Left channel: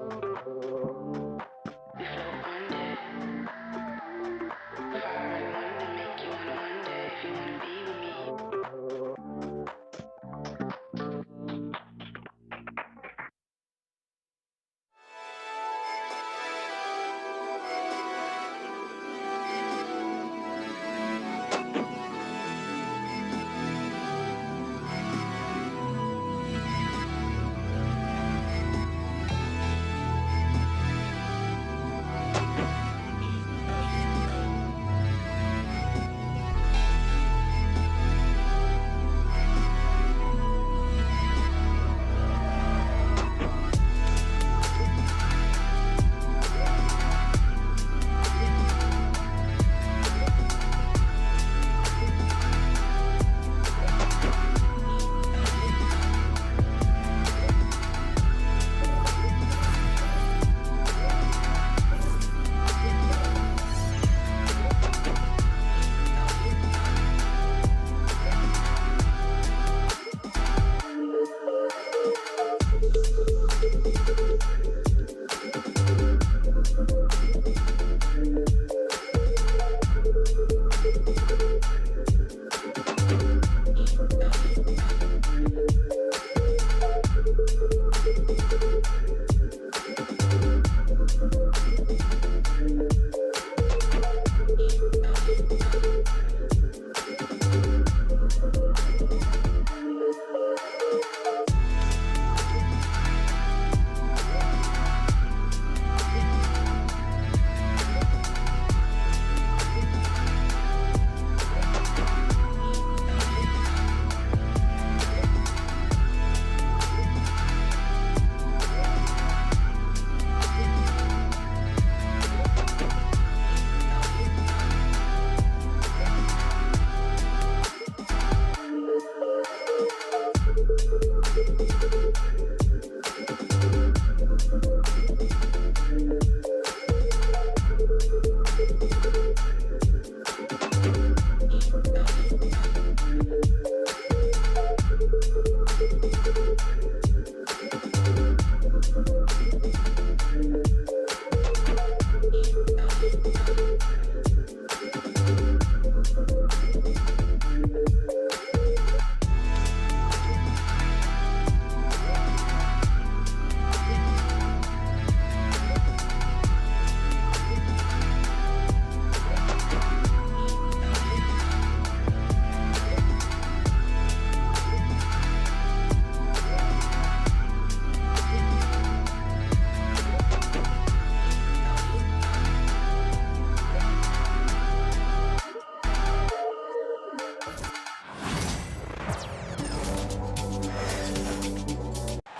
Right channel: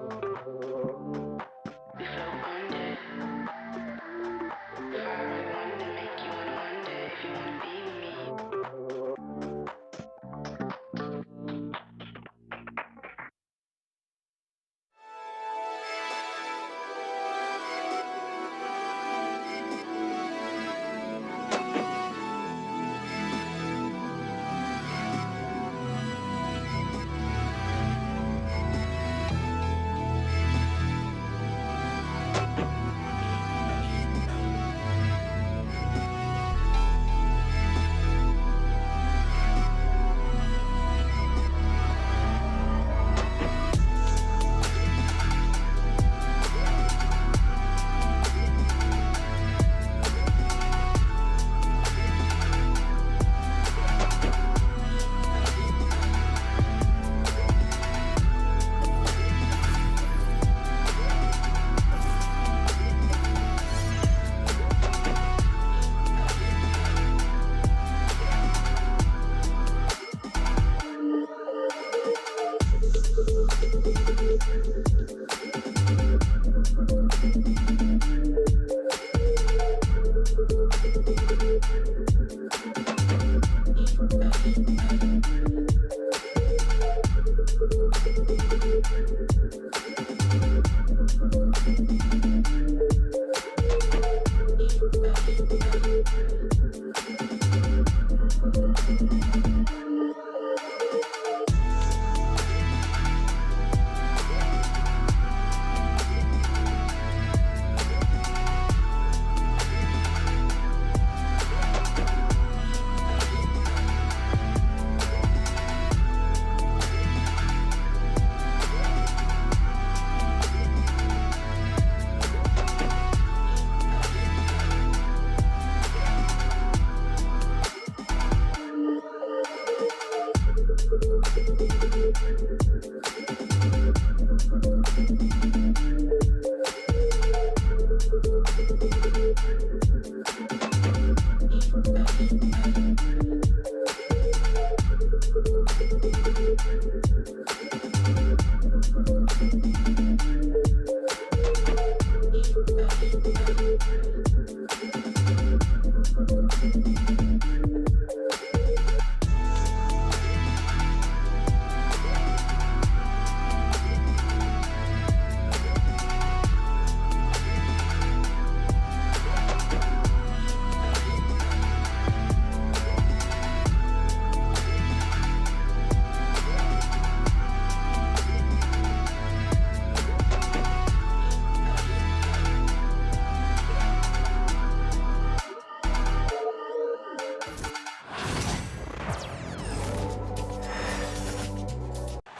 We float under. Fire and wonder make you wanna wonder if you wanna be with me.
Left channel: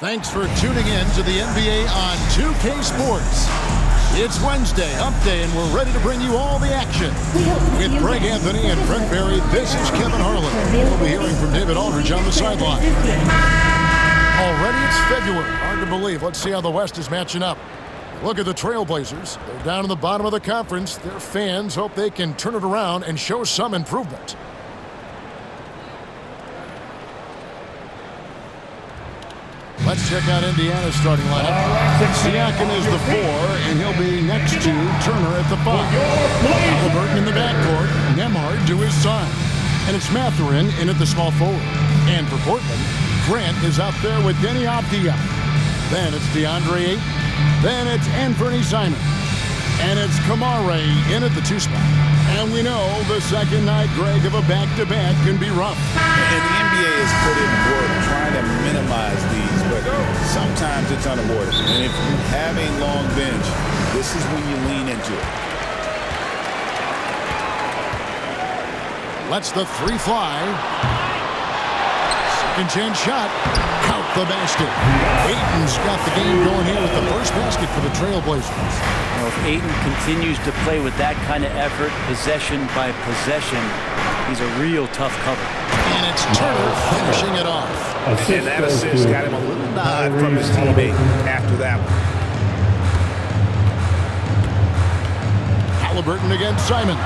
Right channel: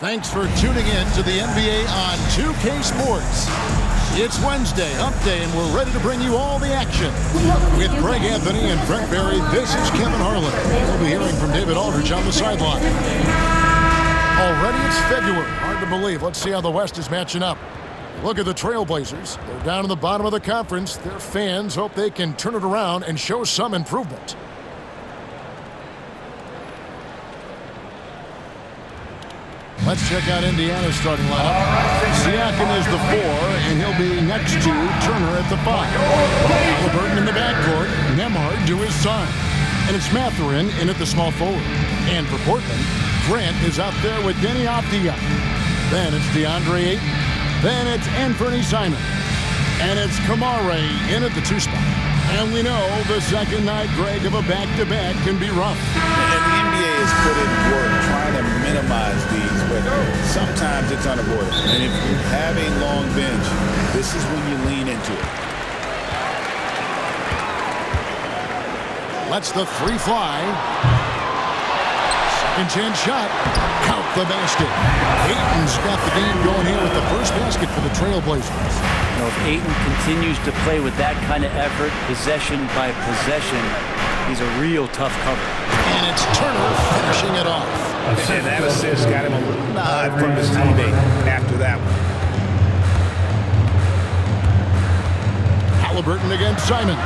Thanks for tuning in to the NBA on 2K Sports. It's Wednesday, Hump Day, and we're ready to bring you all the action. With Greg Anfernee and Brent Berry, this is Kevin Harlan. We'll be hearing from David Aldridge on the sideline. Already it's February. Hard to believe. Let's see how the West is matching up. Look at the Trailblazers. They're down in the bottom of the conference. Their fans hope they can turn it around and show some improvement. Let's check out Indiana's starting lineup. Siakam is the 4, and he'll be next to Turner at the 5. Haliburton in the backcourt, Nembhard to his side. And it's Mathurin in at the small forward. And for Portland, Grant is out there with Denny Avdija. Then it's DeAndre Ayton. Then it's Anfernee Simon. And it's Kamare in at the 2 spot. And we know the second night, Greg, of a back-to-back can be rough. And the NBA has put in work trying to minimize these, but sometimes it's unavoidable. And if you have a long bench, this is when you lean into it. Lets the 3 fly. Second chance shot. Count the basket. Ayton's got the game going here with the first basket for the Trailblazers. You know, if Ayton continues to play with that kind of effort, possession by possession, he's a real tough cover. And it's Turner finishing it off. And that assist got him a little nod from his teammate after that one. Haliburton against Simon.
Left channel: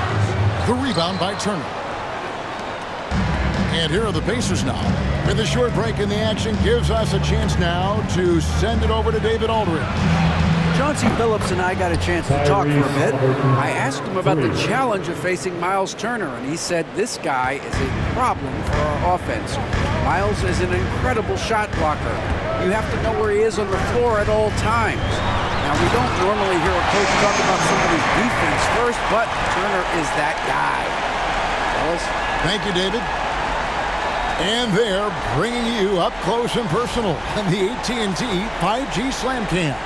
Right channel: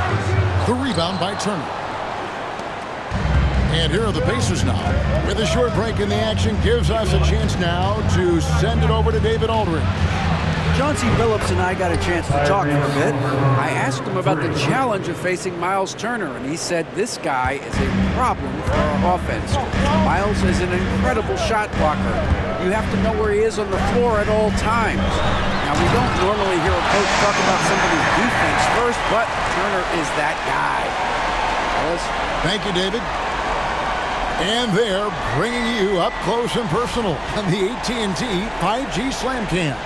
The rebound by Turner. And here are the Pacers now. With a short break in the action, gives us a chance now to send it over to David Aldridge. Chauncey Billups and I got a chance to talk for a bit. I asked him about the challenge of facing Miles Turner, and he said this guy is a problem for our offense. Miles is an incredible shot blocker. You have to know where he is on the floor at all times. Now, we don't normally hear a coach talk about somebody's defense first, but Turner is that guy. Fellas? Thank you, David. And they're bringing you up close and personal on the AT&T 5G Slam Cam.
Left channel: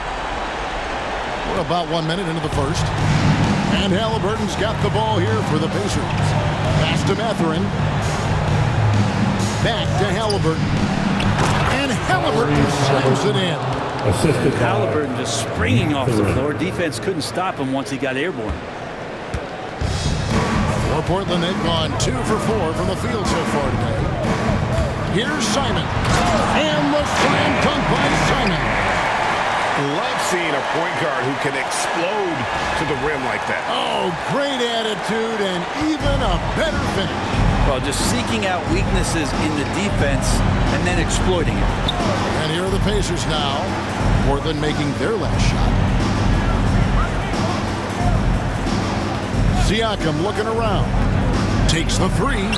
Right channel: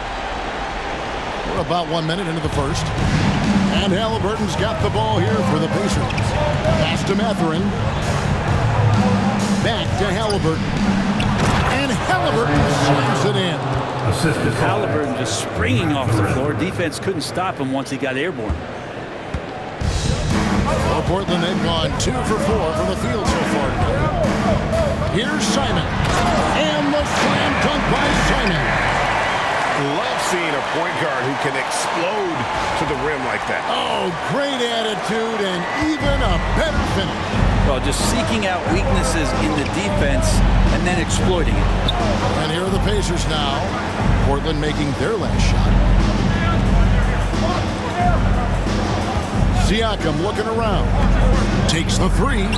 We're about 1 minute into the first. And Haliburton's got the ball here for the Pacers. Pass to Anfernee. Back to Haliburton. And Haliburton slams it in. And Haliburton just springing off the floor. Defense couldn't stop him once he got airborne. For Portland, they've gone 2 for 4 from the field so far today. Here's Simon. And the slam dunk by Simon. Love seeing a point guard who can explode to the rim like that. Oh, great attitude and even a better finish. Well, just seeking out weaknesses in the defense and then exploiting it. And here are the Pacers now. Portland making their last shot. Siakam looking around. Takes the three.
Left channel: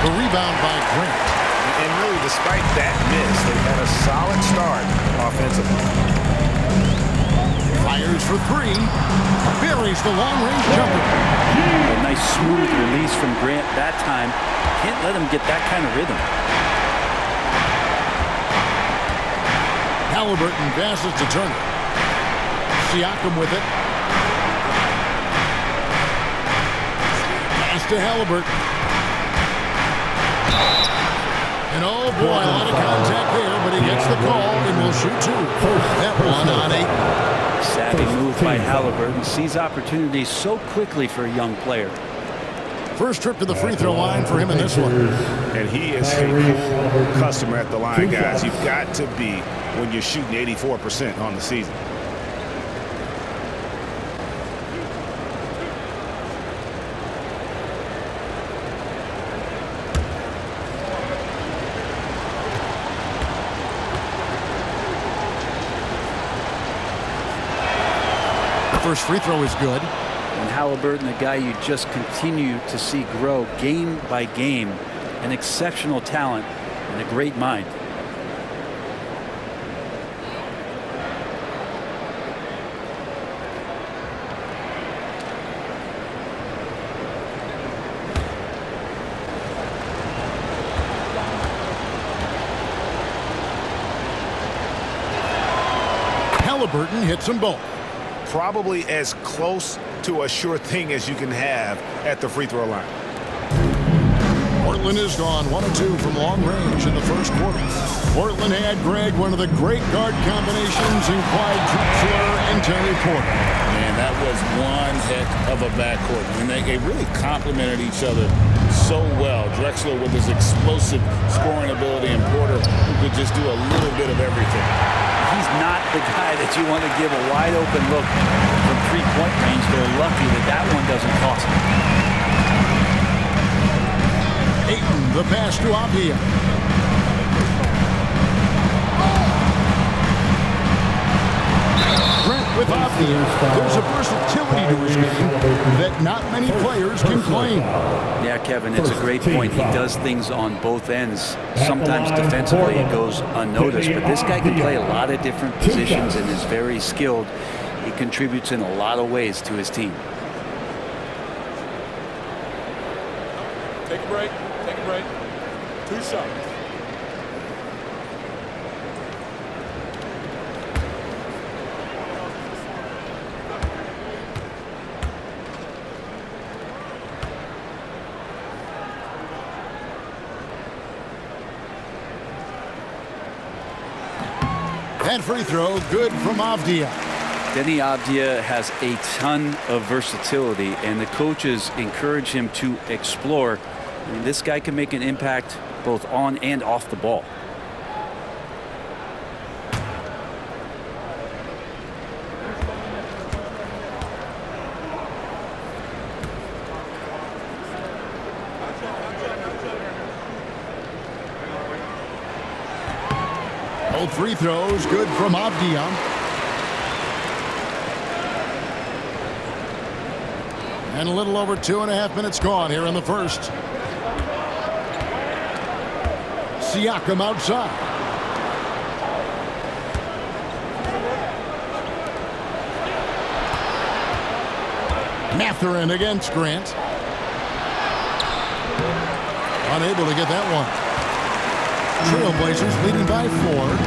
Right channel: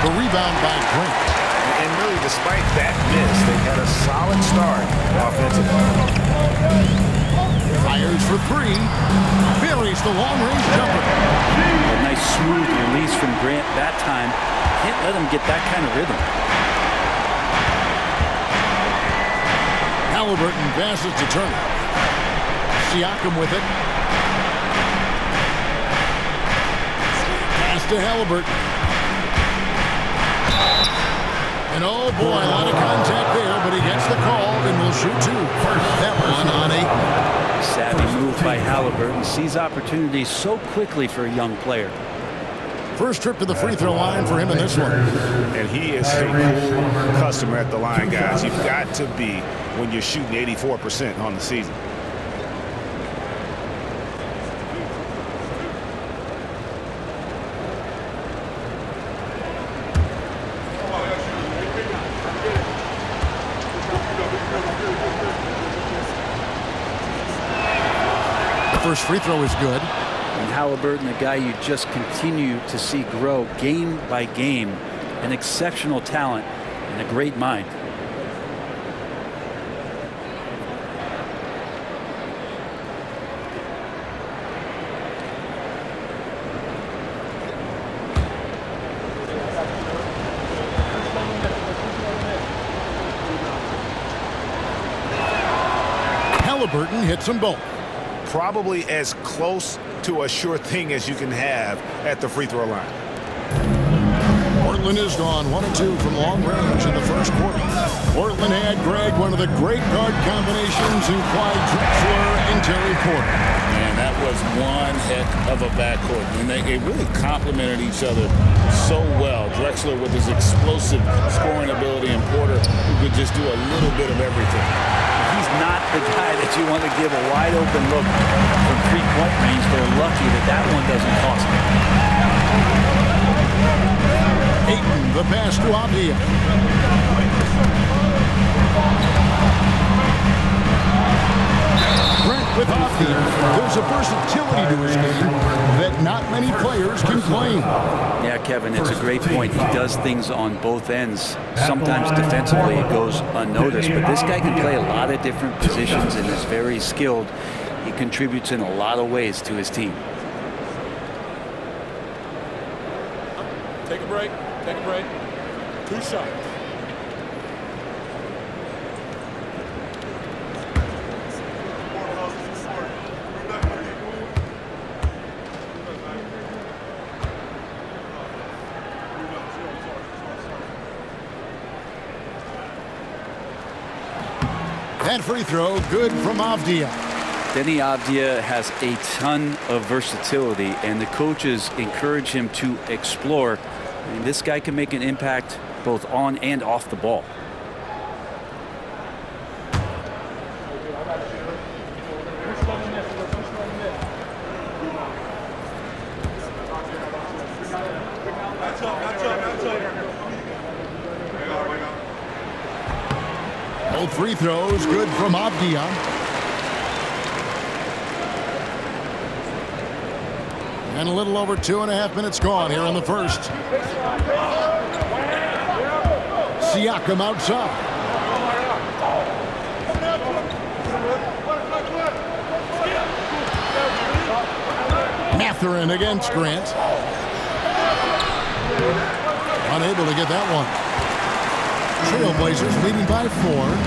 The rebound by Grant. And really, despite that miss, they had a solid start offensively. Fires for three. Buries the long-range jumper. A nice smooth release from Grant that time. Can't let him get that kind of rhythm. Haliburton passes to Turner. Siakam with it. Pass to Haliburton. And oh boy, a lot of contact there, but he gets the call and will shoot two. That one on 8. Savvy move by Haliburton. Sees opportunities so quickly for a young player. First trip to the free throw line for him in this one. And he is a cool customer at the line, guys. You've got to be when you're shooting 84% on the season. First free throw is good. And Haliburton, a guy you just continue to see grow game by game, an exceptional talent and a great mind. Haliburton hits them both. Probably as close to a sure thing as you can have at the free throw line. Portland has gone 1 of 2 from long range in the first quarter. Portland had, Greg, one of the great guard combinations in Clyde Drexler and Terry Porter. Man, that was one heck of a backcourt. And they really complemented each other so well. Drexler with his explosive scoring ability and Porter who could just do a little bit of everything. He's not the guy that you want to give a wide open look from 3-point range. They're lucky that that one doesn't cost them. Ayton, the pass to Avdia. Grant with Avdia. There's a versatility to his game that not many players can claim. Yeah, Kevin, it's a great point. He does things on both ends. Sometimes defensively it goes unnoticed, but this guy can play a lot of different positions and is very skilled. He contributes in a lot of ways to his team. Take a break. Take a break. 2 shots. That free throw, good from Avdia. Denny Avdia has a ton of versatility, and the coaches encourage him to explore. I mean, this guy can make an impact both on and off the ball. Both free throws, good from Avdia. And a little over 2.5 minutes gone here in the first. Siakam outside. Mathurin against Grant. Unable to get that one. Trailblazers leading by 4.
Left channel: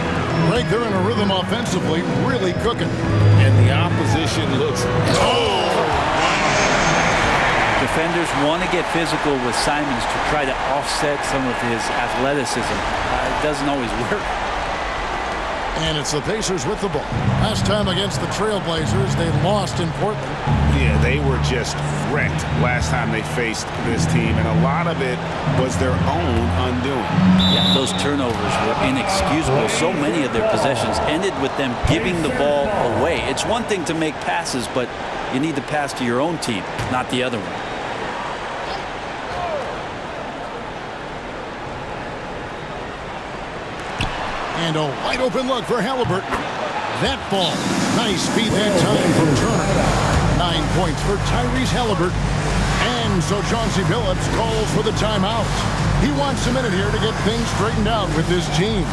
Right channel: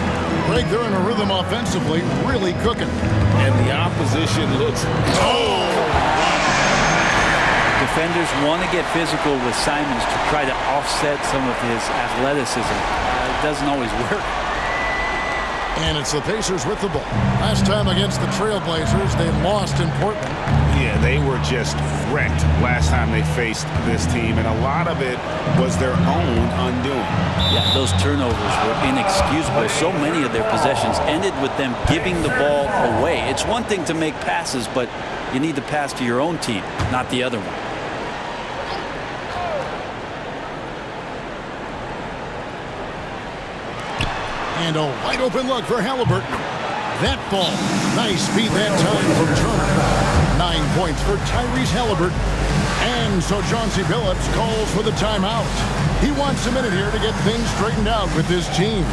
Greg, they're in a rhythm offensively, really cooking. And the opposition looks... Defenders want to get physical with Simons to try to offset some of his athleticism. It doesn't always work. And it's the Pacers with the ball. Last time against the Trailblazers, they lost in Portland. Yeah, they were just wrecked last time they faced this team, and a lot of it was their own undoing. Yeah, those turnovers were inexcusable. So many of their possessions ended with them giving the ball away. It's one thing to make passes, but you need to pass to your own team, not the other one. And a wide open look for Haliburton. That falls. Nice feed that time from Turner. 9 points for Tyrese Haliburton. And so Chauncey Billups calls for the timeout. He wants a minute here to get things straightened out with his team.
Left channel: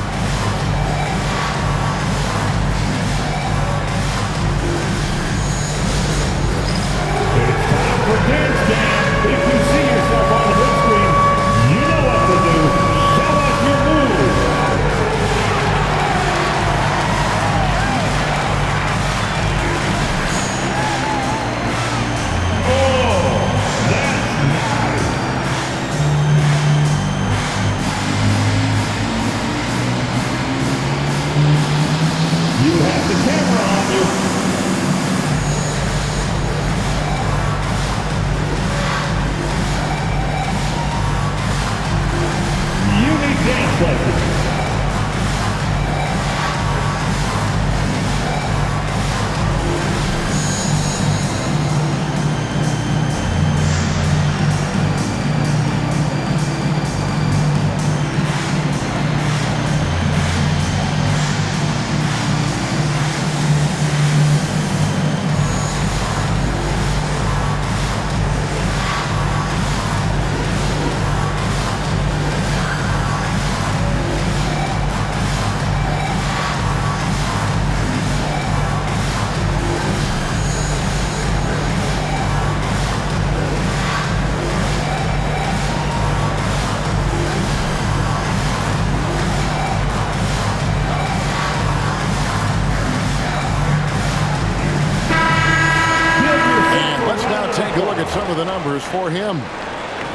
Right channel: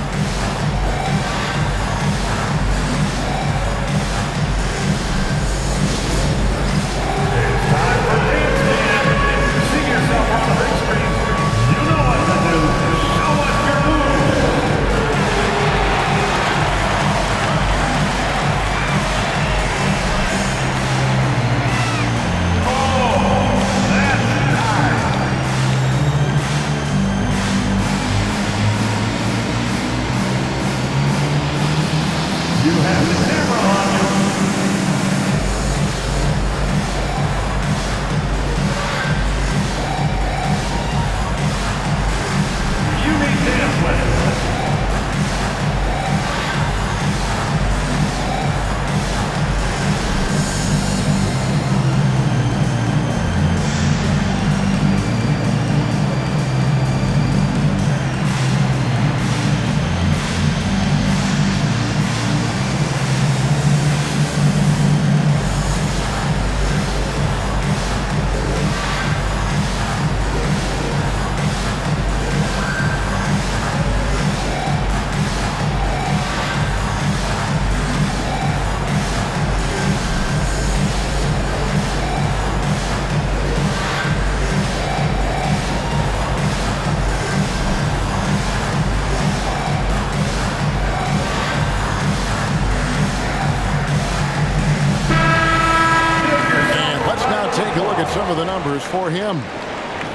Now take a look at some of the numbers for him.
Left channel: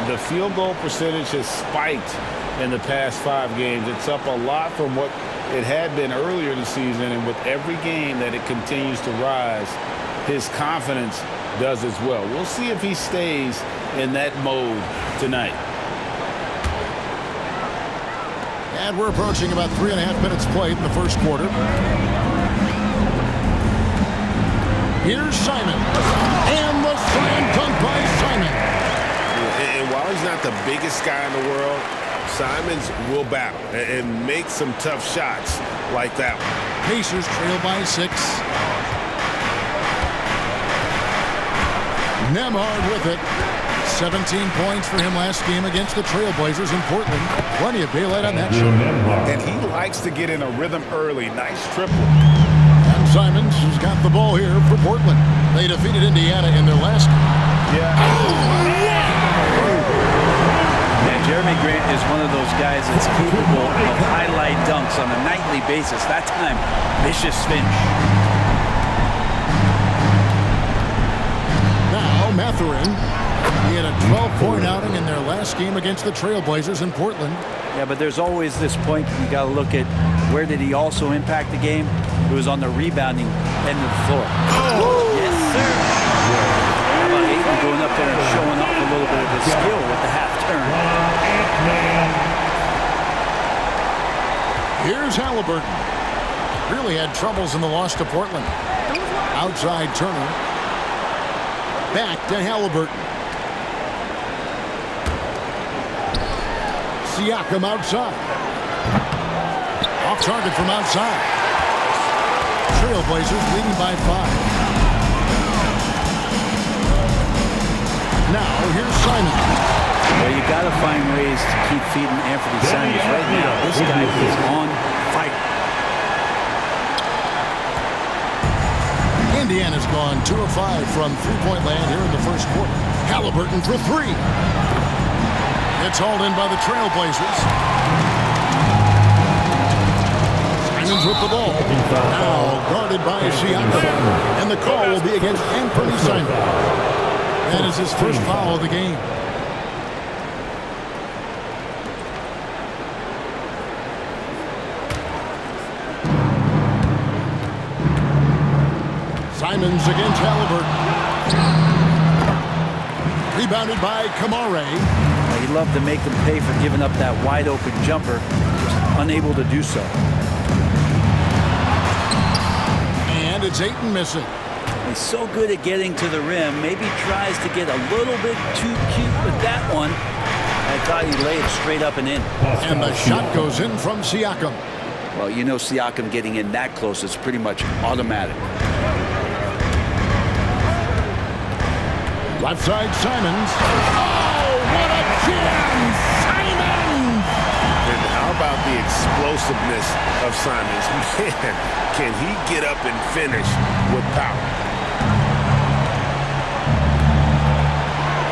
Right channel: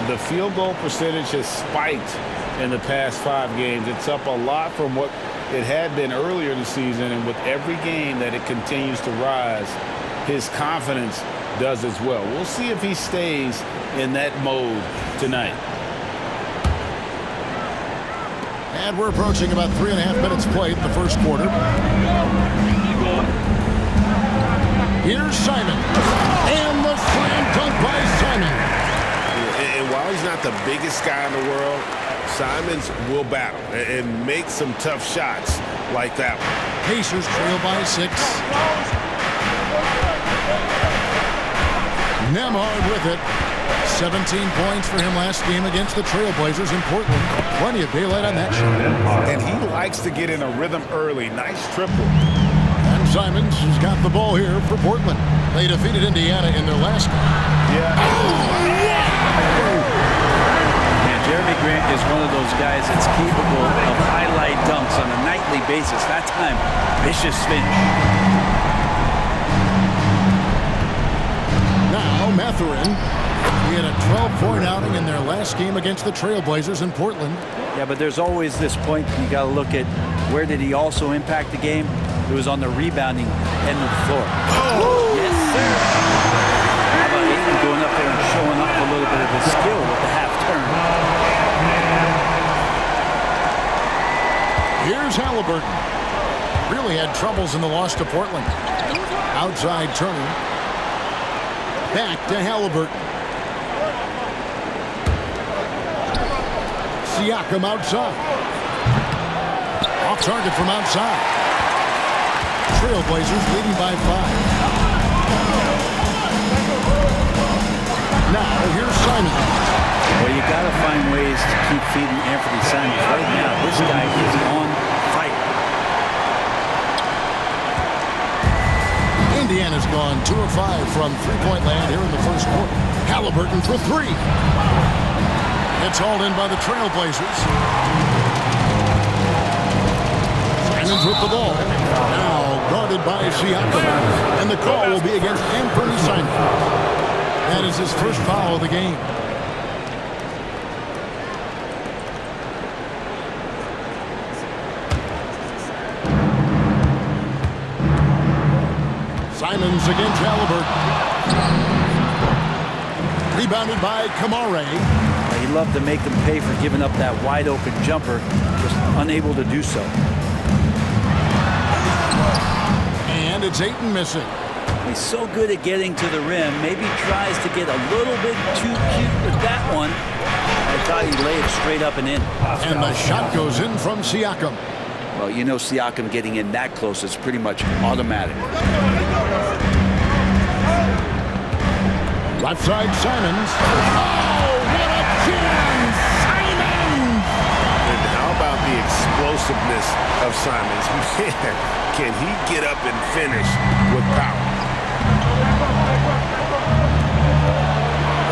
The field goal percentage has spiked in the past 5 games. It's up a lot from what it had been earlier in the season, and with every game that it continues to rise, his confidence does as well. We'll see if he stays in that mode tonight. And we're approaching about 3.5 minutes played in the first quarter. Here's Simon. And the slam dunk by Simon. And while he's not the biggest guy in the world, Simons will battle and make some tough shots like that one. Pacers trail by 6. Nembhard with it. 17 points for him last game against the Trailblazers in Portland. Plenty of daylight on that shot. And he likes to get in a rhythm early. Nice triple. And Simons has got the ball here for Portland. They defeated Indiana in their last game. Yeah. Man, Jeremy Grant is one of those guys that's capable of highlight dunks on a nightly basis. That time, vicious finish. Now, Mathurin. He had a 12-point outing in their last game against the Trailblazers in Portland. Yeah, but there's always this point you got to look at where did he also impact the game? It was on the rebounding end of the floor. Oh! Yes, sir. How about Ayton going up there and showing off a little bit of his skill with the half turn? Here's Haliburton. Really had troubles in the loss to Portland. Outside Turner. Back to Haliburton. Siakam outside. Off target from outside. Trailblazers leading by 5. Now, here's Simon. Well, you got to find ways to keep feeding Anfernee Simons. Right now, this guy is on fire. Indiana's gone 2 of 5 from three-point land here in the first quarter. Haliburton for 3. It's hauled in by the Trailblazers. Simons with the ball. Now guarded by Siakam. And the call will be against Anfernee Simons. That is his first foul of the game. Simons against Haliburton. Rebounded by Kamare. He loved to make them pay for giving up that wide open jumper, just unable to do so. And it's Ayton missing. He's so good at getting to the rim. Maybe tries to get a little bit too cute with that one. I thought he'd lay it straight up and in. And the shot goes in from Siakam. Well, you know Siakam getting in that close is pretty much automatic. Left side, Simons. Oh, what a jam! Simons! And how about the explosiveness of Simons? Man, can he get up and finish with power?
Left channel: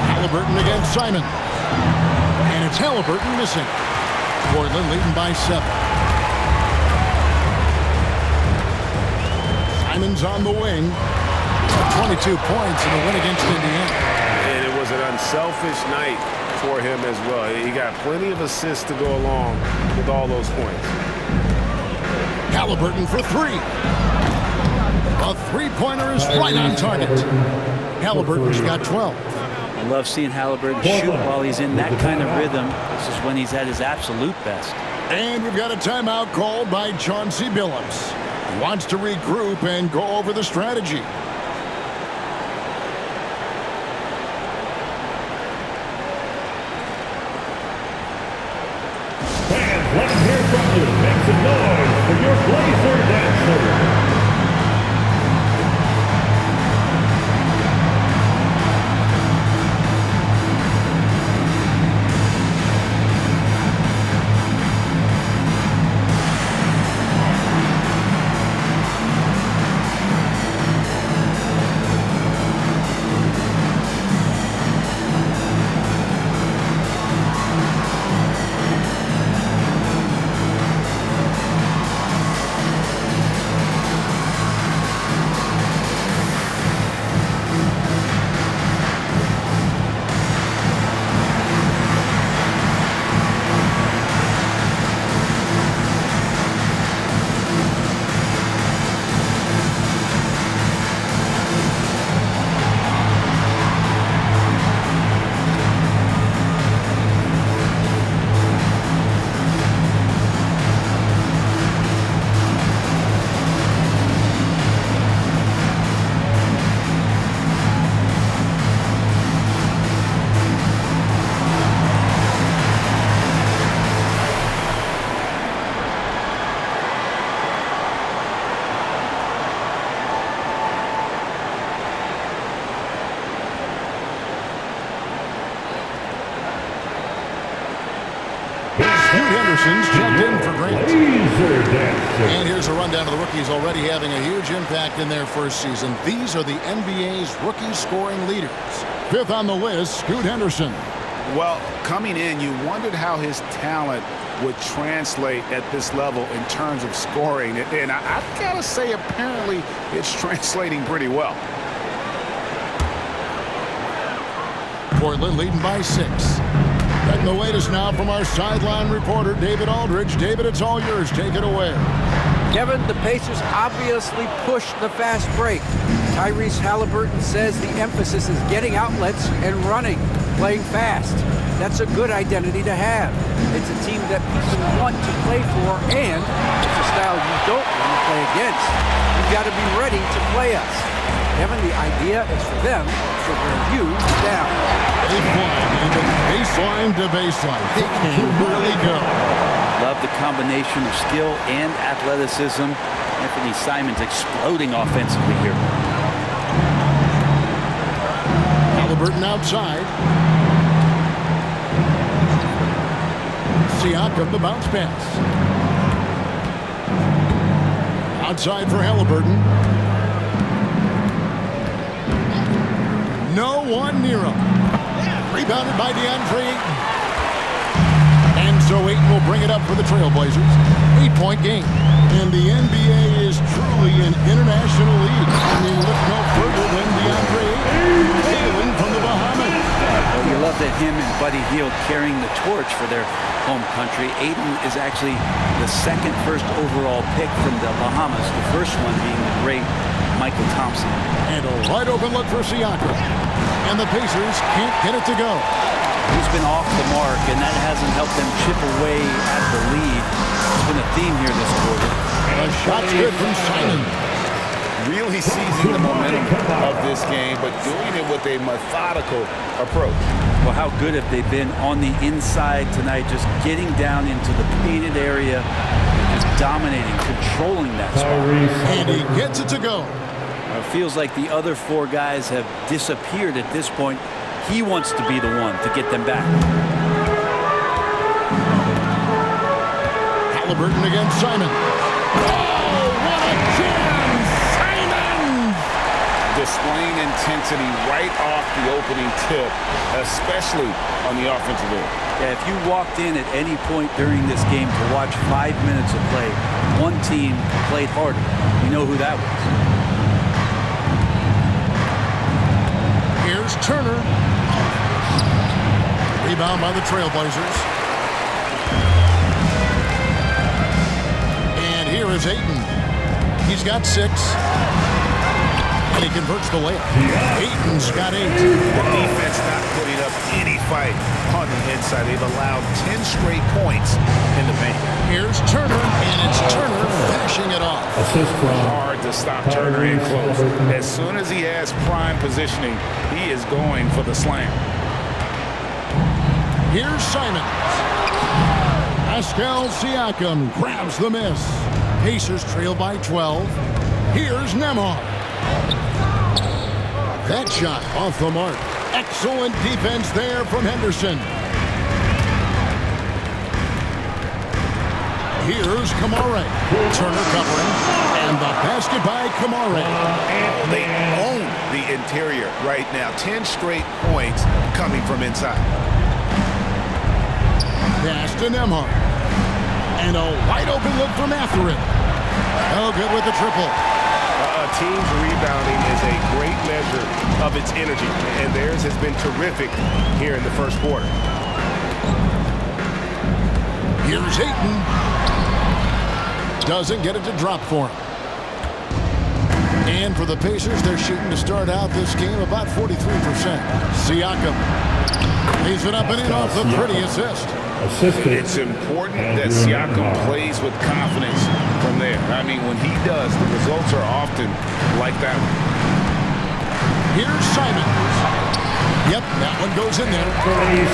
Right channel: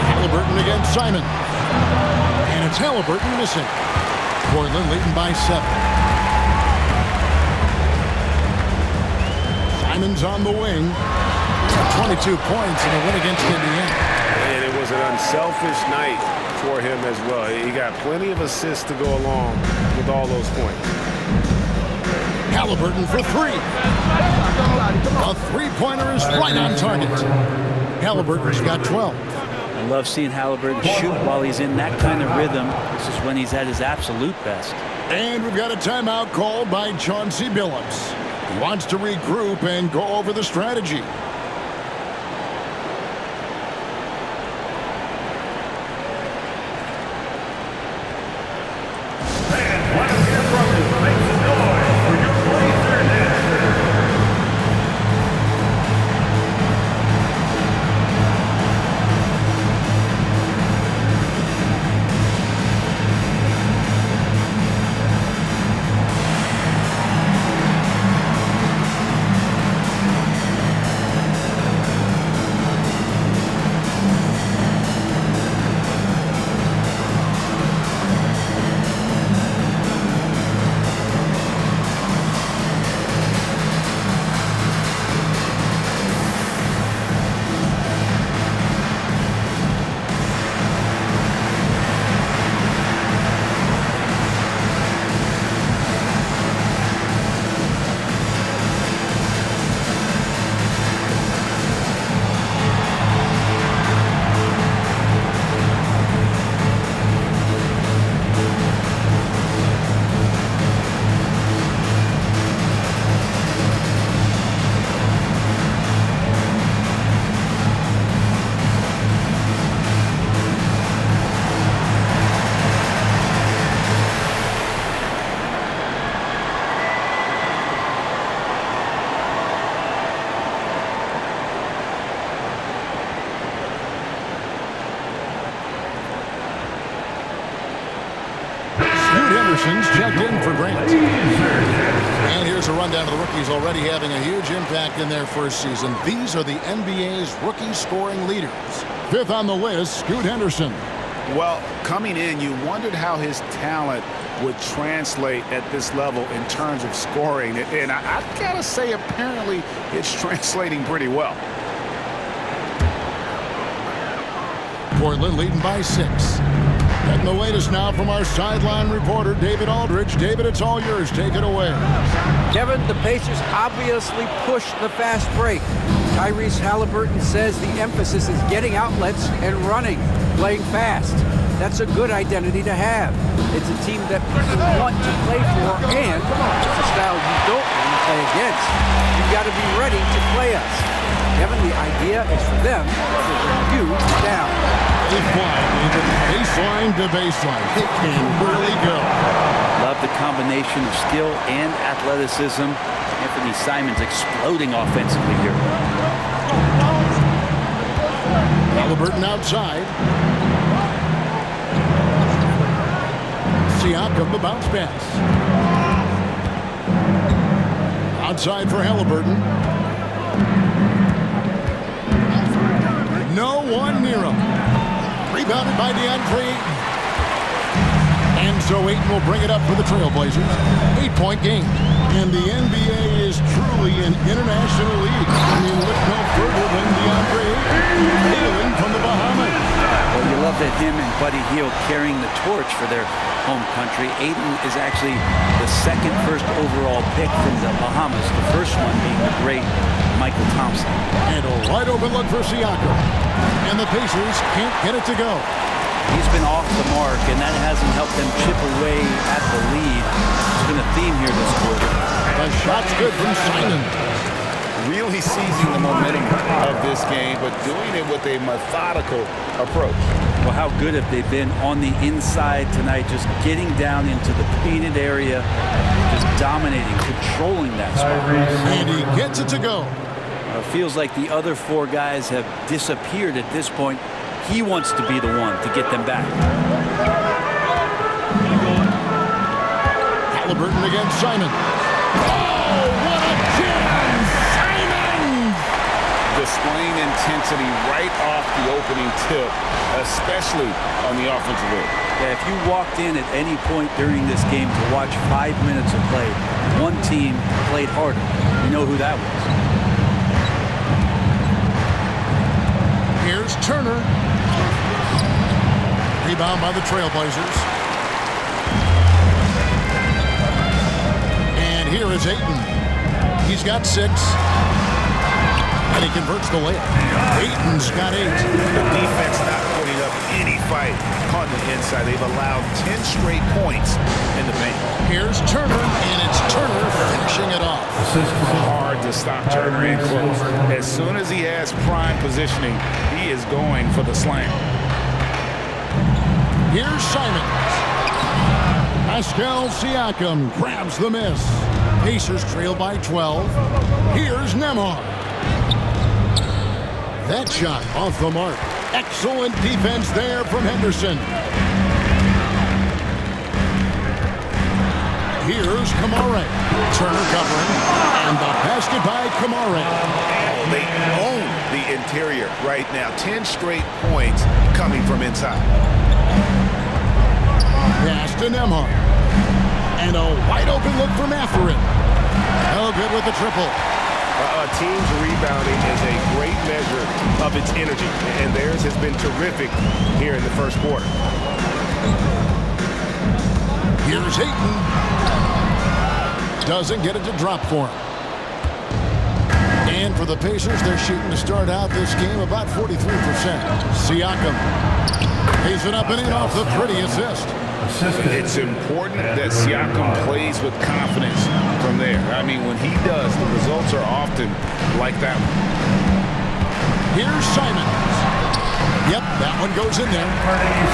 Haliburton against Simons. And it's Haliburton missing. Portland leading by 7. Simons on the wing. 22 points in the win against Indiana. And it was an unselfish night for him as well. He got plenty of assists to go along with all those points. Haliburton for 3. A three-pointer is right on target. Haliburton's got 12. I love seeing Haliburton shoot while he's in that kind of rhythm. This is when he's at his absolute best. And we've got a timeout called by Chauncey Billups. He wants to regroup and go over the strategy. Let's hear from you. Make some noise for your Blazer dancer. Henderson's checked in for Grant. And here's a rundown of the rookies already having a huge impact in their first season. These are the NBA's rookie scoring leaders. 5th on the list, Scoot Henderson. Well, coming in, you wondered how his talent would translate at this level in terms of scoring. And I've got to say, apparently, it's translating pretty well. Portland leading by 6. Getting the latest now from our sideline reporter, David Aldridge. David, it's all yours. Take it away. Kevin, the Pacers obviously pushed the fast break. Tyrese Haliburton says the emphasis is getting outlets and running, playing fast. That's a good identity to have. It's a team that people want to play for, and it's a style you don't want to play against. You've got to be ready to play us. Kevin, the idea is for them to wear you down. They fly, David. Baseline to baseline. They can really go. Love the combination of skill and athleticism. Anfernee Simons exploding offensively here. Haliburton outside. Siakam, the bounce pass. Outside for Haliburton. No one near him. Rebounded by Anfernee. And so Ayton will bring it up for the Trailblazers. 8-point game. And the NBA is truly an international league. I mean, look no further than Ayton, hailing from the Bahamas. Well, you love that him and Buddy Hield carrying the torch for their home country. Ayton is actually the second first overall pick from the Bahamas, the first one being the great Michael Thompson. And a wide open look for Siakam. And the Pacers can't get it to go. He's been off the mark, and that hasn't helped them chip away at the lead. It's been a theme here this quarter. The shot's good from Simon. Really seizing the momentum of this game, but doing it with a methodical approach. Well, how good have they been on the inside tonight, just getting down into the painted area, just dominating, controlling that spot. And he gets it to go. It feels like the other four guys have disappeared at this point. He wants to be the one to get them back. Haliburton against Simon. Oh, what a jam! Simon! Displaying intensity right off the opening tip, especially on the offensive end. Yeah, if you walked in at any point during this game to watch 5 minutes of play, one team played harder. We know who that was. Here's Turner. Rebound by the Trailblazers. And here is Ayton. He's got 6. And he converts the layup. Ayton's got 8. The defense not putting up any fight on the inside. They've allowed 10 straight points in the paint. Here's Turner, and it's Turner finishing it off. Hard to stop Turner in close. As soon as he has prime positioning, he is going for the slam. Here's Simon. Pascal Siakam grabs the miss. Pacers trail by 12. Here's Nembhard. That shot off the mark. Excellent defense there from Henderson. Here's Kamare. Turner covering. And the basket by Kamare. Oh, they own the interior right now. 10 straight points coming from inside. Pass to Nembhard. And a wide open look from Anfernee. Oh, good with the triple. A team's rebounding is a great measure of its energy, and theirs has been terrific here in the first quarter. Here's Ayton. Doesn't get it to drop for him. And for the Pacers, they're shooting to start out this game about 43%. Siakam lays it up and in off the pretty assist. It's important that Siakam plays with confidence from there. I mean, when he does, the results are often like that one. Here's Simons. Yep, that one goes in there.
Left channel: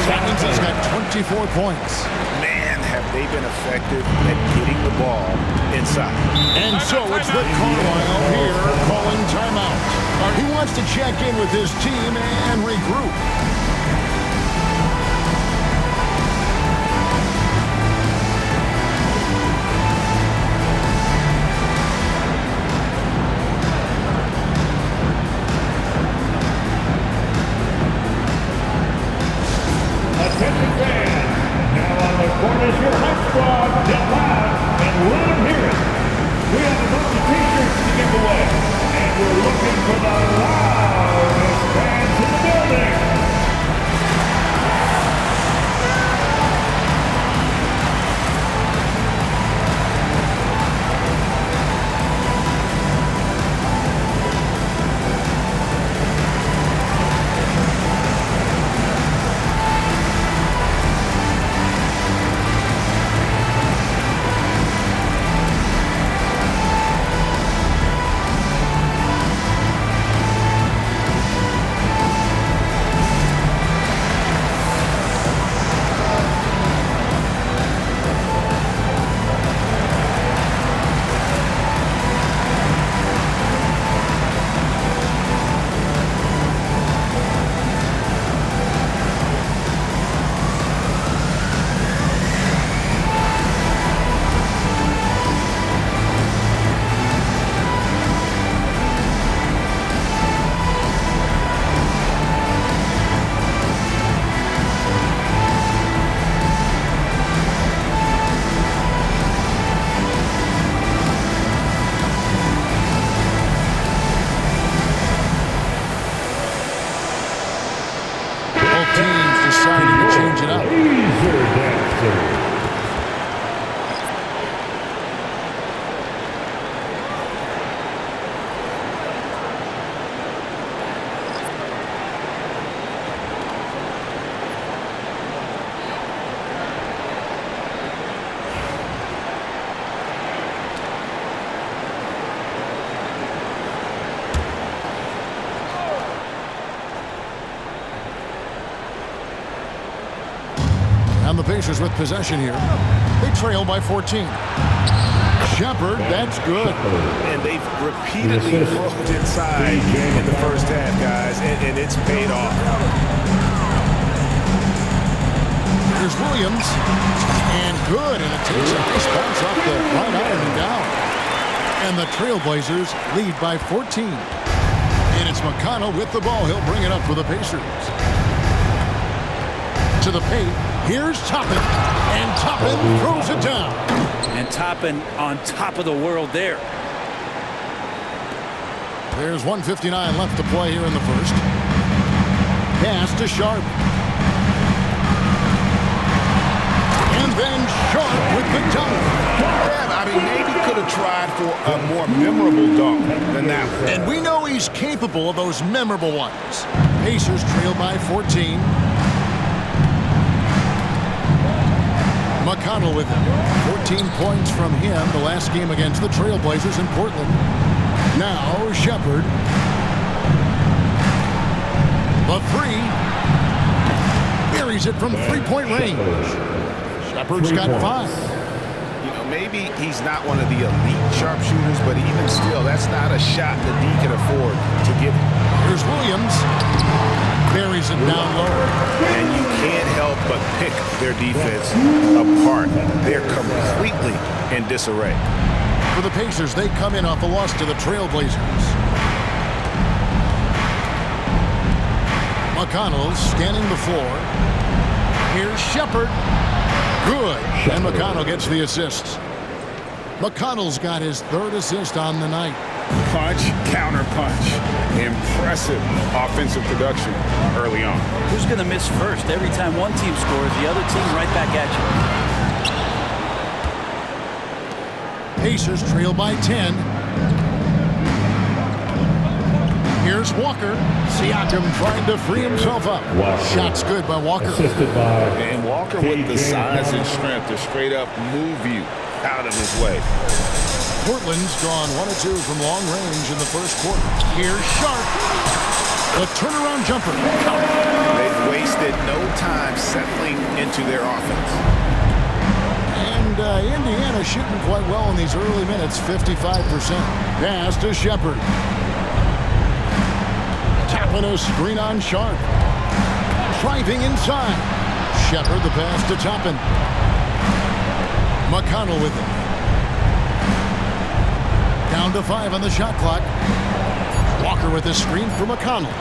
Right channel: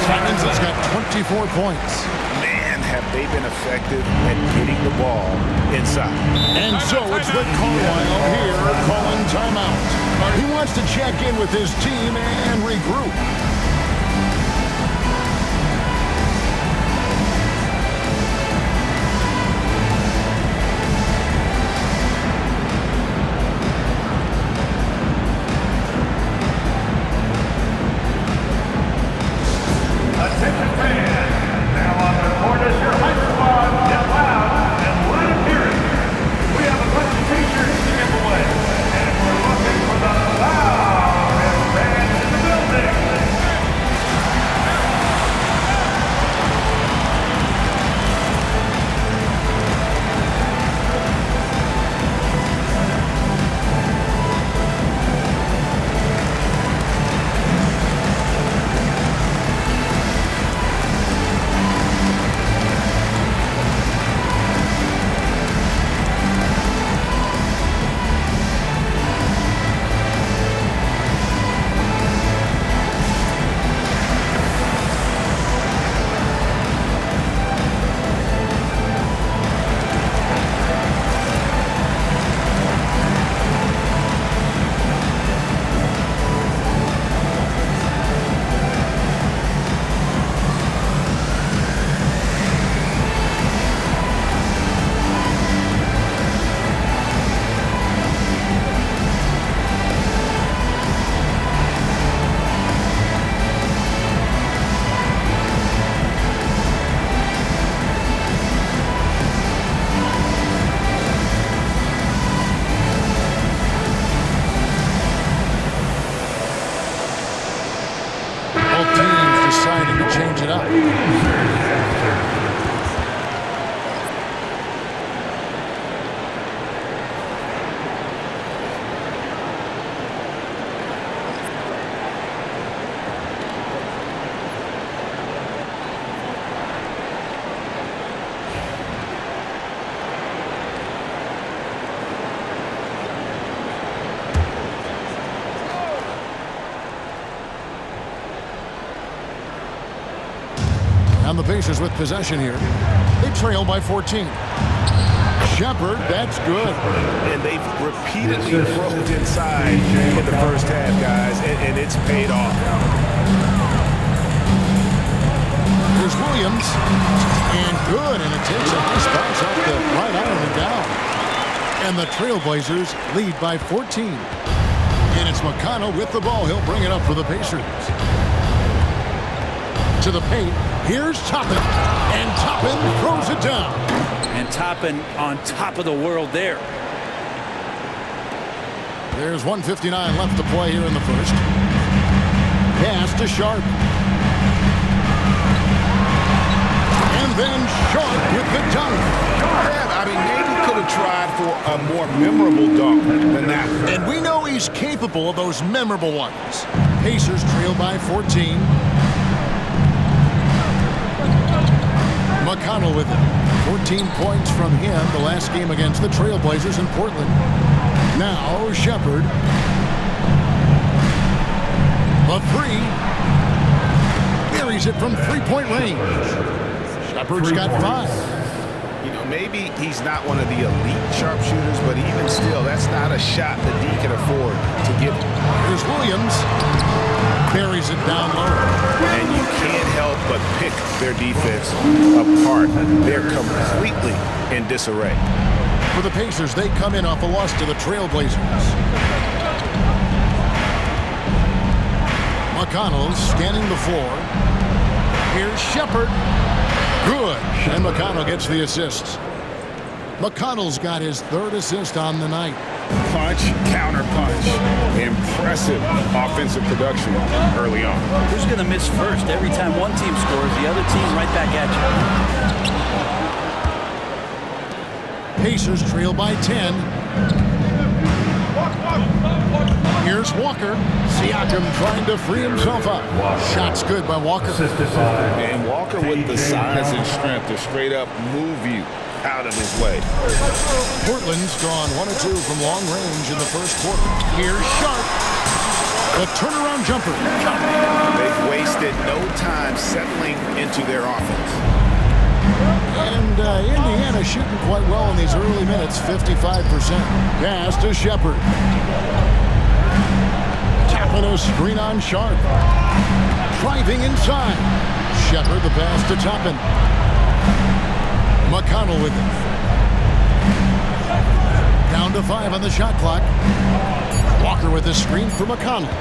Simons has got 24 points. Man, have they been effective at getting the ball inside. And so it's Rick Carlisle here calling timeout. He wants to check in with his team and regroup. Attention fans, now on the court is your hype squad. Get loud and let them hear it. We have a bunch of t-shirts to give away, and we're looking for the loudest fans in the building. deciding to change it up. And the Pacers with possession here. They trail by 14. Shepard, that's good. And they've repeatedly probed inside in the first half, guys, and it's paid off. Here's Williams. And good, and it takes a nice bounce off the right iron and down. And the Trailblazers lead by 14. And it's McConnell with the ball. He'll bring it up for the Pacers. To the paint. Here's Toppin, and Toppin throws it down. And Toppin on top of the world there. There's 1:59 left to play here in the first. Pass to Sharp. And then Sharp with the dunk. Yeah, I mean, maybe could have tried for a more memorable dunk than that one. And we know he's capable of those memorable ones. Pacers trail by 14. McConnell with it. 14 points from him the last game against the Trailblazers in Portland. Now Shepard. The three. Buries it from three-point range. Shepard's got 5. You know, maybe he's not one of the elite sharpshooters, but even still, that's not a shot that D can afford to give him. Here's Williams. Buries it down low. And you can't help but pick their defense apart. They're completely in disarray. For the Pacers, they come in off a loss to the Trailblazers. McConnell scanning the floor. Here's Shepard. Good. And McConnell gets the assist. McConnell's got his 3rd assist on the night. Punch, counter punch. Impressive offensive production early on. Who's going to miss first? Every time one team scores, the other team right back at you. Pacers trail by 10. Here's Walker. Siakam trying to free himself up. Shot's good by Walker. And Walker with the size and strength to straight up move you out of his way. Portland's gone 1 of 2 from long range in the first quarter. Here's Sharp. The turnaround jumper. They've wasted no time settling into their offense. And Indiana shooting quite well in these early minutes, 55%. Pass to Shepard. Tapping a screen on Sharp. Driving inside. Shepard the pass to Toppin. McConnell with it. Down to 5 on the shot clock. Walker with the screen for McConnell.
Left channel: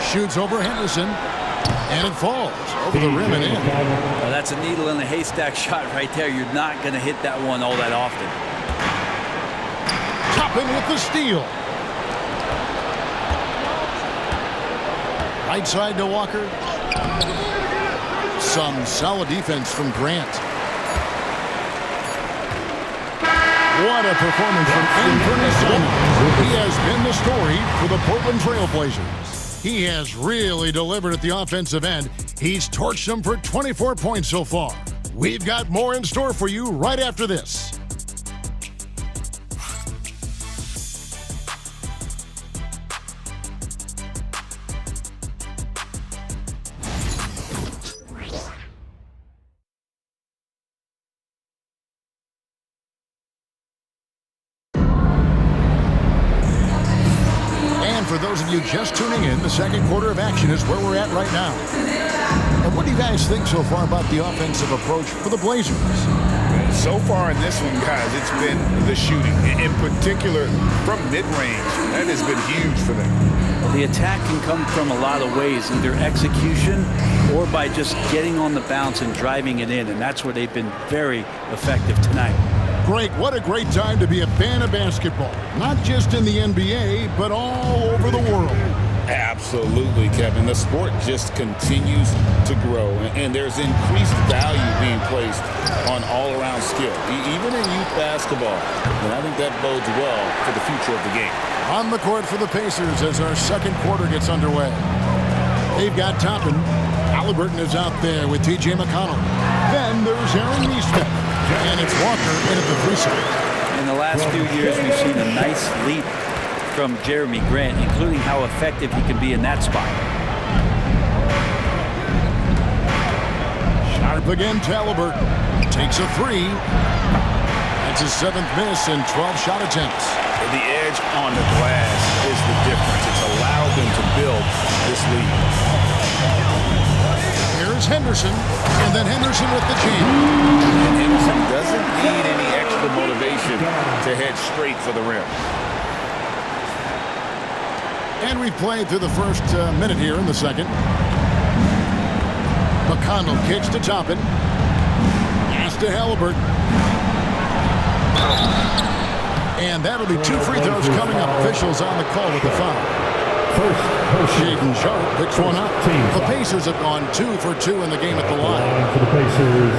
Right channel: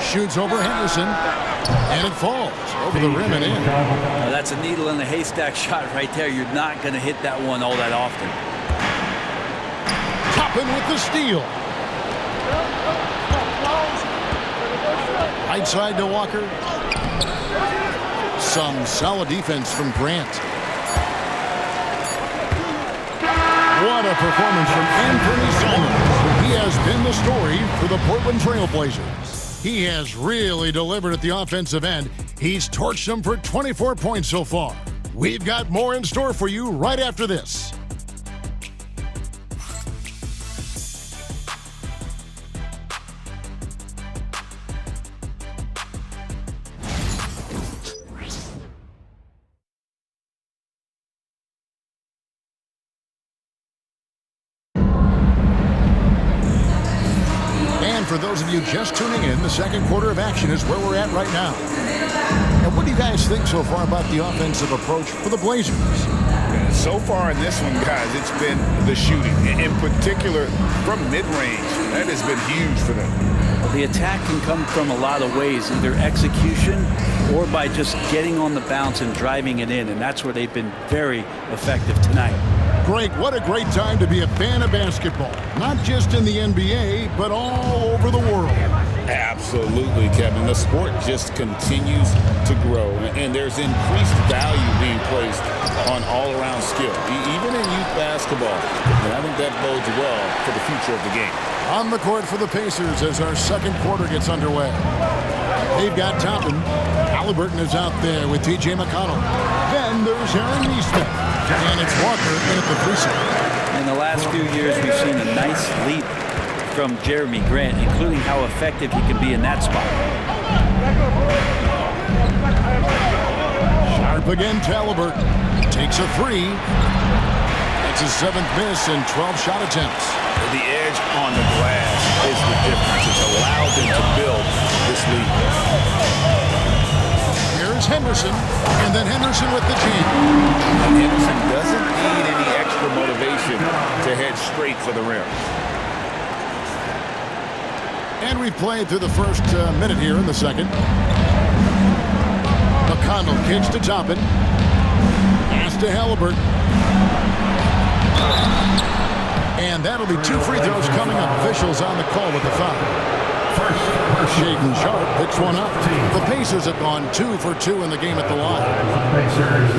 Shoots over Henderson. And it falls over the rim and in. Well, that's a needle in a haystack shot right there. You're not going to hit that one all that often. Toppin with the steal. Right side to Walker. Some solid defense from Grant. What a performance from Anfernee Simons. He has been the story for the Portland Trailblazers. He has really delivered at the offensive end. He's torched them for 24 points so far. We've got more in store for you right after this. And for those of you just tuning in, the second quarter of action is where we're at right now. And what do you guys think so far about the offensive approach for the Blazers? So far in this one, guys, it's been the shooting. In particular, from mid-range. That has been huge for them. Well, the attack can come from a lot of ways, either execution or by just getting on the bounce and driving it in. And that's where they've been very effective tonight. Greg, what a great time to be a fan of basketball. Not just in the NBA, but all over the world. Absolutely, Kevin. The sport just continues to grow, and there's increased value being placed on all-around skill, even in youth basketball. And I think that bodes well for the future of the game. On the court for the Pacers as our second quarter gets underway. They've got Toppin. Haliburton is out there with T.J. McConnell. Then there's Anfernee, and it's Walker in at the 3 side. In the last few years, we've seen a nice leap from Jeremy Grant, including how effective he can be in that spot. Sharp again to Haliburton. Takes a 3. That's his 7th miss in 12 shot attempts. The edge on the glass is the difference. It's allowed them to build this lead. Here's Henderson, and then Henderson with the jam. And Henderson doesn't need any extra motivation to head straight for the rim. And we've played through the first minute here in the second. McConnell kicks to Toppin. Pass to Haliburton. And that'll be 2 free throws coming up. Officials on the call with the foul. First, Shaden Sharp picks one up. The Pacers have gone 2 for 2 in the game at the line. For the Pacers,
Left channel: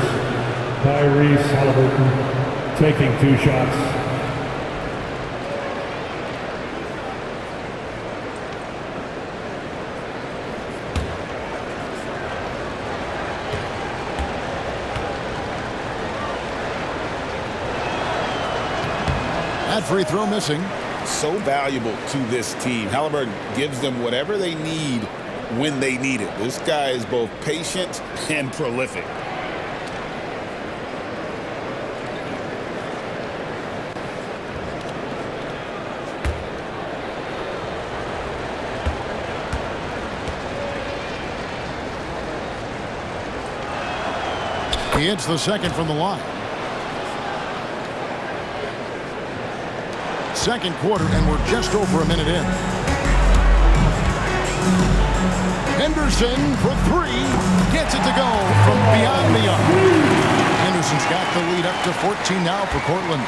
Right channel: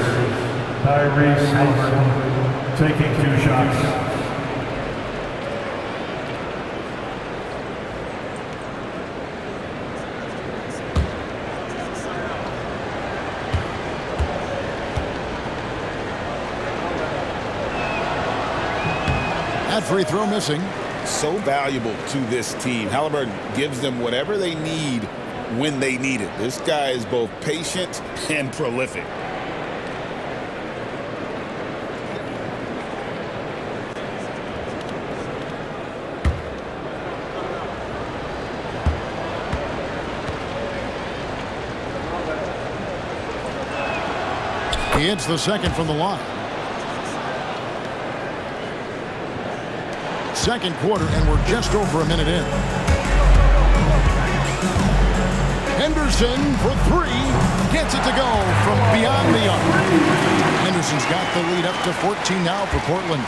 Tyrese Haliburton taking 2 shots. That free throw missing. So valuable to this team. Haliburton gives them whatever they need when they need it. This guy is both patient and prolific. He hits the second from the line. Second quarter, and we're just over a minute in. Henderson for 3. Gets it to go from beyond the arc. Henderson's got the lead up to 14 now for Portland.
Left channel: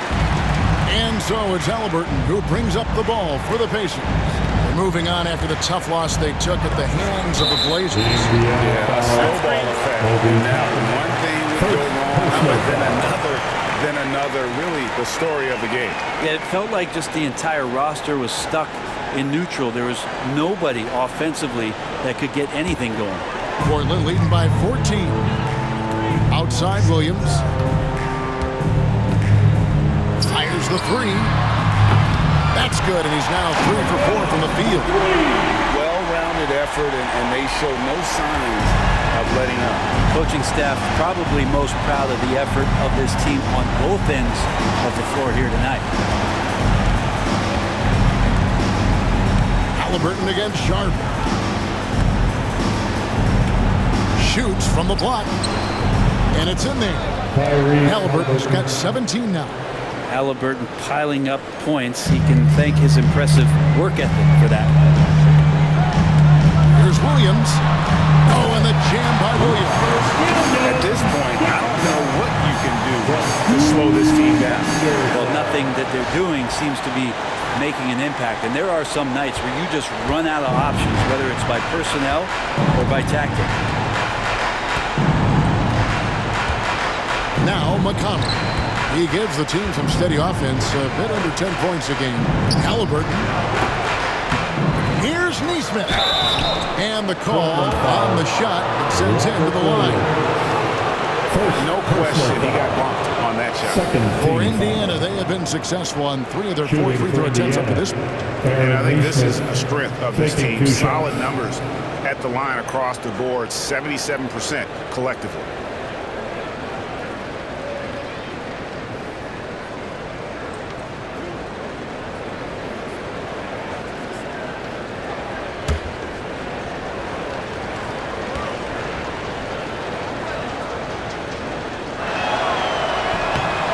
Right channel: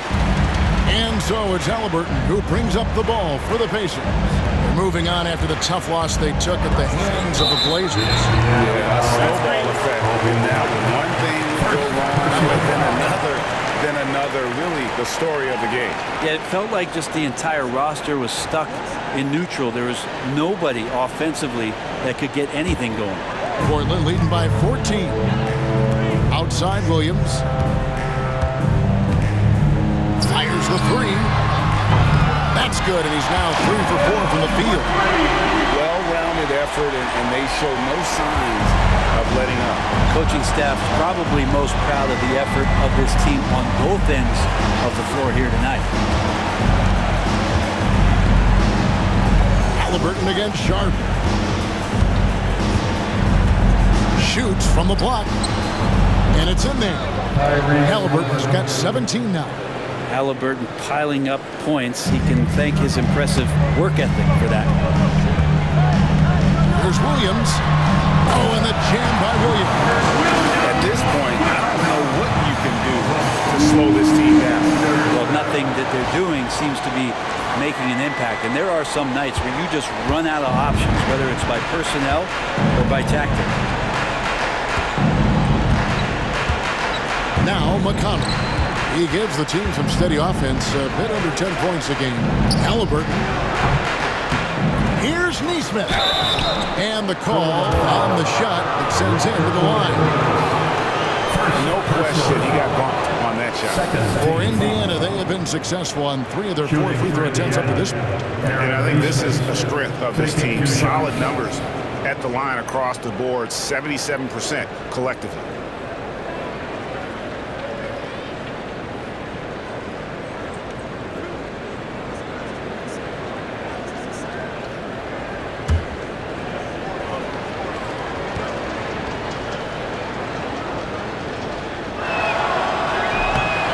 And so it's Haliburton who brings up the ball for the Pacers. They're moving on after the tough loss they took at the hands of the Blazers. Yeah, a snowball effect. And now one thing would go wrong, then another, really the story of the game. Yeah, it felt like just the entire roster was stuck in neutral. There was nobody offensively that could get anything going. Portland leading by 14. Outside Williams. Fires the 3. That's good, and he's now 3 for 4 from the field. Well-rounded effort, and they show no signs of letting up. Coaching staff probably most proud of the effort of this team on both ends of the floor here tonight. Haliburton against Sharp. Shoots from the block. And it's in there. Haliburton's got 17 now. Haliburton piling up points. He can thank his impressive work ethic for that. Here's Williams. Oh, and the jam by Williams. At this point, I don't know what you can do to slow this team down. Well, nothing that they're doing seems to be making an impact. And there are some nights where you just run out of options, whether it's by personnel or by tactic. Now McConnell. He gives the team some steady offense, a bit under 10 points a game. Haliburton. Here's Nesmith. And the call on the shot that sends him to the line. No question, he got bumped on that shot. For Indiana, they have been successful on 3 of their 4 free throw attempts up to this point. And I think this is a strength of this team. Solid numbers at the line across the board, 77% collectively.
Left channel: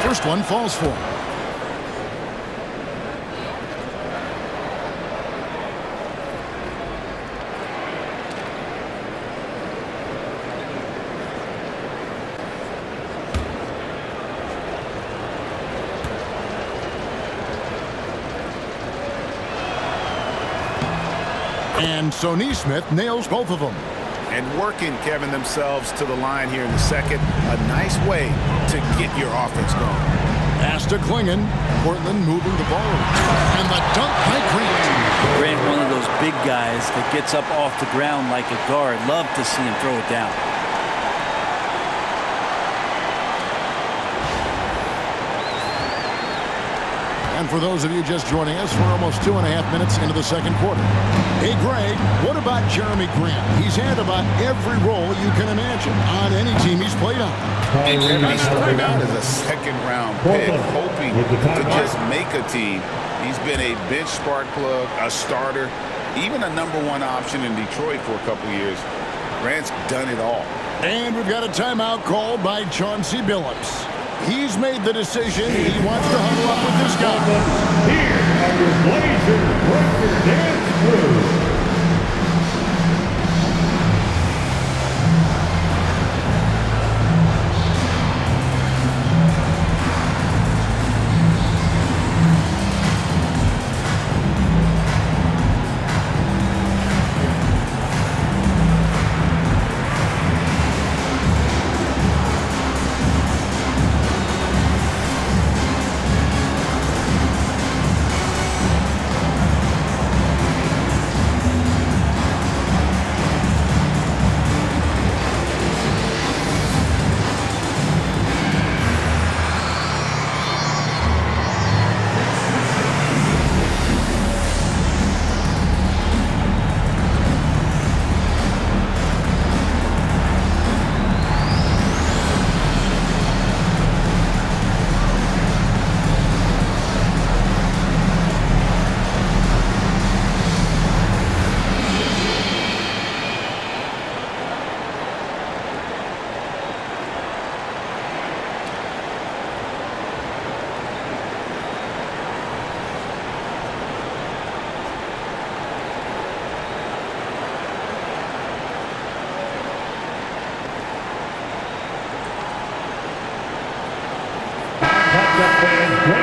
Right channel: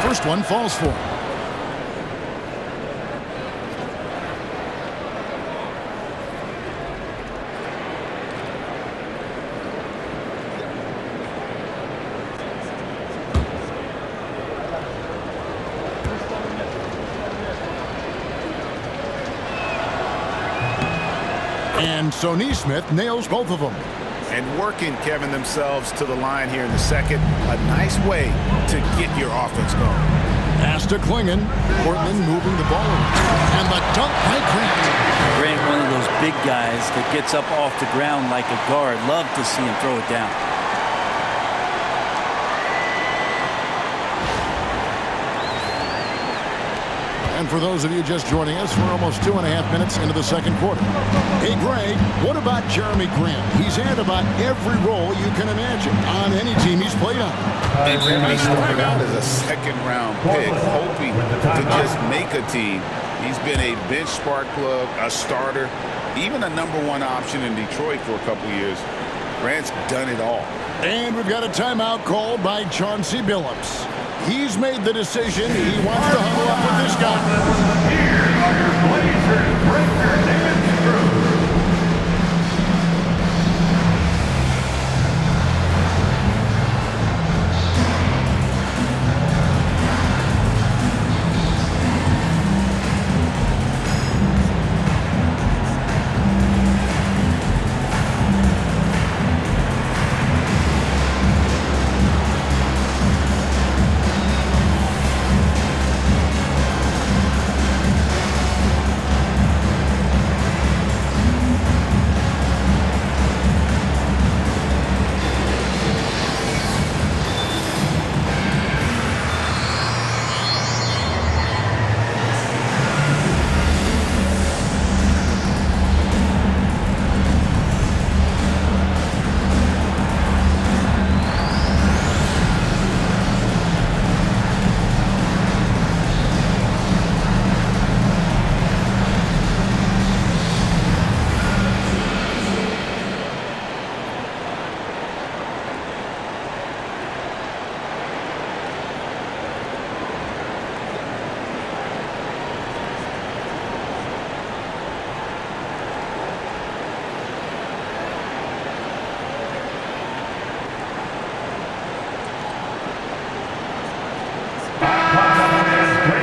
First one falls for him. And so Neesmith nails both of them. And working, Kevin, themselves to the line here in the second. A nice way to get your offense going. Pass to Klingon. Portland moving the ball around. And the dunk by Grant. Grant, one of those big guys that gets up off the ground like a guard. Love to see him throw it down. And for those of you just joining us, we're almost 2.5 minutes into the second quarter. Hey, Greg, what about Jeremy Grant? He's had about every role you can imagine on any team he's played on. And he started out as a second-round pick, hoping to just make a team. He's been a bench spark plug, a starter, even a #1 option in Detroit for a couple years. Grant's done it all. And we've got a timeout called by Chauncey Billups. He's made the decision. He wants to huddle up with this guy. Here are your Blazers breaker, David Cruz.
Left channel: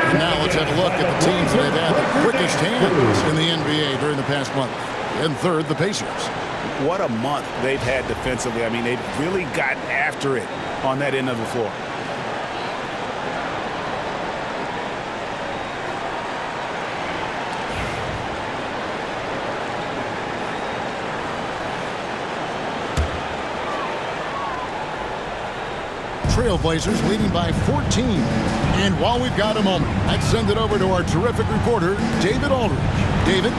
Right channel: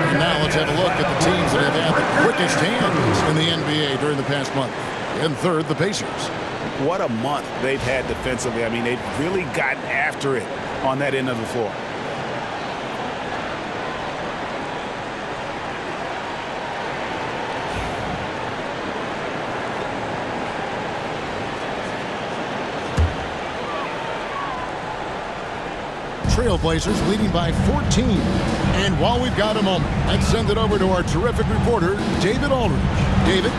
And now let's have a look at the teams that have had the quickest hands in the NBA during the past month. In third, the Pacers. What a month they've had defensively. I mean, they've really gotten after it on that end of the floor. Trailblazers leading by 14. And while we've got a moment, let's send it over to our terrific reporter, David Aldridge. David?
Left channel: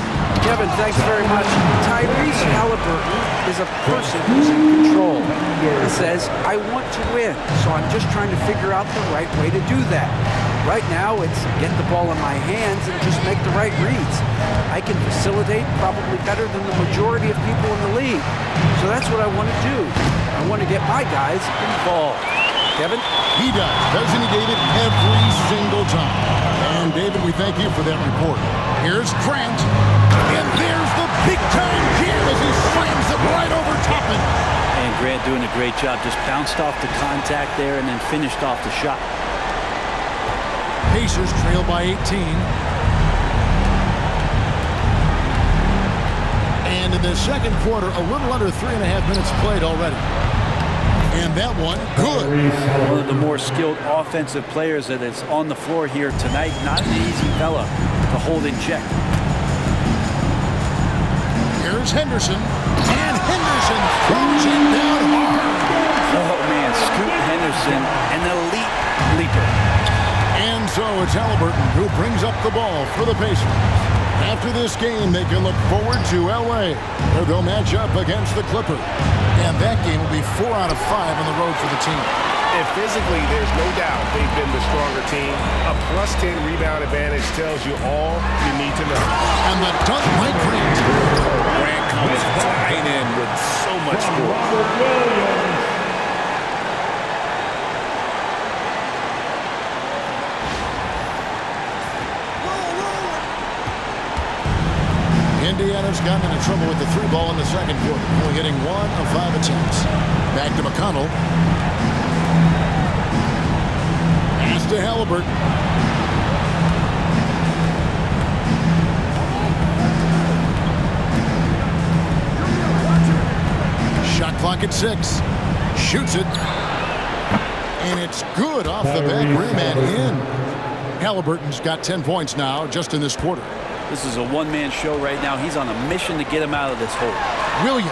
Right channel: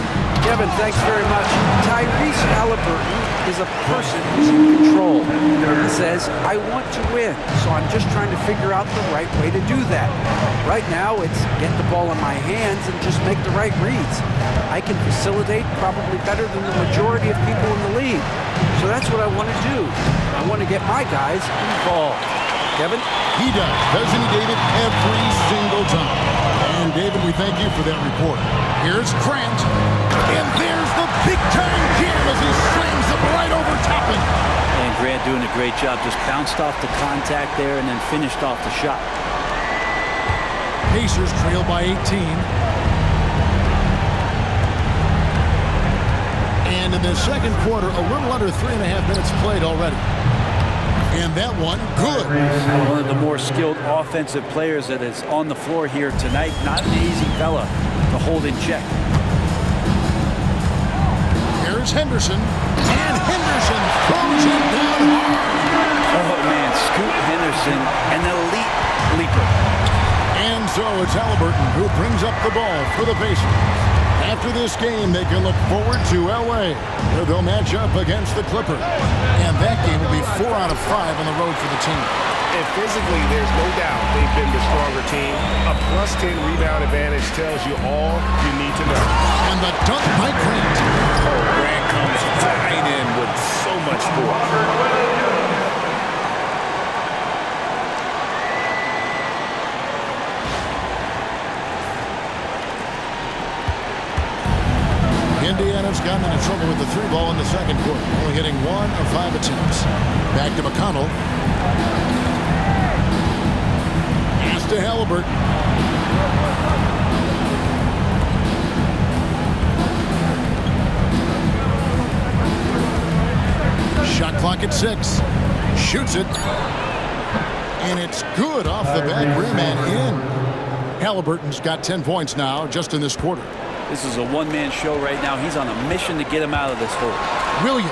Kevin, thanks very much. Tyrese Haliburton is a person who's in control. He says, I want to win, so I'm just trying to figure out the right way to do that. Right now, it's get the ball in my hands and just make the right reads. I can facilitate probably better than the majority of people in the league. So that's what I want to do. I want to get my guys involved. Kevin? He does, doesn't he, David? Every single time. And, David, we thank you for that report. Here's Grant. And there's the big-time jam as he slams it right over Toppin. And Grant doing a great job. Just bounced off the contact there and then finished off the shot. Pacers trail by 18. And in the second quarter, a little under 3.5 minutes played already. And that one, good. One of the more skilled offensive players that is on the floor here tonight. Not an easy fella to hold in check. Here's Henderson. And Henderson throws it down hard. Oh, man, Scoot Henderson, an elite leaper. And so it's Haliburton who brings up the ball for the Pacers. After this game, they can look forward to L.A., where they'll match up against the Clippers. And that game will be 4 out of 5 on the road for the team. And physically, there's no doubt they've been the stronger team. A +10 rebound advantage tells you all you need to know. And the dunk by Grant. Oh, Grant comes flying in with so much force. Indiana's gotten into trouble with the 3 ball in the second quarter, only hitting 1 of 5 attempts. Back to McConnell. Pass to Haliburton. Shot clock at 6. Shoots it. And it's good off the back rim and in. Haliburton's got 10 points now just in this quarter. This is a one-man show right now. He's on a mission to get him out of this hole. Williams.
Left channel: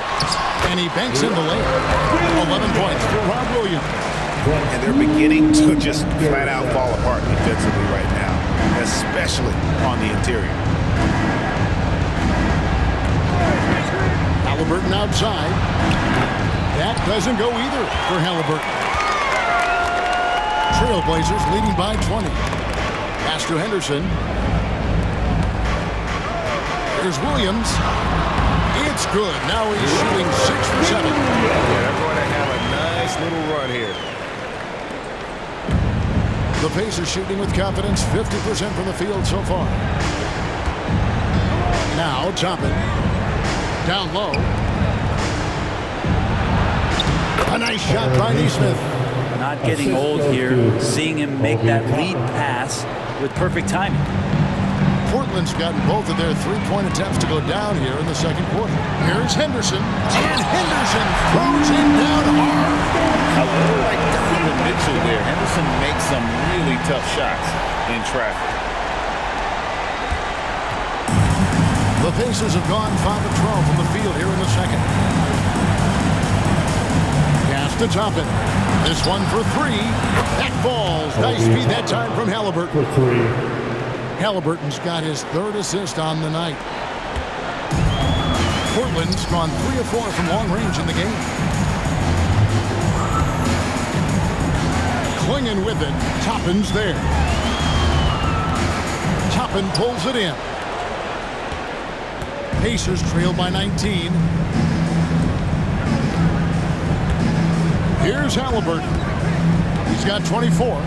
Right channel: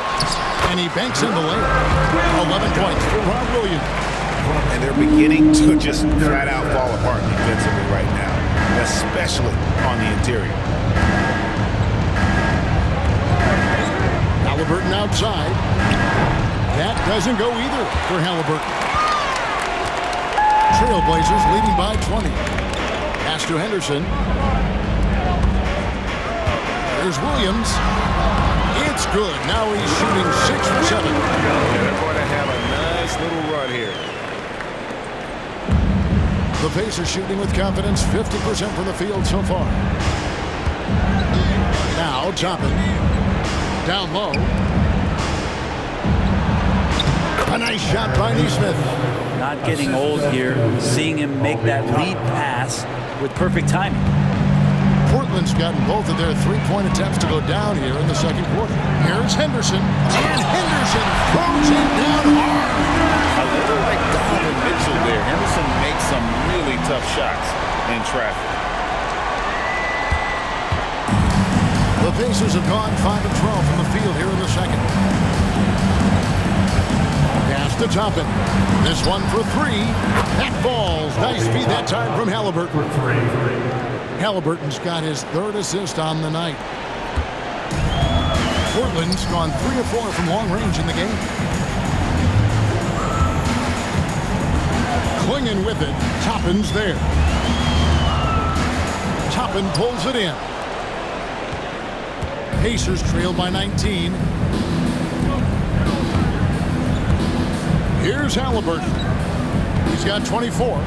And he banks in the layup. 11 points for Rob Williams. And they're beginning to just flat out fall apart defensively right now, especially on the interior. Haliburton outside. That doesn't go either for Haliburton. Trailblazers leading by 20. Pass to Henderson. Here's Williams. It's good. Now he's shooting 6 for 7. Yeah, they're going to have a nice little run here. The Pacers shooting with confidence, 50% from the field so far. Now Toppin. Down low. A nice shot by Nesmith. Not getting old here. Seeing him make that lead pass with perfect timing. Portland's gotten both of their three-point attempts to go down here in the second quarter. Here's Henderson. And Henderson throws it down hard. A little like Donovan Mitchell there. Henderson makes some really tough shots in traffic. The Pacers have gone 5 of 12 from the field here in the second. Pass to Toppin. This one for 3. That falls. Nice feed that time from Haliburton. For 3. Haliburton's got his 3rd assist on the night. Portland's gone 3 of 4 from long range in the game. Clinging with it. Toppin's there. Toppin pulls it in. Pacers trail by 19. Here's Haliburton. He's got 24.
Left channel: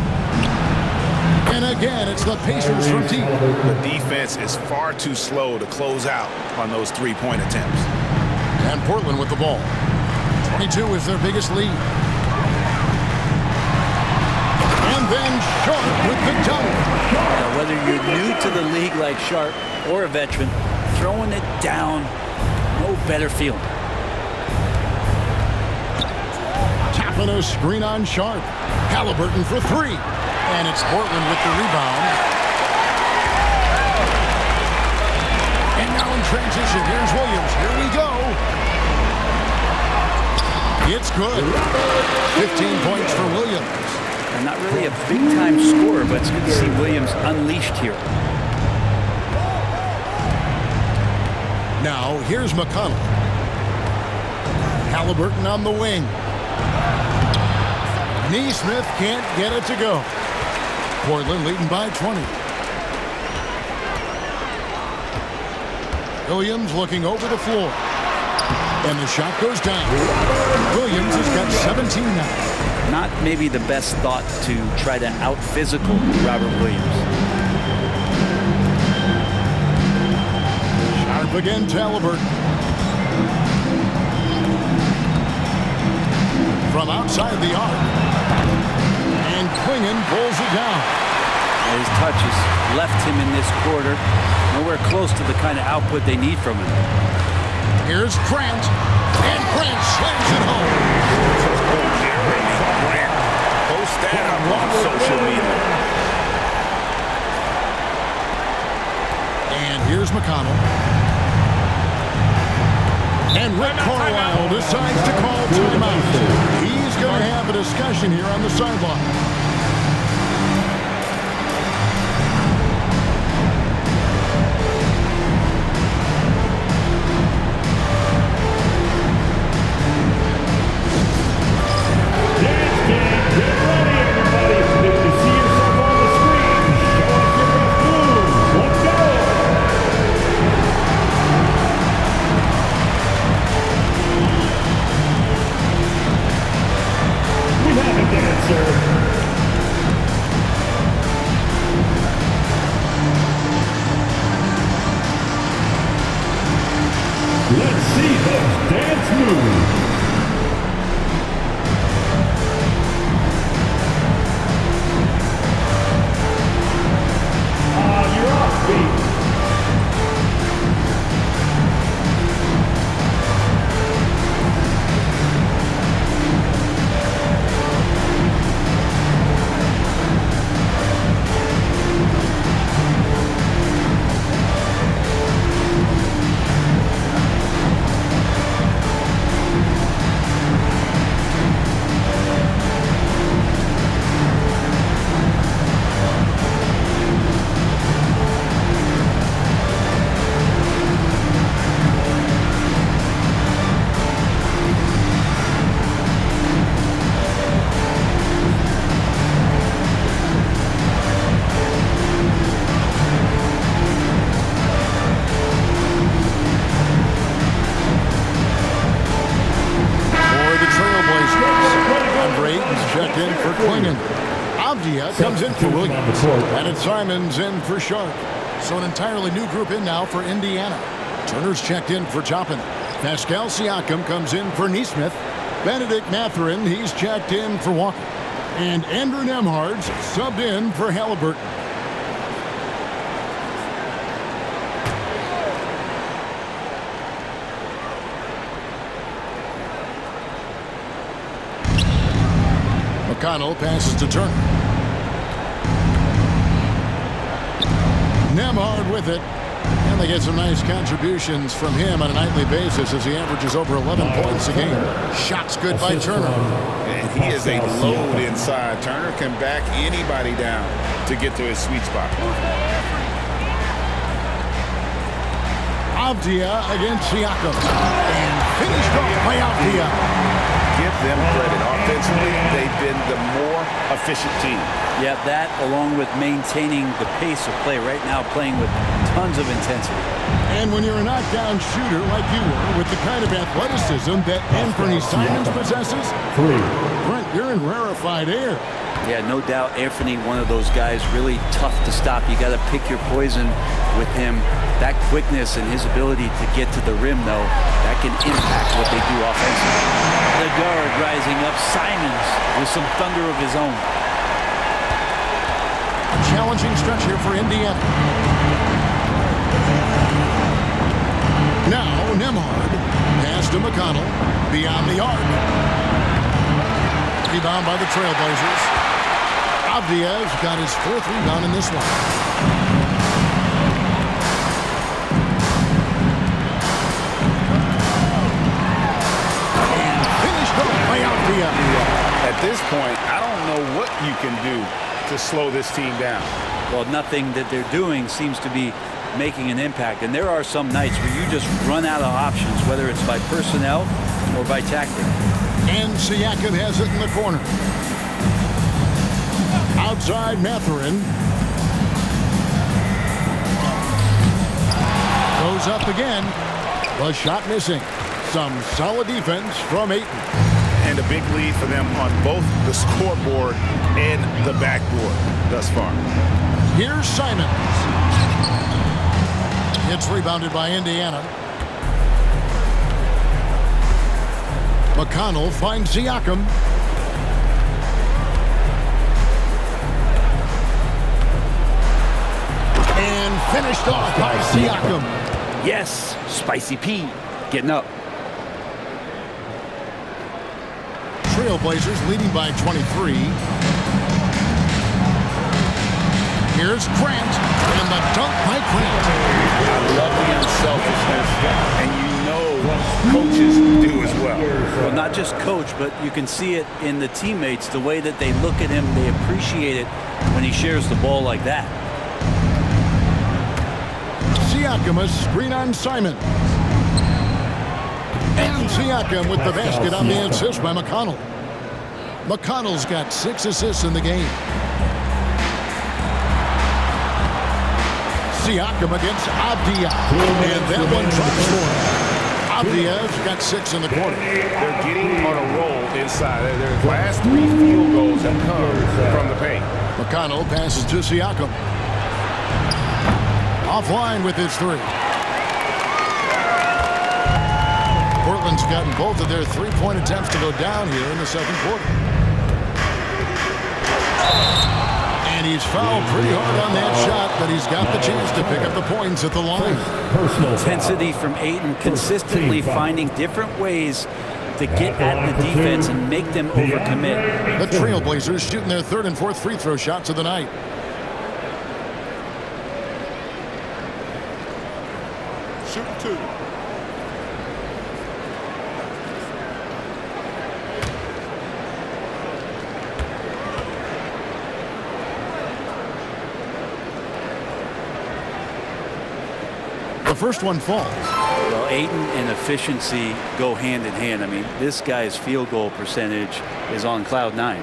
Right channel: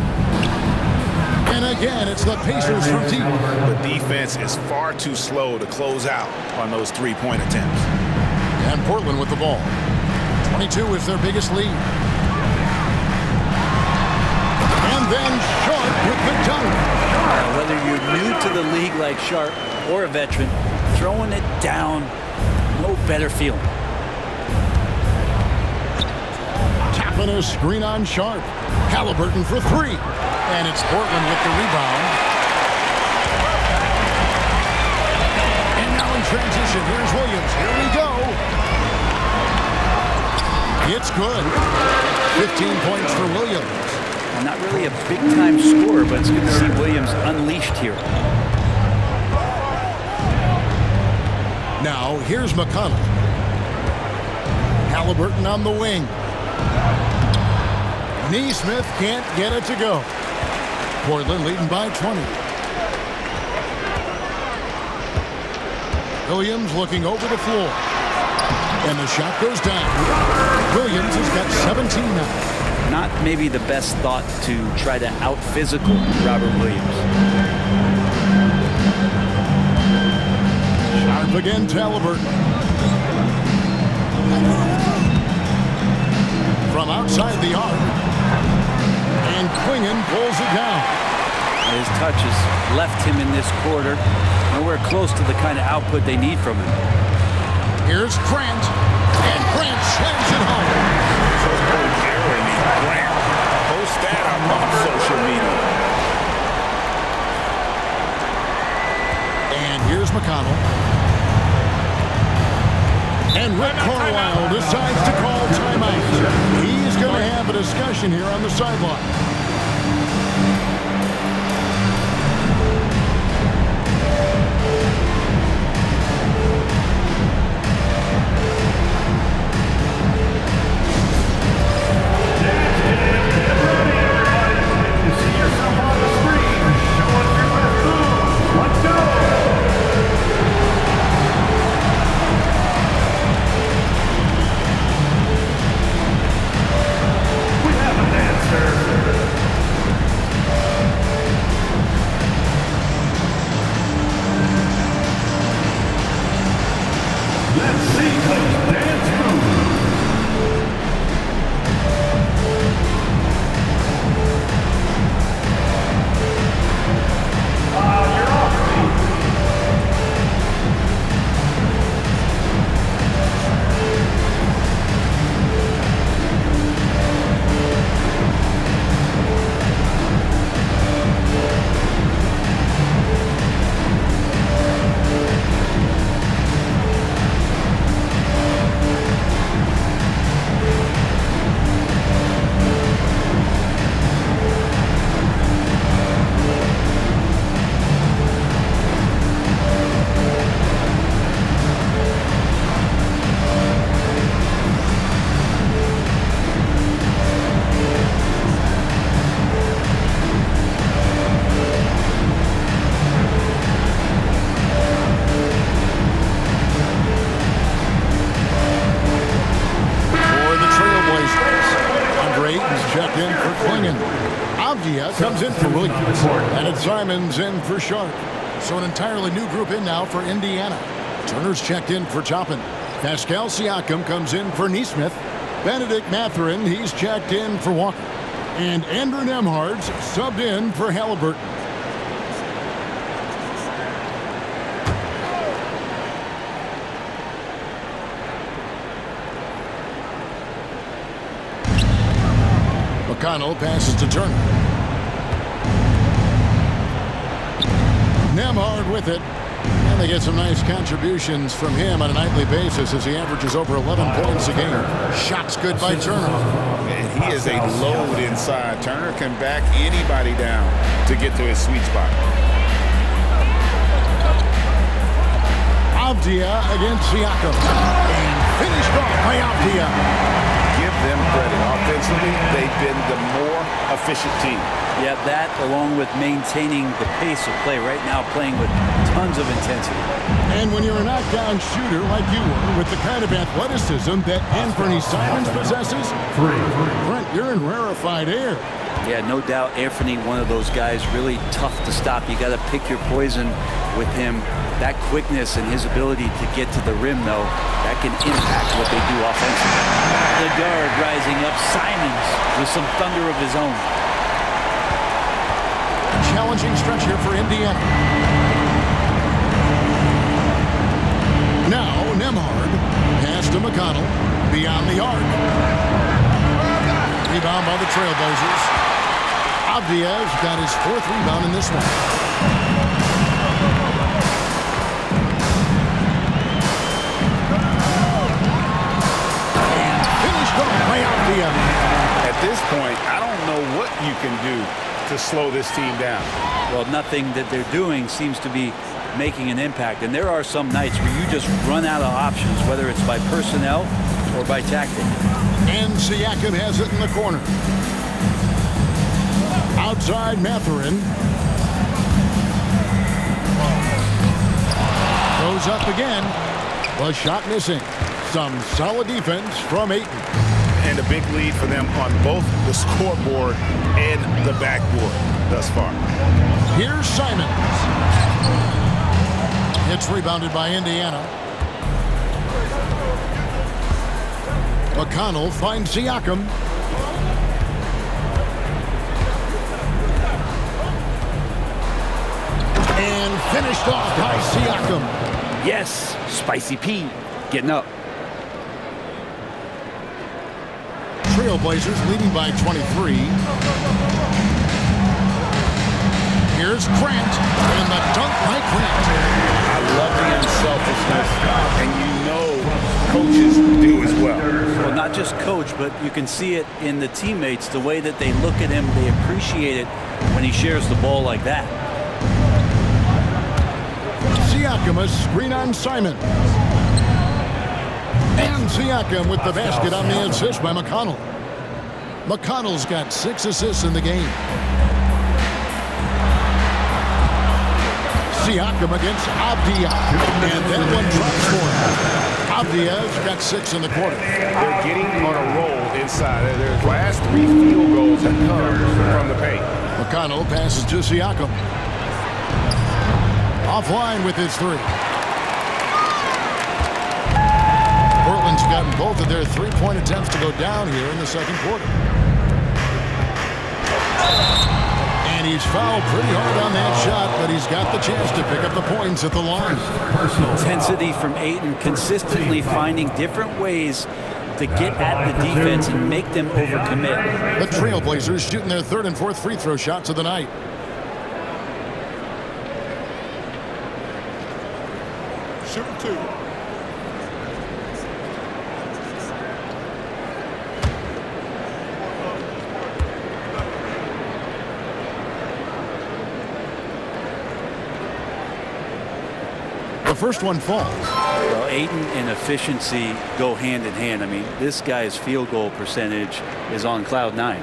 And again, it's the Pacers from deep. The defense is far too slow to close out on those three-point attempts. And Portland with the ball. 22 is their biggest lead. And then Sharp with the dunk. Now, whether you're new to the league like Sharp or a veteran, throwing it down, no better feeling. Tapping a screen on Sharp. Haliburton for 3. And it's Portland with the rebound. And now in transition, here's Williams. Here we go. It's good. 15 points for Williams. And not really a big-time scorer, but it's good to see Williams unleashed here. Now, here's McConnell. Haliburton on the wing. Nesmith can't get it to go. Portland leading by 20. Williams looking over the floor. And the shot goes down. Williams has got 17 now. Not maybe the best thought to try to out-physical Robert Williams. Sharp again to Haliburton. From outside the arc. And Klingon pulls it down. His touch has left him in this quarter. Nowhere close to the kind of output they need from him. Here's Grant. And Grant slams it home. Oh, Jeremy Grant. Post that up on social media. And here's McConnell. And Rick Carlisle decides to call timeout. He's going to have a discussion here on the sideline. For Aiton's checked in for Klingon. Avdia comes in for Williams. And it's Simons in for Sharp. So an entirely new group in now for Indiana. Turner's checked in for Toppin. Pascal Siakam comes in for Neesmith. Benedict Mathurin, he's checked in for Walker. And Andrew Nembhard's subbed in for Haliburton. McConnell passes to Turner. Nembhard with it. And they get some nice contributions from him on a nightly basis as he averages over 11 points a game. Shots good by Turner. And he is a load inside. Turner can back anybody down to get to his sweet spot. Avdia against Siakam. And finished off by Avdia. Give them credit. Offensively, they've been the more efficient team. Yeah, that along with maintaining the pace of play right now, playing with tons of intensity. And when you're a knockdown shooter like you were, with the kind of athleticism that Anfernee Simons possesses, Brent, you're in rarefied air. Yeah, no doubt Anfernee, one of those guys, really tough to stop. You got to pick your poison with him. That quickness and his ability to get to the rim, though, that can impact what they do offensively. The guard rising up, Simons with some thunder of his own. A challenging stretch here for Indiana. Now Nembhard, pass to McConnell, beyond the arc. Rebound by the Trailblazers. Avdia's got his 4th rebound in this one. And finished off by Avdia. At this point, I don't know what you can do to slow this team down. Well, nothing that they're doing seems to be making an impact. And there are some nights where you just run out of options, whether it's by personnel or by tactic. And Siakam has it in the corner. Outside Mathurin. Goes up again. The shot missing. Some solid defense from Ayton. And a big lead for them on both the scoreboard and the backboard thus far. Here's Simons. It's rebounded by Indiana. McConnell finds Siakam. And finished off by Siakam. Yes, Spicy P getting up. Trailblazers leading by 23. Here's Grant, and the dunk by Grant. I love the unselfishness, and you know coaches do as well. Well, not just coach, but you can see it in the teammates, the way that they look at him. They appreciate it when he shares the ball like that. Siakam, a screen on Simons. And Siakam with the basket on the assist by McConnell. McConnell's got 6 assists in the game. Siakam against Avdia. And that one drops for him. Avdia's got 6 in the quarter. They're getting on a roll inside. Their last 3 field goals have come from the paint. McConnell passes to Siakam. Offline with his 3. Portland's gotten both of their 3-point attempts to go down here in the second quarter. And he's fouled pretty hard on that shot, but he's got the chance to pick up the points at the line. Intensity from Ayton, consistently finding different ways to get at the defense and make them overcommit. The Trailblazers shooting their 3rd and 4th free throw shots of the night. Shooting 2. The first one falls. Well, Ayton and efficiency go hand in hand. I mean, this guy's field goal percentage is on cloud 9.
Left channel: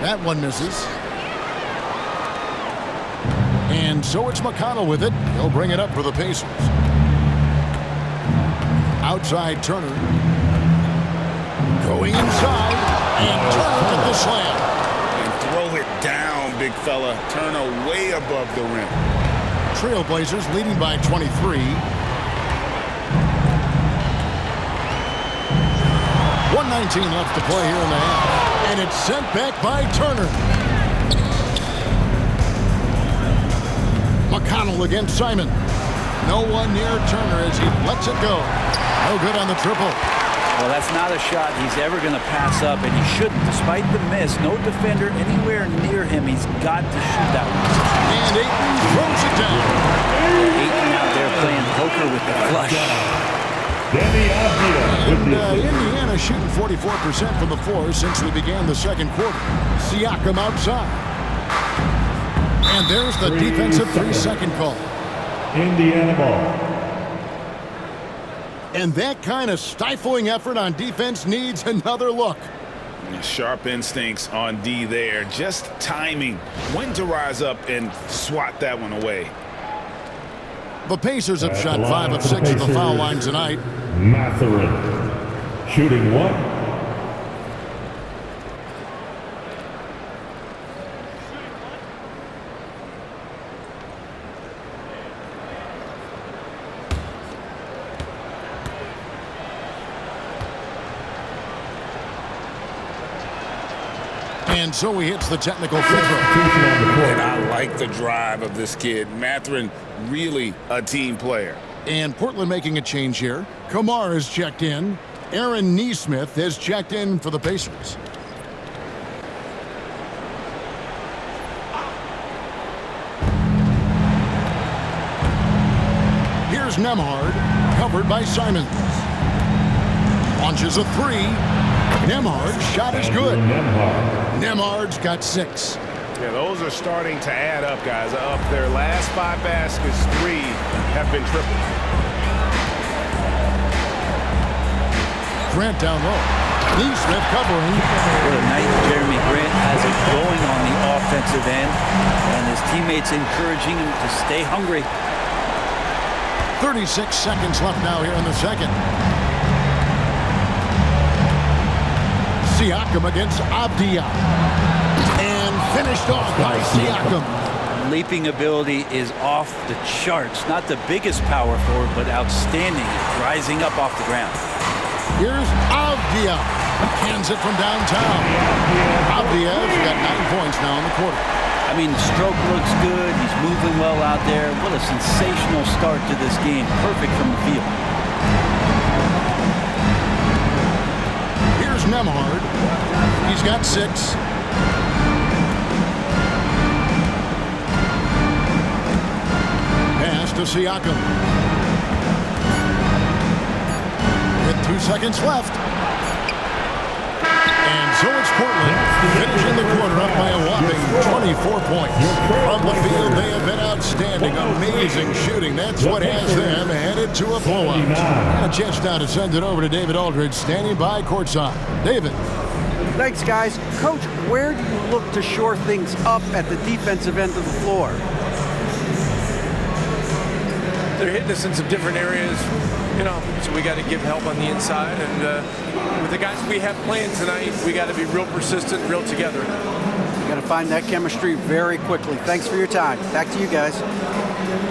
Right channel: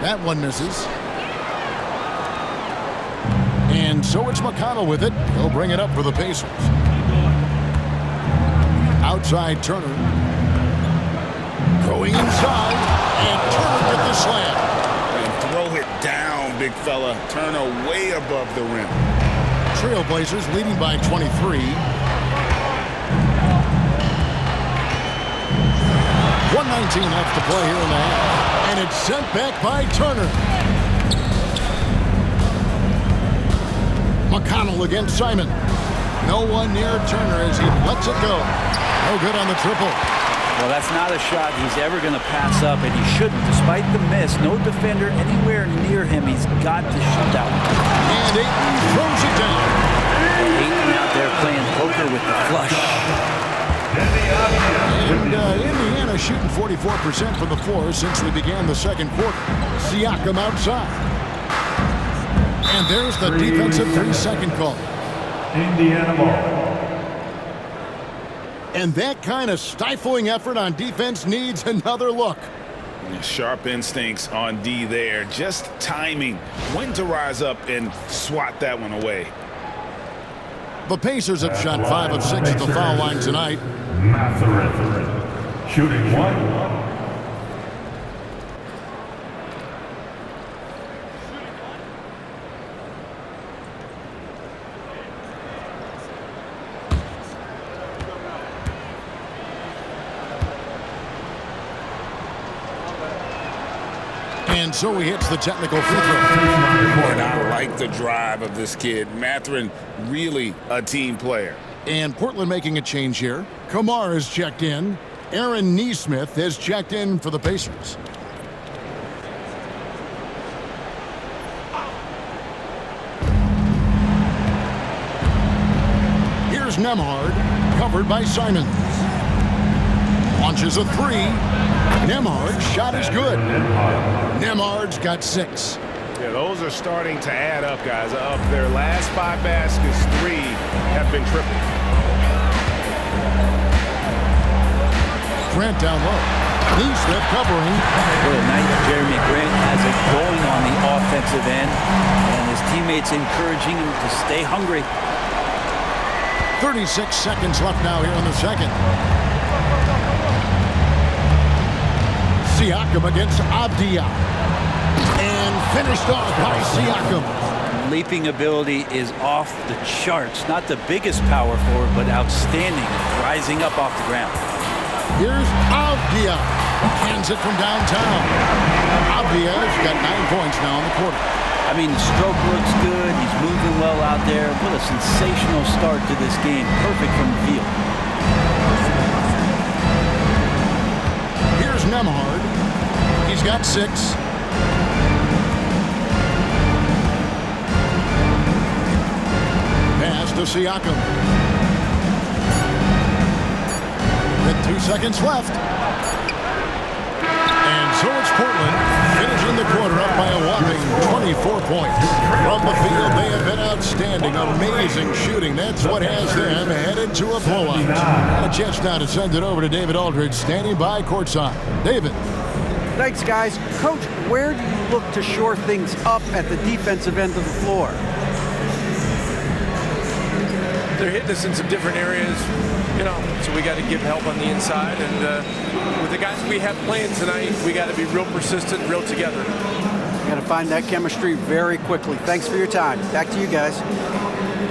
That one misses. And so it's McConnell with it. He'll bring it up for the Pacers. Outside Turner. Going inside. And Turner with the slam. And throw it down, big fella. Turner way above the rim. Trailblazers leading by 23. 1:19 left to play here in the half. And it's sent back by Turner. McConnell against Simon. No one near Turner as he lets it go. No good on the triple. Well, that's not a shot he's ever going to pass up, and he shouldn't. Despite the miss, no defender anywhere near him. He's got to shoot that one. And Ayton throws it down. Ayton out there playing poker with the flush. And Indiana shooting 44% from the floor since we began the second quarter. Siakam outside. And there's the defensive 3-second call. Indiana ball. And that kind of stifling effort on defense needs another look. Sharp instincts on D there. Just timing. When to rise up and swat that one away. The Pacers have shot 5 of 6 at the foul line tonight. Mathurin. Shooting 1. And so he hits the technical free throw. And I like the drive of this kid. Mathurin, really a team player. And Portland making a change here. Kamar has checked in. Aaron Nesmith has checked in for the Pacers. Here's Nembhard, covered by Simons. Launches a three. Nembhard's shot is good. Nembhard's got 6. Yeah, those are starting to add up, guys. Of their last 5 baskets, 3 have been triples. Grant down low. Nesmith covering. What a night Jeremy Grant has it going on the offensive end, and his teammates encouraging him to stay hungry. 36 seconds left now here in the second. Siakam against Avdia. And finished off by Siakam. Leaping ability is off the charts. Not the biggest power forward, but outstanding, rising up off the ground. Here's Avdia. Cans it from downtown. Avdia's got 9 points now in the quarter. I mean, the stroke looks good. He's moving well out there. What a sensational start to this game. Perfect from the field. Here's Nembhard. He's got 6. Pass to Siakam. With 2 seconds left. And so it's Portland finishing the quarter up by a whopping 24 points. From the field, they have been outstanding. Amazing shooting. That's what has them headed to a blowout. And a chance now to send it over to David Aldridge, standing by courtside. David. Thanks, guys. Coach, where do you look to shore things up at the defensive end of the floor? They're hitting us in some different areas, so we got to give help on the inside. And with the guys we have playing tonight, we got to be real persistent, real together. Got to find that chemistry very quickly. Thanks for your time. Back to you guys.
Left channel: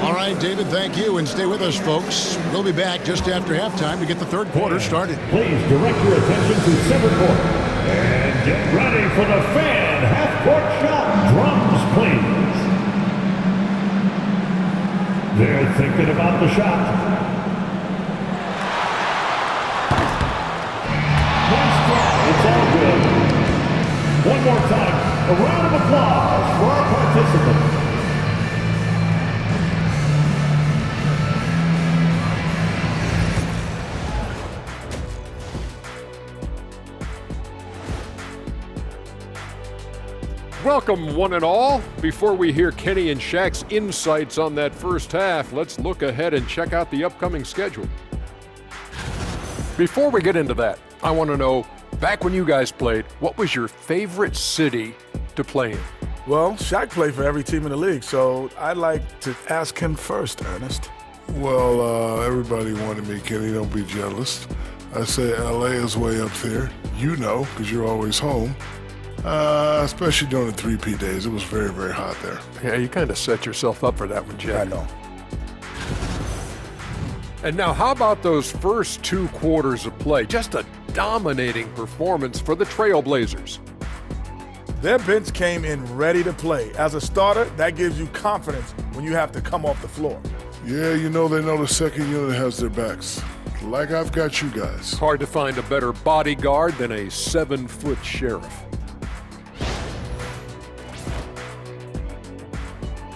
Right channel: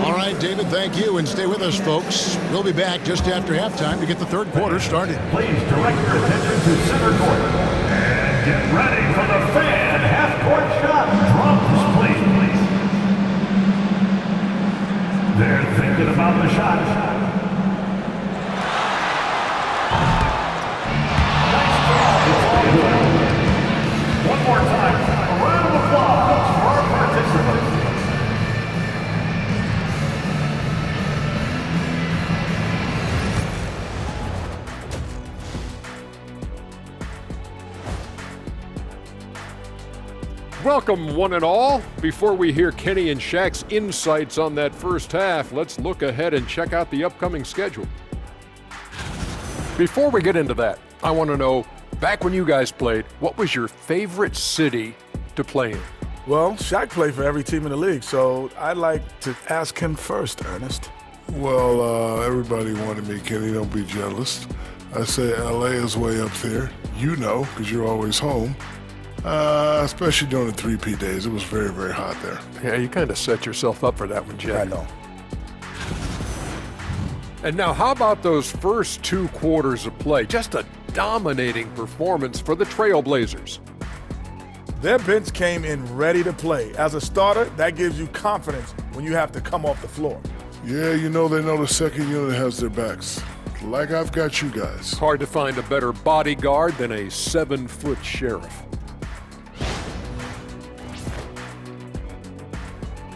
All right, David, thank you. And stay with us, folks. We'll be back just after halftime to get the third quarter started. Please direct your attention to center court. And get ready for the fan half-court shot. Drums, please. They're thinking about the shot. Nice job. It's all good. One more time, a round of applause for our participants. Welcome, one and all. Before we hear Kenny and Shaq's insights on that first half, let's look ahead and check out the upcoming schedule. Before we get into that, I want to know, back when you guys played, what was your favorite city to play in? Well, Shaq played for every team in the league, so I'd like to ask him first, Ernest. Well, everybody wanted me, Kenny. Don't be jealous. I say L.A. is way up there. You know, because you're always home. Especially during the 3P days. It was very, very hot there. Yeah, you kind of set yourself up for that one, Jay. I know. And now, how about those first 2 quarters of play? Just a dominating performance for the Trailblazers. Their bench came in ready to play. As a starter, that gives you confidence when you have to come off the floor. Yeah, you know they know the second unit has their backs. Like I've got you guys. Hard to find a better bodyguard than a 7-foot sheriff.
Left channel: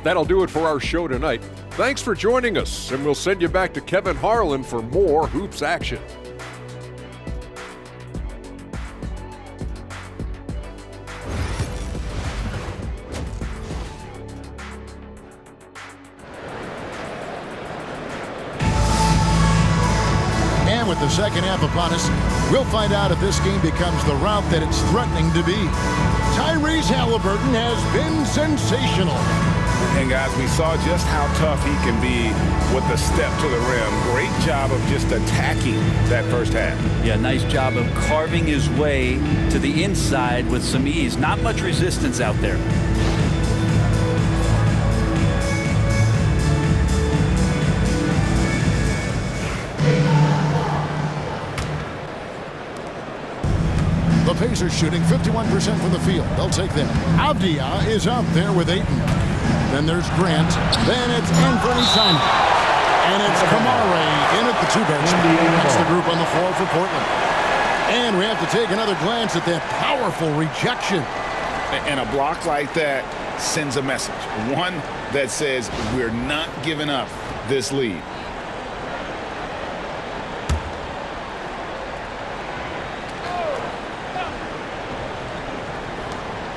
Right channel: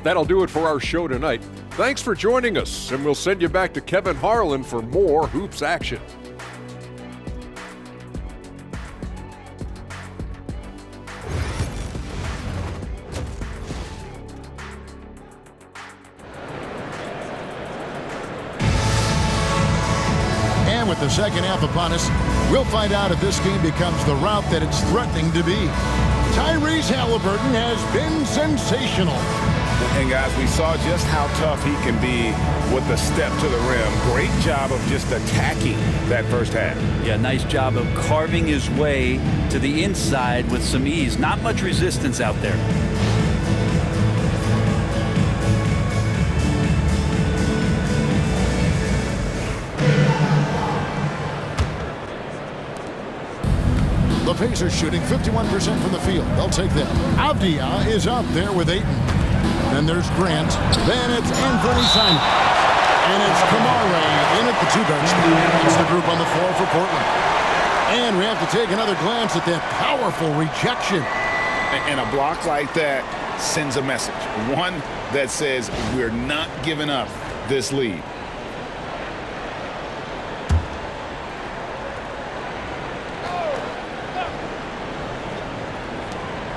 That'll do it for our show tonight. Thanks for joining us, and we'll send you back to Kevin Harlan for more hoops action. And with the second half upon us, we'll find out if this game becomes the route that it's threatening to be. Tyrese Haliburton has been sensational. And guys, we saw just how tough he can be with the step to the rim. Great job of just attacking that first half. Yeah, nice job of carving his way to the inside with some ease. Not much resistance out there. The Pacers shooting 51% from the field. They'll take that. Avdia is out there with Ayton. Then there's Grant. Then it's Anfernee Simon. And it's Kamare in at the 2-guard spot. That's the group on the floor for Portland. And we have to take another glance at that powerful rejection. And a block like that sends a message. One that says we're not giving up this lead.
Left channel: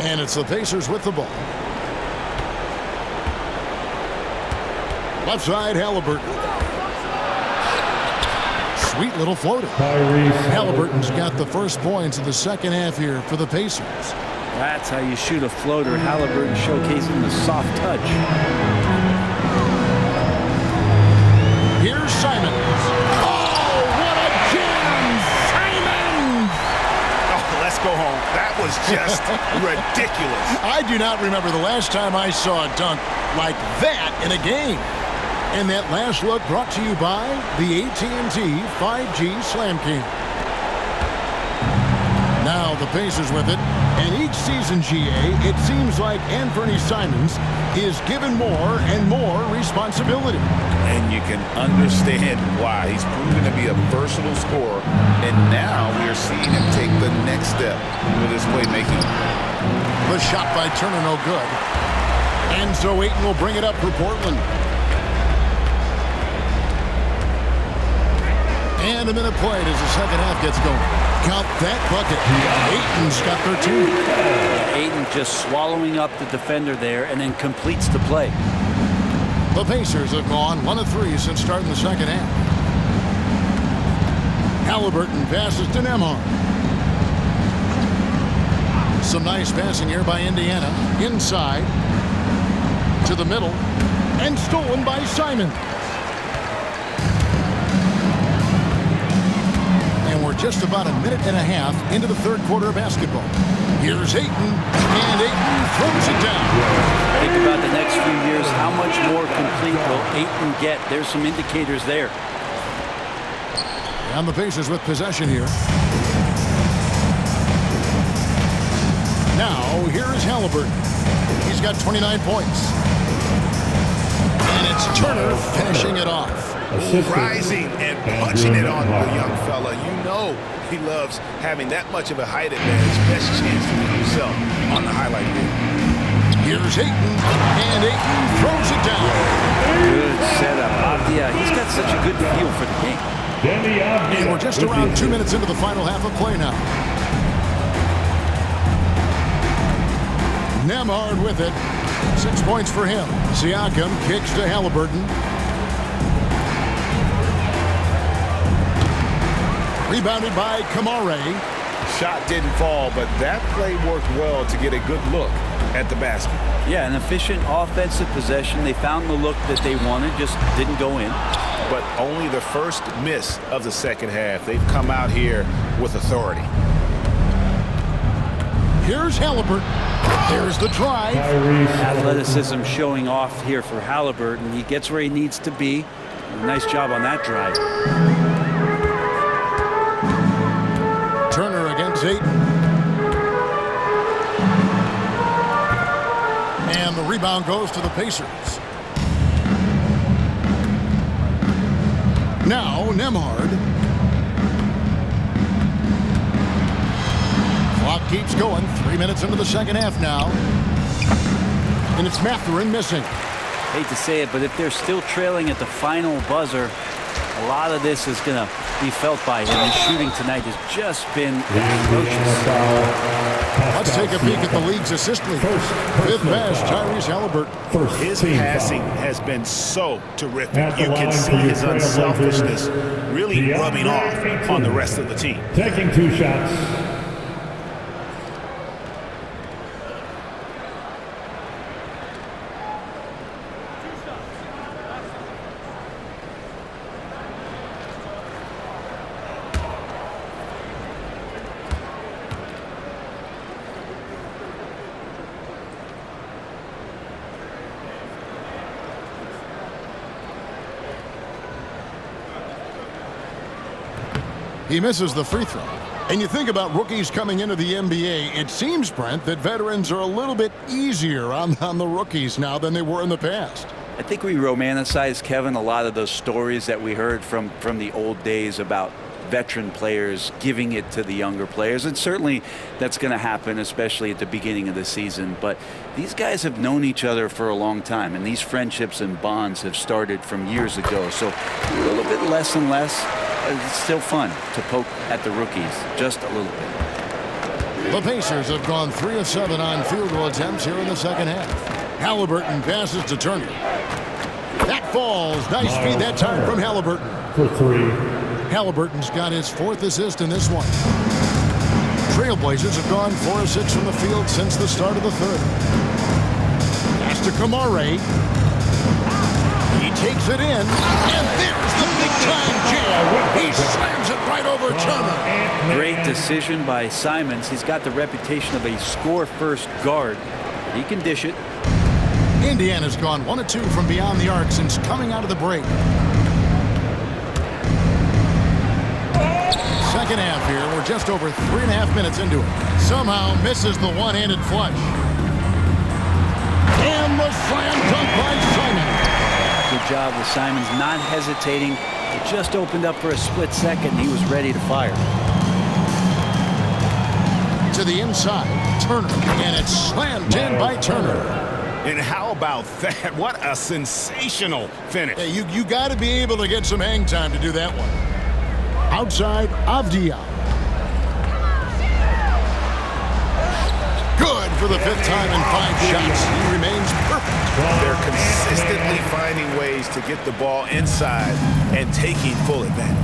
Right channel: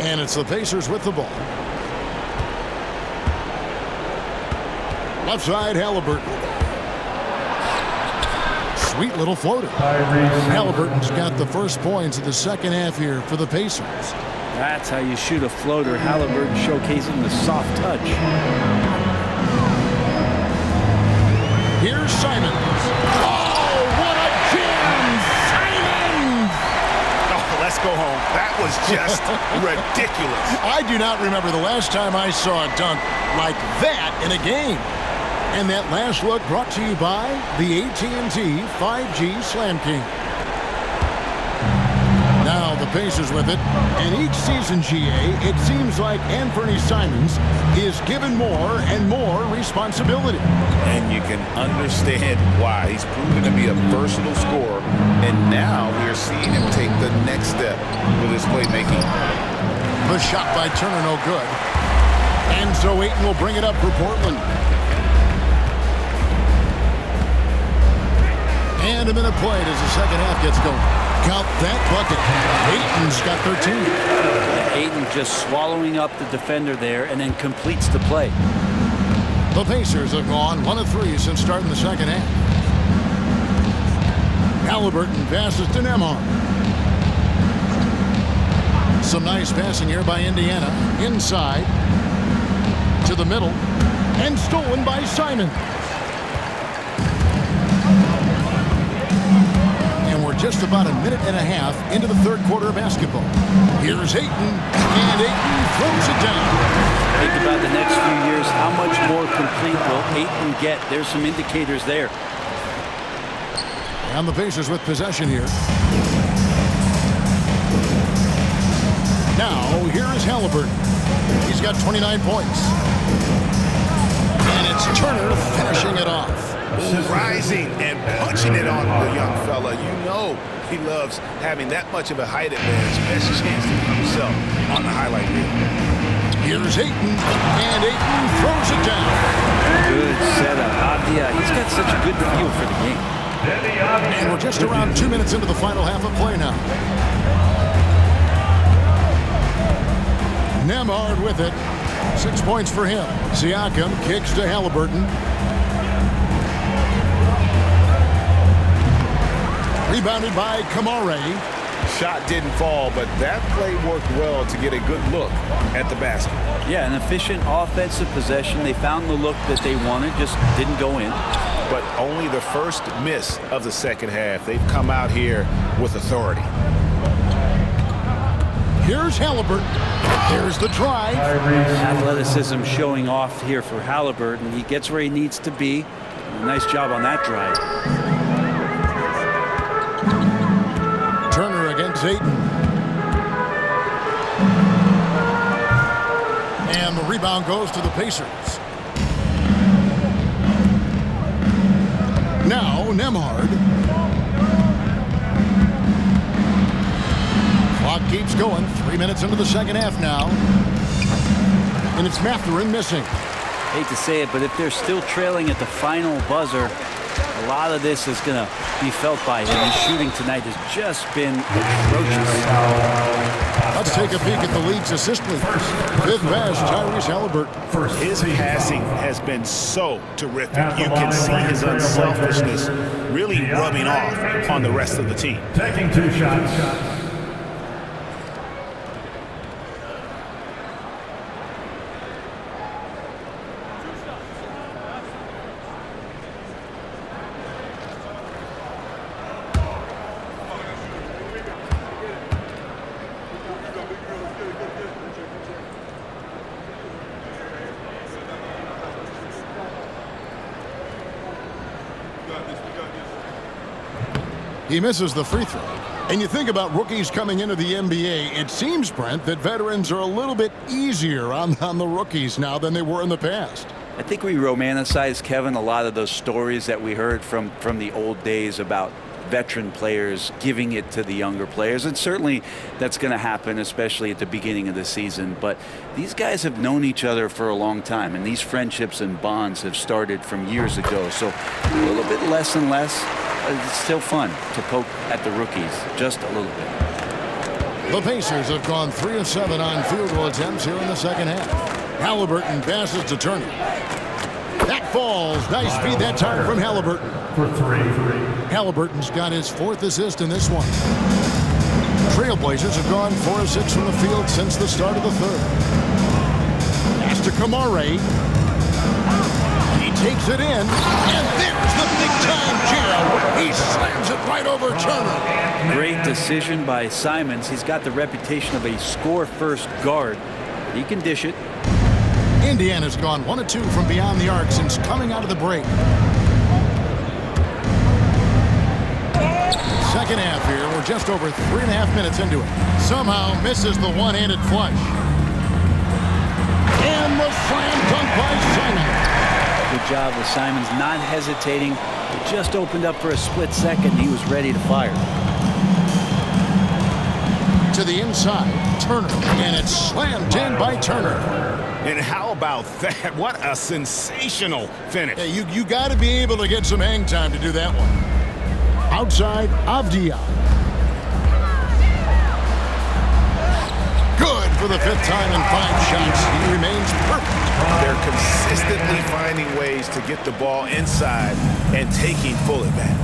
And it's the Pacers with the ball. Left side, Haliburton. Sweet little floater. Haliburton's got the first points of the second half here for the Pacers. That's how you shoot a floater. Haliburton showcasing the soft touch. Here's Simons. Oh, what a jam! Simons! Oh, let's go home. That was just ridiculous. I do not remember the last time I saw a dunk like that in a game. And that last look brought to you by the AT&T 5G Slam King. Now the Pacers with it. And each season, GA, it seems like Anfernee Simons is given more and more responsibility. And you can understand why. He's proven to be a versatile scorer. And now we are seeing him take the next step with his playmaking. The shot by Turner, no good. And so Ayton will bring it up for Portland. And a minute played as the second half gets going. Count that bucket. Ayton's got 13. Yeah, Ayton just swallowing up the defender there and then completes the play. The Pacers have gone 1 of 3 since starting the second half. Haliburton passes to Nembhard. Some nice passing here by Indiana. Inside to the middle and stolen by Simon. And we're just about a minute and a half into the third quarter of basketball. Here's Ayton, and Ayton throws it down. Think about the next few years. How much more complete will Ayton get? There's some indicators there. And the Pacers with possession here. Now, here is Haliburton. He's got 29 points. And it's Turner finishing it off. Rising and punching it on the young fella. You know he loves having that much of a height advantage. Best chance to get yourself on the highlight reel. Here's Ayton, and Ayton throws it down. Good setup. Avdia, he's got such a good feel for the game. And we're just around 2 minutes into the final half of play now. Nembhard with it. 6 points for him. Siakam kicks to Haliburton. Rebounded by Kamare. Shot didn't fall, but that play worked well to get a good look at the basket. Yeah, an efficient offensive possession. They found the look that they wanted, just didn't go in. But only the first miss of the second half. They've come out here with authority. Here's Haliburton. Here's the drive. Athleticism showing off here for Haliburton. He gets where he needs to be. Nice job on that drive. Turner against Ayton. And the rebound goes to the Pacers. Now Nembhard. Clock keeps going. 3 minutes into the second half now. And it's Mathurin missing. Hate to say it, but if they're still trailing at the final buzzer, a lot of this is going to be felt by him. His shooting tonight has just been atrocious. Let's take a peek at the league's assist leader. Fifth best, Tyrese Haliburton. His passing has been so terrific. You can see his unselfishness really rubbing off on the rest of the team. Taking 2 shots. He misses the free throw. And you think about rookies coming into the NBA, it seems, Brent, that veterans are a little bit easier on the rookies now than they were in the past. I think we romanticize, Kevin, a lot of those stories that we heard from the old days about veteran players giving it to the younger players. And certainly that's going to happen, especially at the beginning of the season. But these guys have known each other for a long time, and these friendships and bonds have started from years ago. So a little bit less and less. It's still fun to poke at the rookies, just a little bit. The Pacers have gone 3 of 7 on field goal attempts here in the second half. Haliburton passes to Turner. That falls. Nice feed that time from Haliburton. For 3. Haliburton's got his 4th assist in this one. Trailblazers have gone 4 of 6 from the field since the start of the third. Pass to Kamare. He takes it in, and there's the big-time jam. He slams it right over Turner. Great decision by Simons. He's got the reputation of a score-first guard. He can dish it. Indiana's gone 1 of 2 from beyond the arc since coming out of the break. Second half here. We're just over 3.5 minutes into it. Somehow misses the one-handed flush. And the slam dunk by Simons. Good job with Simons not hesitating. It just opened up for a split second. He was ready to fire. To the inside, Turner, and it's slammed in by Turner. And how about that? What a sensational finish. Yeah, you got to be able to get some hang time to do that one. Outside, Avdia. Good for the 5th time in 5 shots. He remains perfect. They're consistently finding ways to get the ball inside and taking full advantage.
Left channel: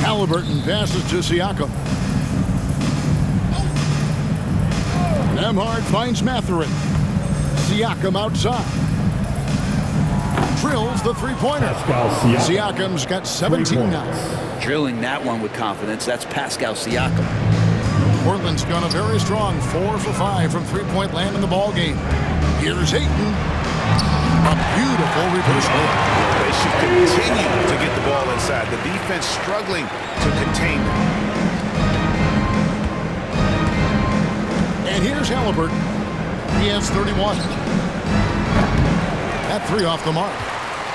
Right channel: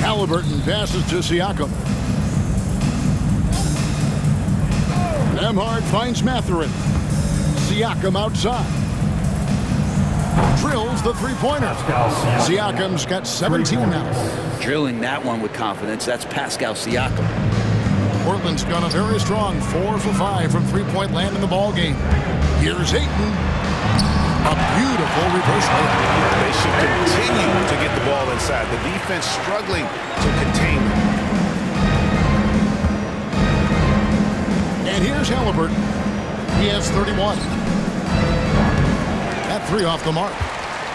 Haliburton passes to Siakam. Nembhard finds Mathurin. Siakam outside. Drills the three-pointer. Siakam's got 17 now. Drilling that one with confidence. That's Pascal Siakam. Portland's gone a very strong 4 for 5 from three-point land in the ball game. Here's Ayton. A beautiful reverse layup. They should continue to get the ball inside. The defense struggling to contain them. And here's Haliburton. He has 31. That 3 off the mark.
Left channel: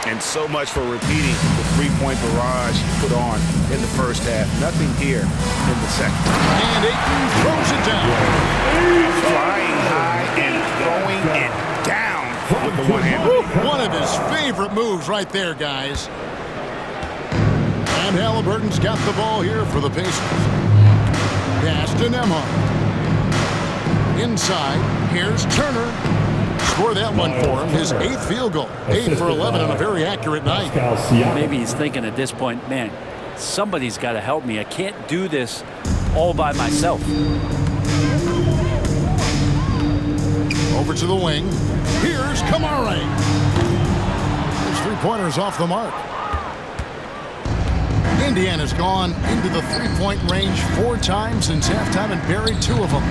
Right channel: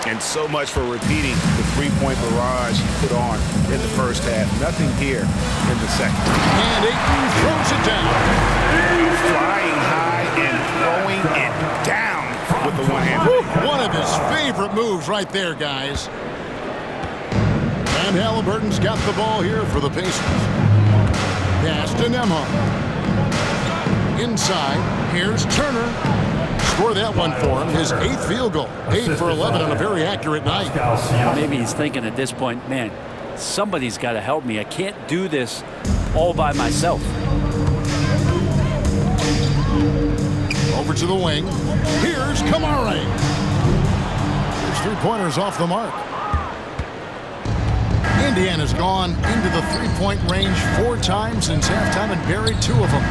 And so much for repeating the three-point barrage he put on in the first half. Nothing here in the second. And Ayton throws it down. Flying high and throwing it down with the one hand. One of his favorite moves right there, guys. And Haliburton's got the ball here for the Pacers. Pass to Nembhard. Inside, here's Turner. Score that one for him, his 8th field goal. 8 for 11 on a very accurate night. Maybe he's thinking at this point, man, somebody's got to help me. I can't do this all by myself. Over to the wing. Here's Kamare. His three-pointers off the mark. Indiana's gone into the three-point range 4 times since halftime and buried 2 of them.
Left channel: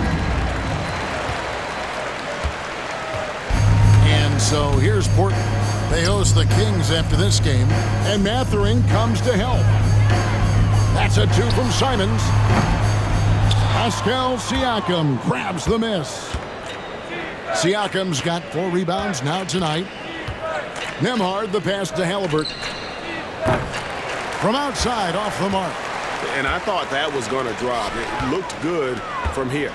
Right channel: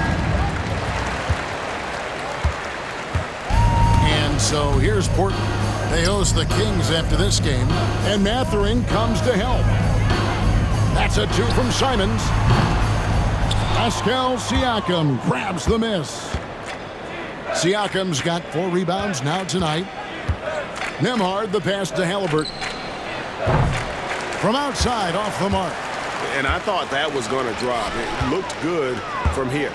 And so here's Portland. They host the Kings after this game, and Mathering comes to help. That's a 2 from Simons. Pascal Siakam grabs the miss. Siakam's got 4 rebounds now tonight. Nembhard the pass to Haliburton. From outside, off the mark. And I thought that was going to drop. It looked good from here.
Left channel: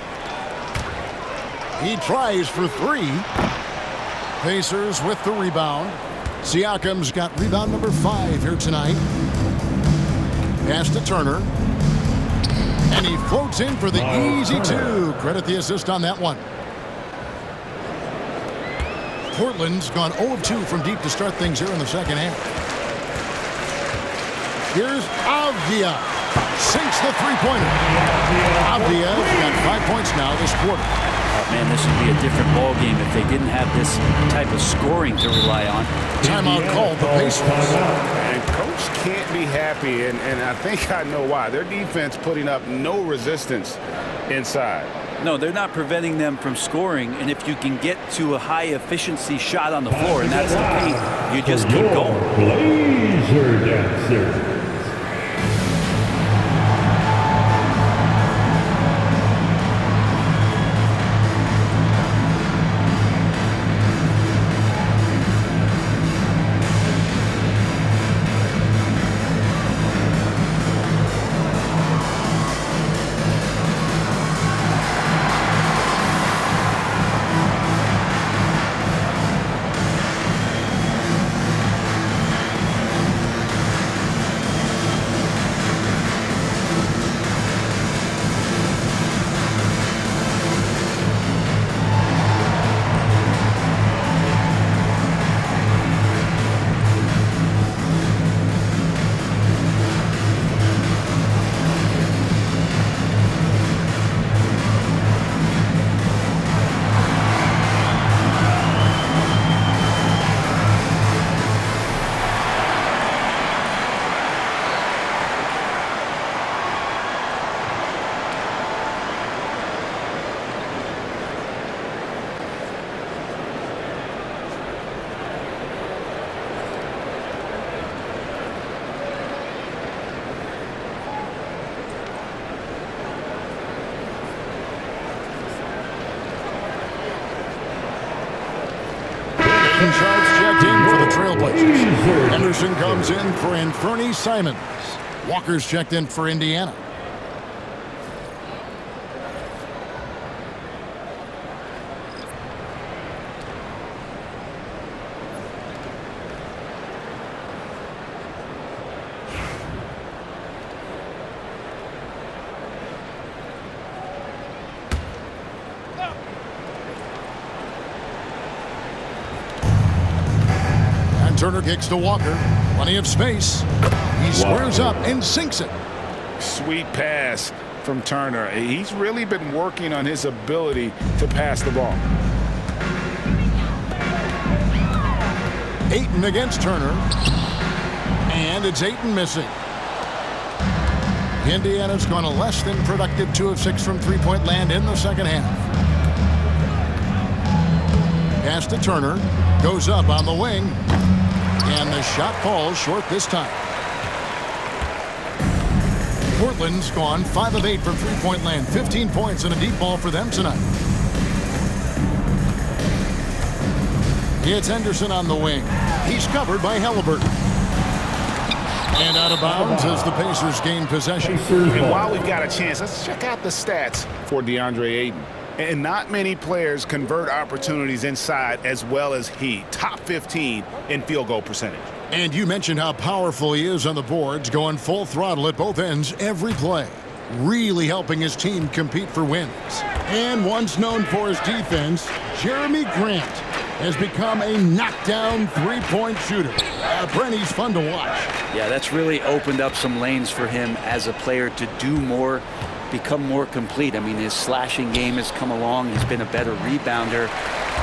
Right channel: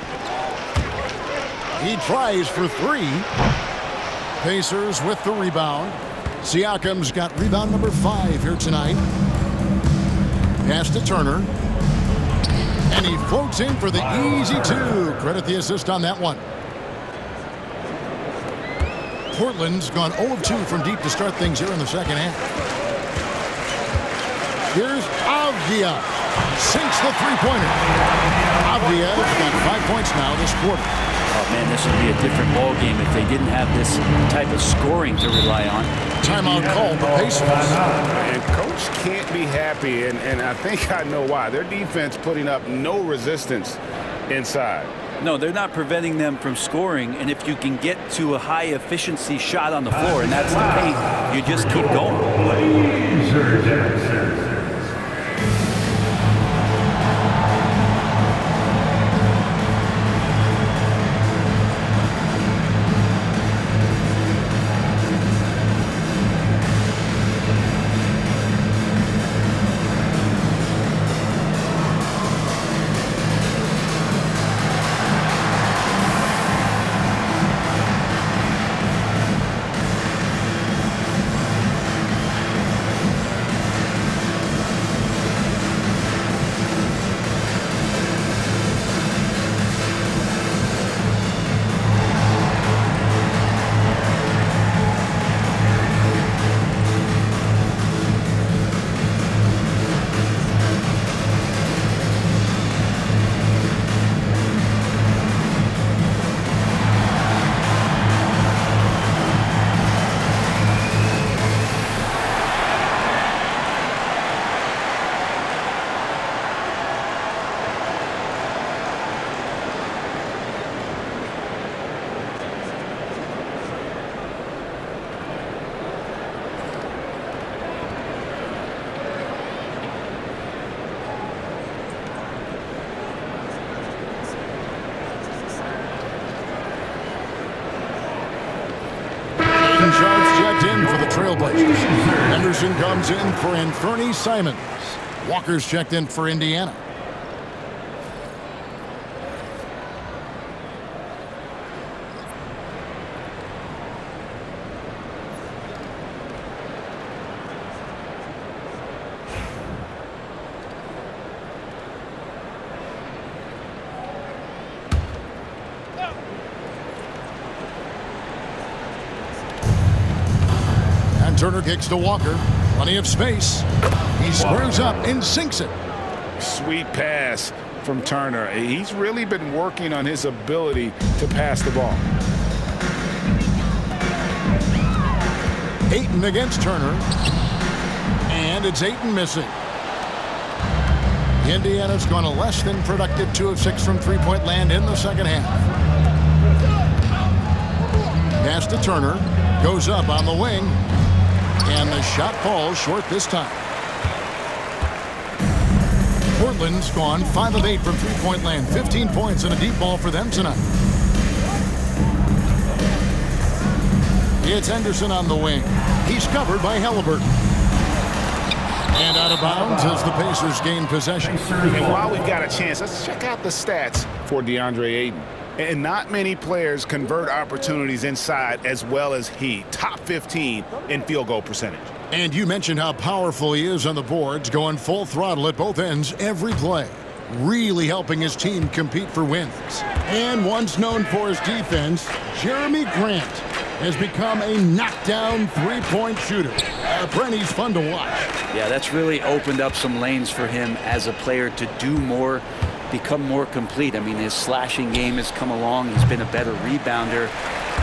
He tries for 3. Pacers with the rebound. Siakam's got rebound number 5 here tonight. Pass to Turner. And he floats in for the easy 2. Credit the assist on that one. Portland's gone 0 of 2 from deep to start things here in the second half. Here's Avdia. Sinks the three-pointer. Avdia's got 5 points now this quarter. Oh, man, this would be a different ball game if they didn't have this type of scoring to rely on. Timeout called the Pacers. And Coach can't be happy, and I think I know why. Their defense putting up no resistance inside. No, they're not preventing them from scoring, and if you can get to a high-efficiency shot on the floor, and that's the paint, you just keep going. Blazer dancer. Sharps checked in for the Trailblazers. Henderson comes in for Anfernee Simons. Walker's checked in for Indiana. Turner kicks to Walker. Plenty of space. He squares up and sinks it. Sweet pass from Turner. He's really been working on his ability to pass the ball. Ayton against Turner. And it's Ayton missing. Indiana's gone a less than productive 2 of 6 from three-point land in the second half. Pass to Turner. Goes up on the wing. And the shot falls short this time. Portland's gone 5 of 8 from three-point land. 15 points and a deep ball for them tonight. It's Henderson on the wing. He's covered by Haliburton. And out of bounds as the Pacers gain possession. And while we've got a chance, let's check out the stats for DeAndre Ayton. And not many players convert opportunities inside as well as he. Top 15 in field goal percentage. And you mentioned how powerful he is on the boards, going full throttle at both ends every play. Really helping his team compete for wins. And once known for his defense, Jeremy Grant has become a knockdown three-point shooter. Brenny's fun to watch. Yeah, that's really opened up some lanes for him as a player to do more, become more complete. I mean, his slashing game has come along. He's been a better rebounder.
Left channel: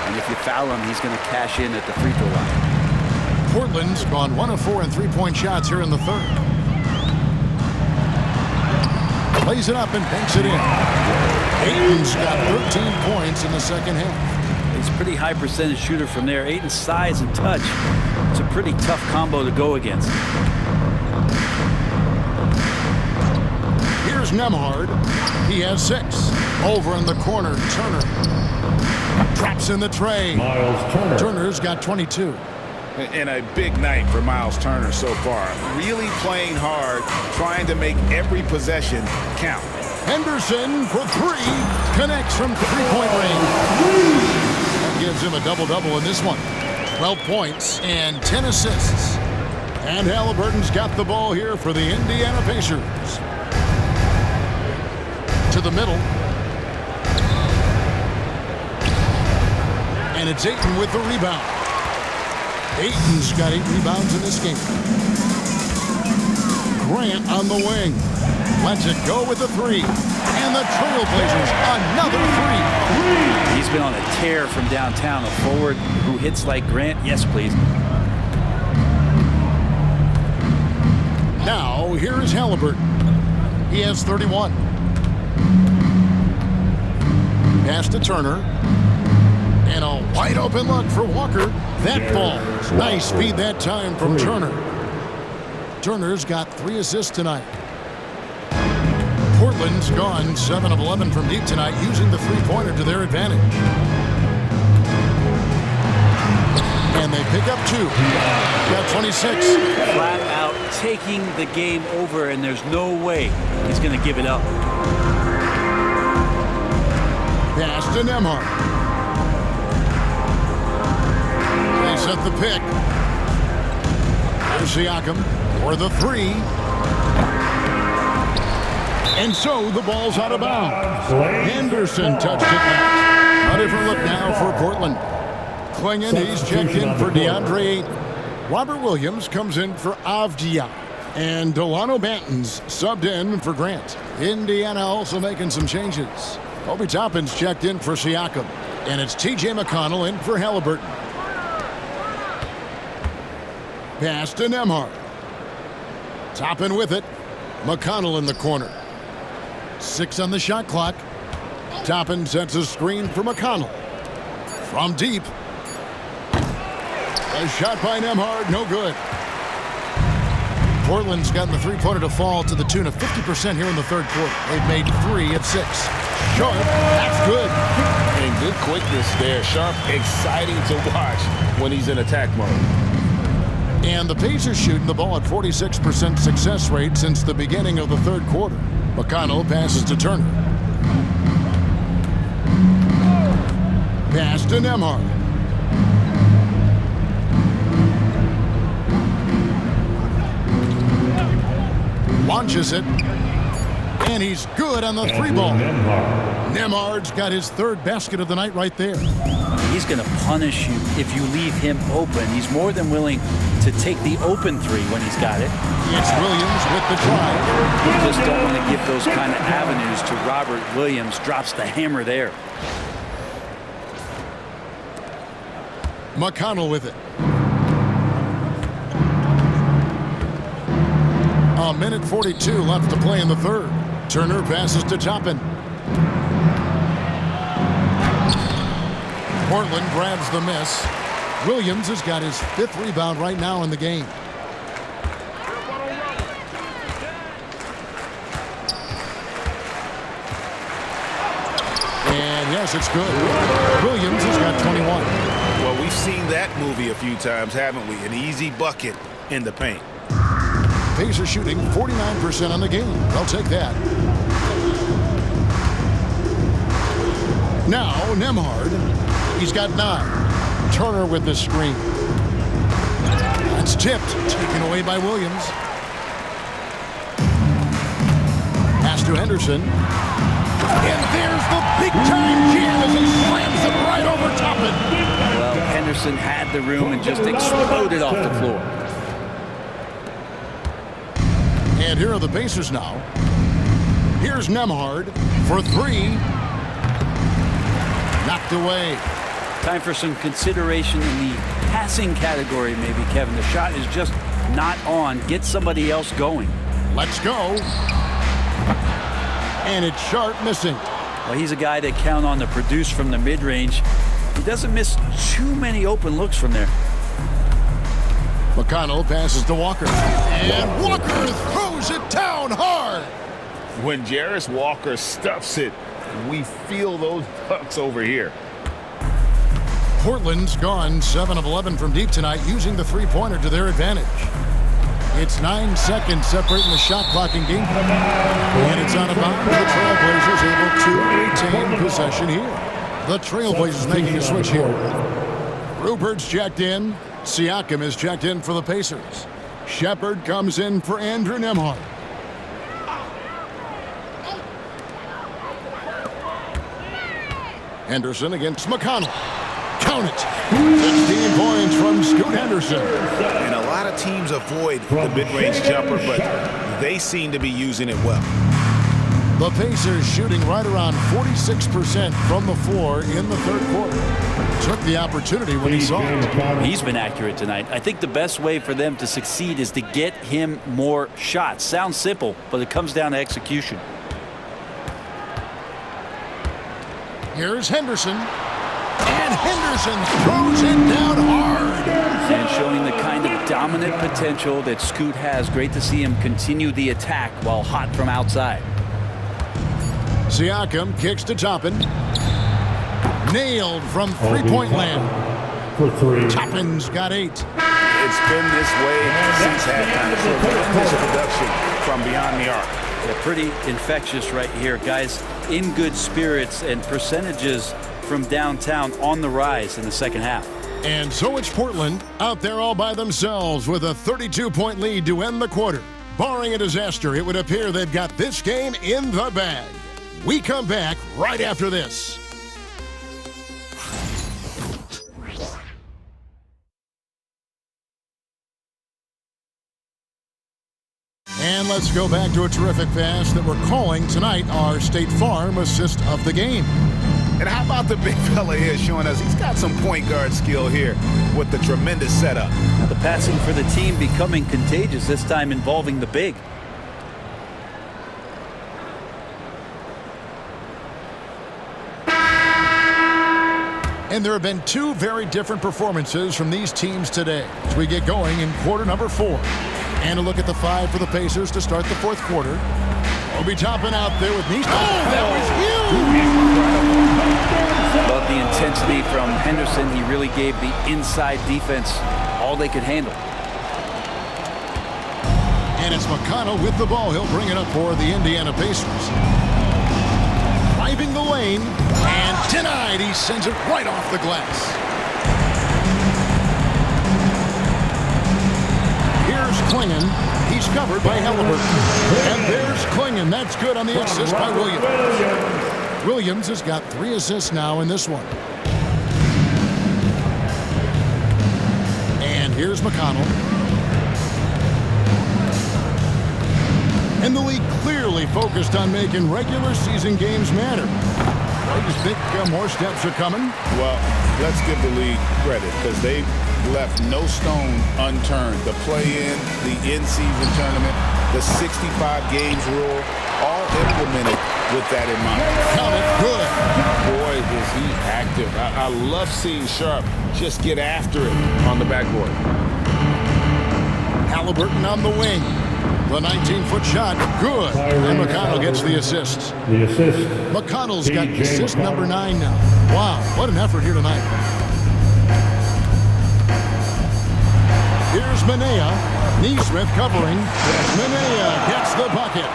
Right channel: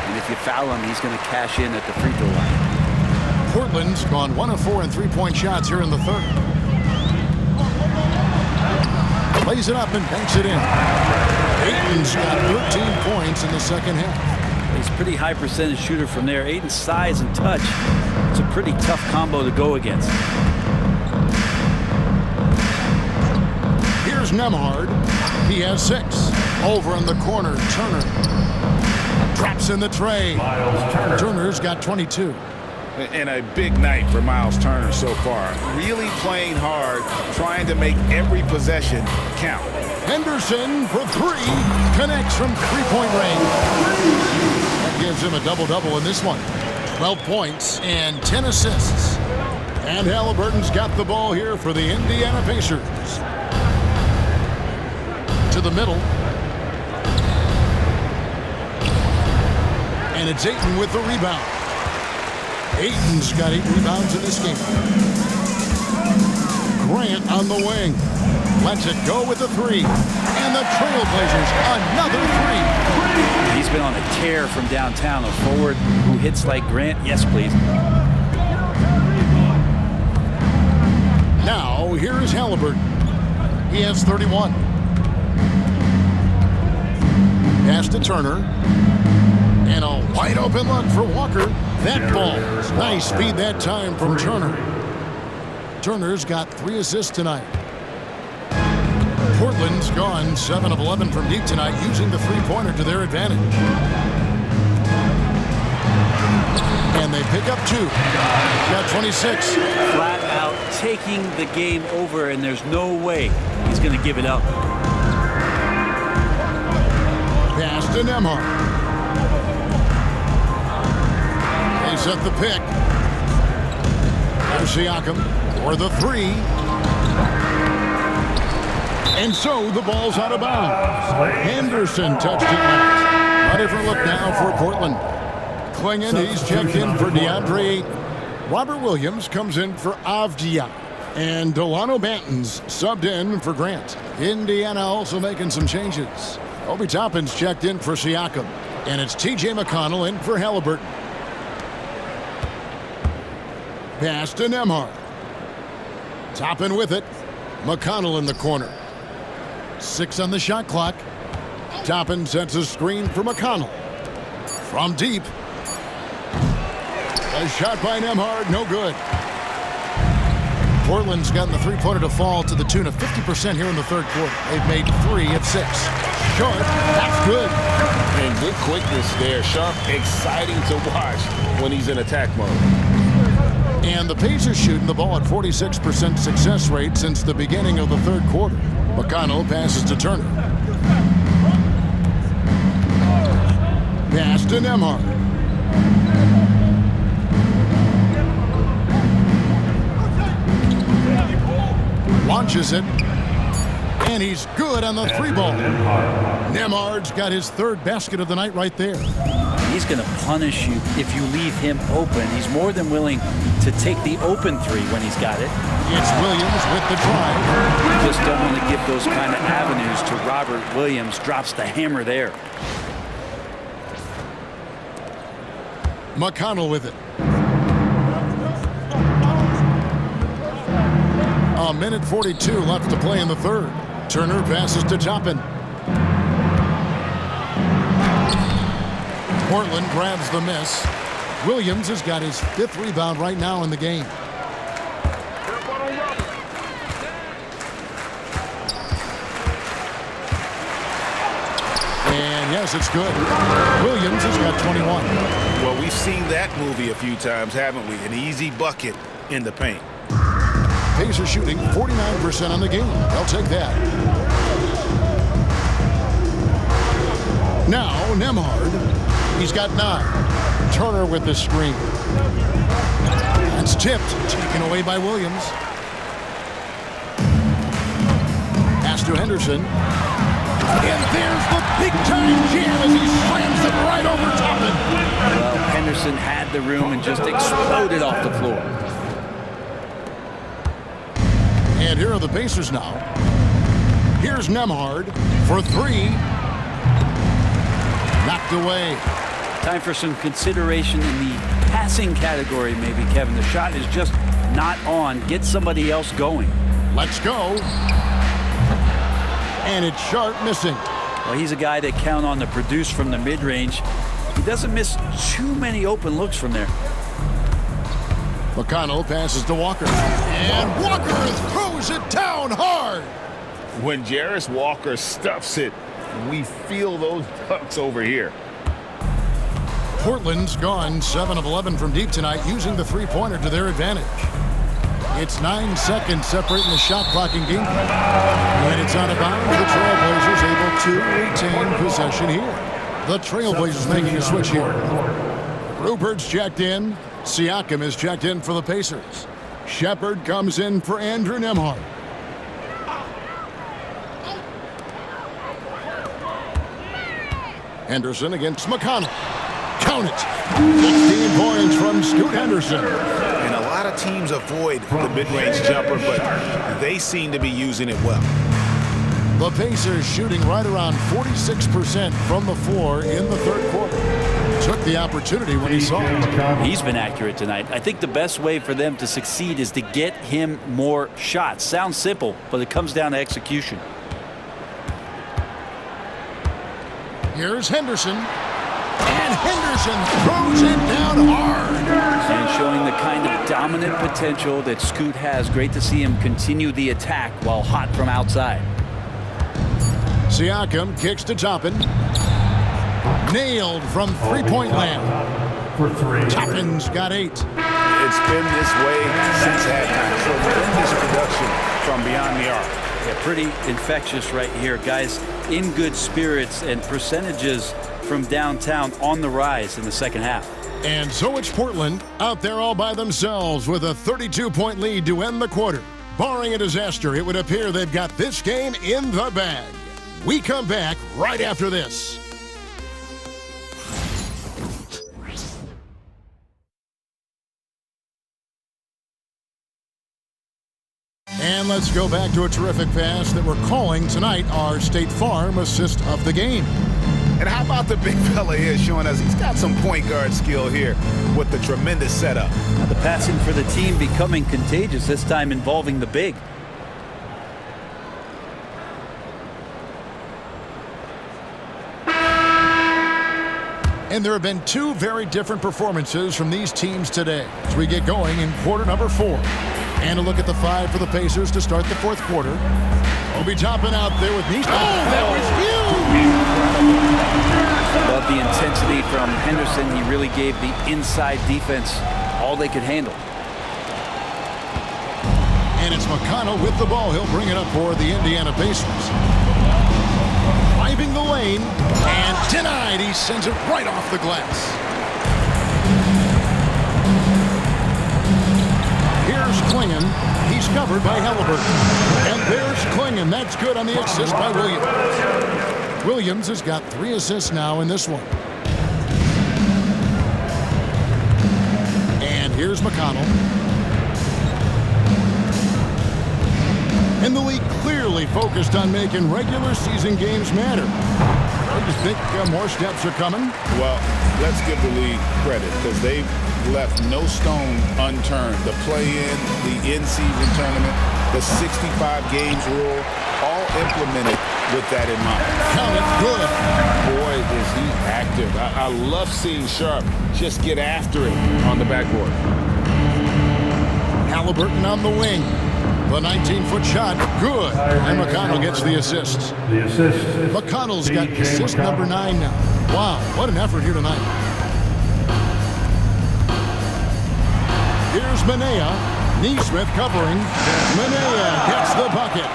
And if you foul him, he's going to cash in at the free throw line. Portland's gone 1 of 4 in three-point shots here in the third. Plays it up and banks it in. Ayton's got 13 points in the second half. He's a pretty high percentage shooter from there. Ayton's size and touch, it's a pretty tough combo to go against. Here's Nembhard. He has 6. Over in the corner, Turner. Traps in the tray. Miles Turner. Turner's got 22. And a big night for Miles Turner so far. Really playing hard, trying to make every possession count. Henderson for 3. Connects from three-point range. That gives him a double-double in this one. 12 points and 10 assists. And Haliburton's got the ball here for the Indiana Pacers. To the middle. And it's Ayton with the rebound. Ayton's got 8 rebounds in this game. Grant on the wing. Lets it go with the 3. And the Trailblazers, another 3. He's been on a tear from downtown. A forward who hits like Grant. Yes, please. Now, here is Haliburton. He has 31. Pass to Turner. And a wide open look for Walker. That falls. Nice feed that time from Turner. Turner's got 3 assists tonight. Portland's gone 7 of 11 from deep tonight, using the three-pointer to their advantage. And they pick up 2. Got 26. Flat out taking the game over, and there's no way he's going to give it up. Pass to Nembhard. They set the pick. There's Siakam for the 3. And so the ball's out of bounds. Henderson touched it last. A different look now for Portland. Klingon, he's checked in for DeAndre Ayton. Robert Williams comes in for Avdia. And Delano Banton's subbed in for Grant. Indiana also making some changes. Obi Toppin's checked in for Siakam. And it's T.J. McConnell in for Haliburton. Pass to Nembhard. Toppin with it. McConnell in the corner. 6 on the shot clock. Toppin sets a screen for McConnell. From deep. A shot by Nembhard, no good. Portland's gotten the three-pointer to fall to the tune of 50% here in the third quarter. They've made 3 of 6. Sharp, that's good. And good quickness there. Sharp, exciting to watch when he's in attack mode. And the Pacers shooting the ball at 46% success rate since the beginning of the third quarter. McConnell passes to Turner. Pass to Nembhard. Launches it. And he's good on the 3 ball. Nembhard's got his 3rd basket of the night right there. He's going to punish you if you leave him open. He's more than willing to take the open 3 when he's got it. It's Williams with the drive. You just don't want to give those kind of avenues to Robert Williams. Drops the hammer there. McConnell with it. A minute 42 left to play in the third. Turner passes to Toppin. Portland grabs the miss. Williams has got his 5th rebound right now in the game. And yes, it's good. Williams has got 21. Well, we've seen that movie a few times, haven't we? An easy bucket in the paint. Pacers shooting 49% on the game. They'll take that. Now, Nembhard. He's got 9. Turner with the screen. That's tipped. Taken away by Williams. Pass to Henderson. And there's the big-time jam as he slams it right over Toppin. Well, Henderson had the room and just exploded off the floor. And here are the Pacers now. Here's Nembhard for three. Knocked away. Time for some consideration in the passing category, maybe, Kevin. The shot is just not on. Get somebody else going. Let's go. And it's Sharp missing. Well, he's a guy that count on to produce from the mid-range. He doesn't miss too many open looks from there. McConnell passes to Walker. And Walker throws it down hard. When Jarris Walker stuffs it, we feel those ducks over here. Portland's gone 7 of 11 from deep tonight, using the three-pointer to their advantage. It's 9 seconds separating the shot clock and game clock. And it's out of bounds. The Trailblazers able to retain possession here. The Trailblazers making a switch here. Rupert's checked in. Siakam is checked in for the Pacers. Shepard comes in for Andrew Nembhard. Henderson against McConnell. Count it. 16 points from Scoot Henderson. And a lot of teams avoid the mid-range jumper, but they seem to be using it well. The Pacers shooting right around 46% from the floor in the third quarter. Took the opportunity when he saw it. He's been accurate tonight. I think the best way for them to succeed is to get him more shots. Sounds simple, but it comes down to execution. Here's Henderson. And Henderson throws it down hard. And showing the kind of dominant potential that Scoot has. Great to see him continue the attack while hot from outside. Siakam kicks to Toppin. Nailed from three-point land. For three. Toppin's got 8. It's been this way since halftime. Tremendous production from beyond the arc. Yeah, pretty infectious right here. Guys in good spirits, and percentages from downtown on the rise in the second half. And so it's Portland out there all by themselves with a 32-point lead to end the quarter. Barring a disaster, it would appear they've got this game in the bag. We come back right after this. And let's go back to a terrific pass that we're calling tonight our State Farm assist of the game. And how about the big fella here showing us he's got some point guard skill here with the tremendous setup. Now the passing for the team becoming contagious, this time involving the big. And there have been two very different performances from these teams today as we get going in quarter number 4. And a look at the 5 for the Pacers to start the fourth quarter. Obi Toppin out there with knees. Oh, that was huge! Incredible. Love the intensity from Henderson. He really gave the inside defense all they could handle. And it's McConnell with the ball. He'll bring it up for the Indiana Pacers. Driving the lane and denied. He sends it right off the glass. Here's Klingon. He's covered by Haliburton. And there's Klingon. That's good on the assist by Williams. Williams has got 3 assists now in this one. And here's McConnell. And the league clearly focused on making regular season games matter. I just think more steps are coming. Well, let's give the league credit because they've left no stone unturned. The play-in, the in-season tournament, the 65 games rule, all implemented with that in mind. Count it, good. Boy, is he active. I love seeing Sharp just get after it on the backboard. Haliburton on the wing. The 19-foot shot, good. And McConnell gets the assist. The assist. McConnell's got assist number 9 now. Wow, what an effort here tonight. Here's Manea. Neesmith covering. Manea gets the bucket.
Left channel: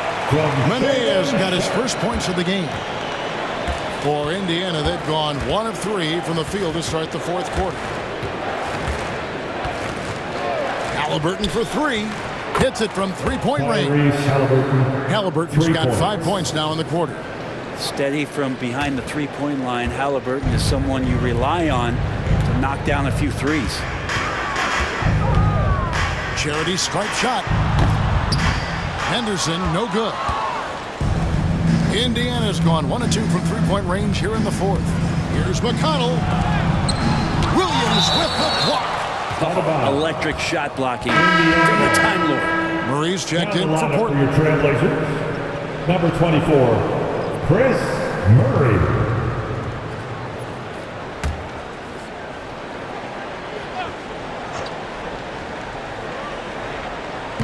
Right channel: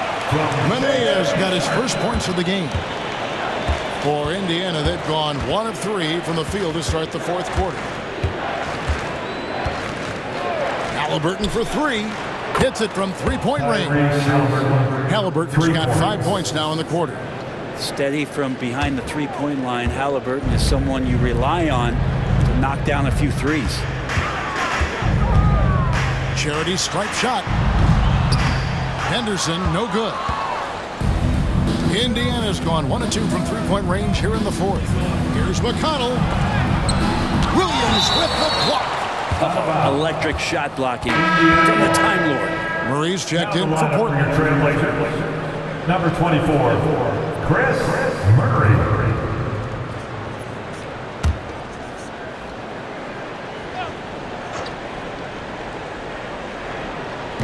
Manea's got his first points of the game. For Indiana, they've gone 1 of 3 from the field to start the fourth quarter. Haliburton for 3. Hits it from three-point range. Haliburton's got 5 points now in the quarter. Steady from behind the three-point line. Haliburton is someone you rely on to knock down a few threes. Charity stripe shot. Henderson, no good. Indiana's gone 1 of 2 from three-point range here in the fourth. Here's McConnell. Williams with the block. Electric shot blocking from the Time Lord. Murray's checked in for For your Portland. Trailblazers, number 24, Chris Murray.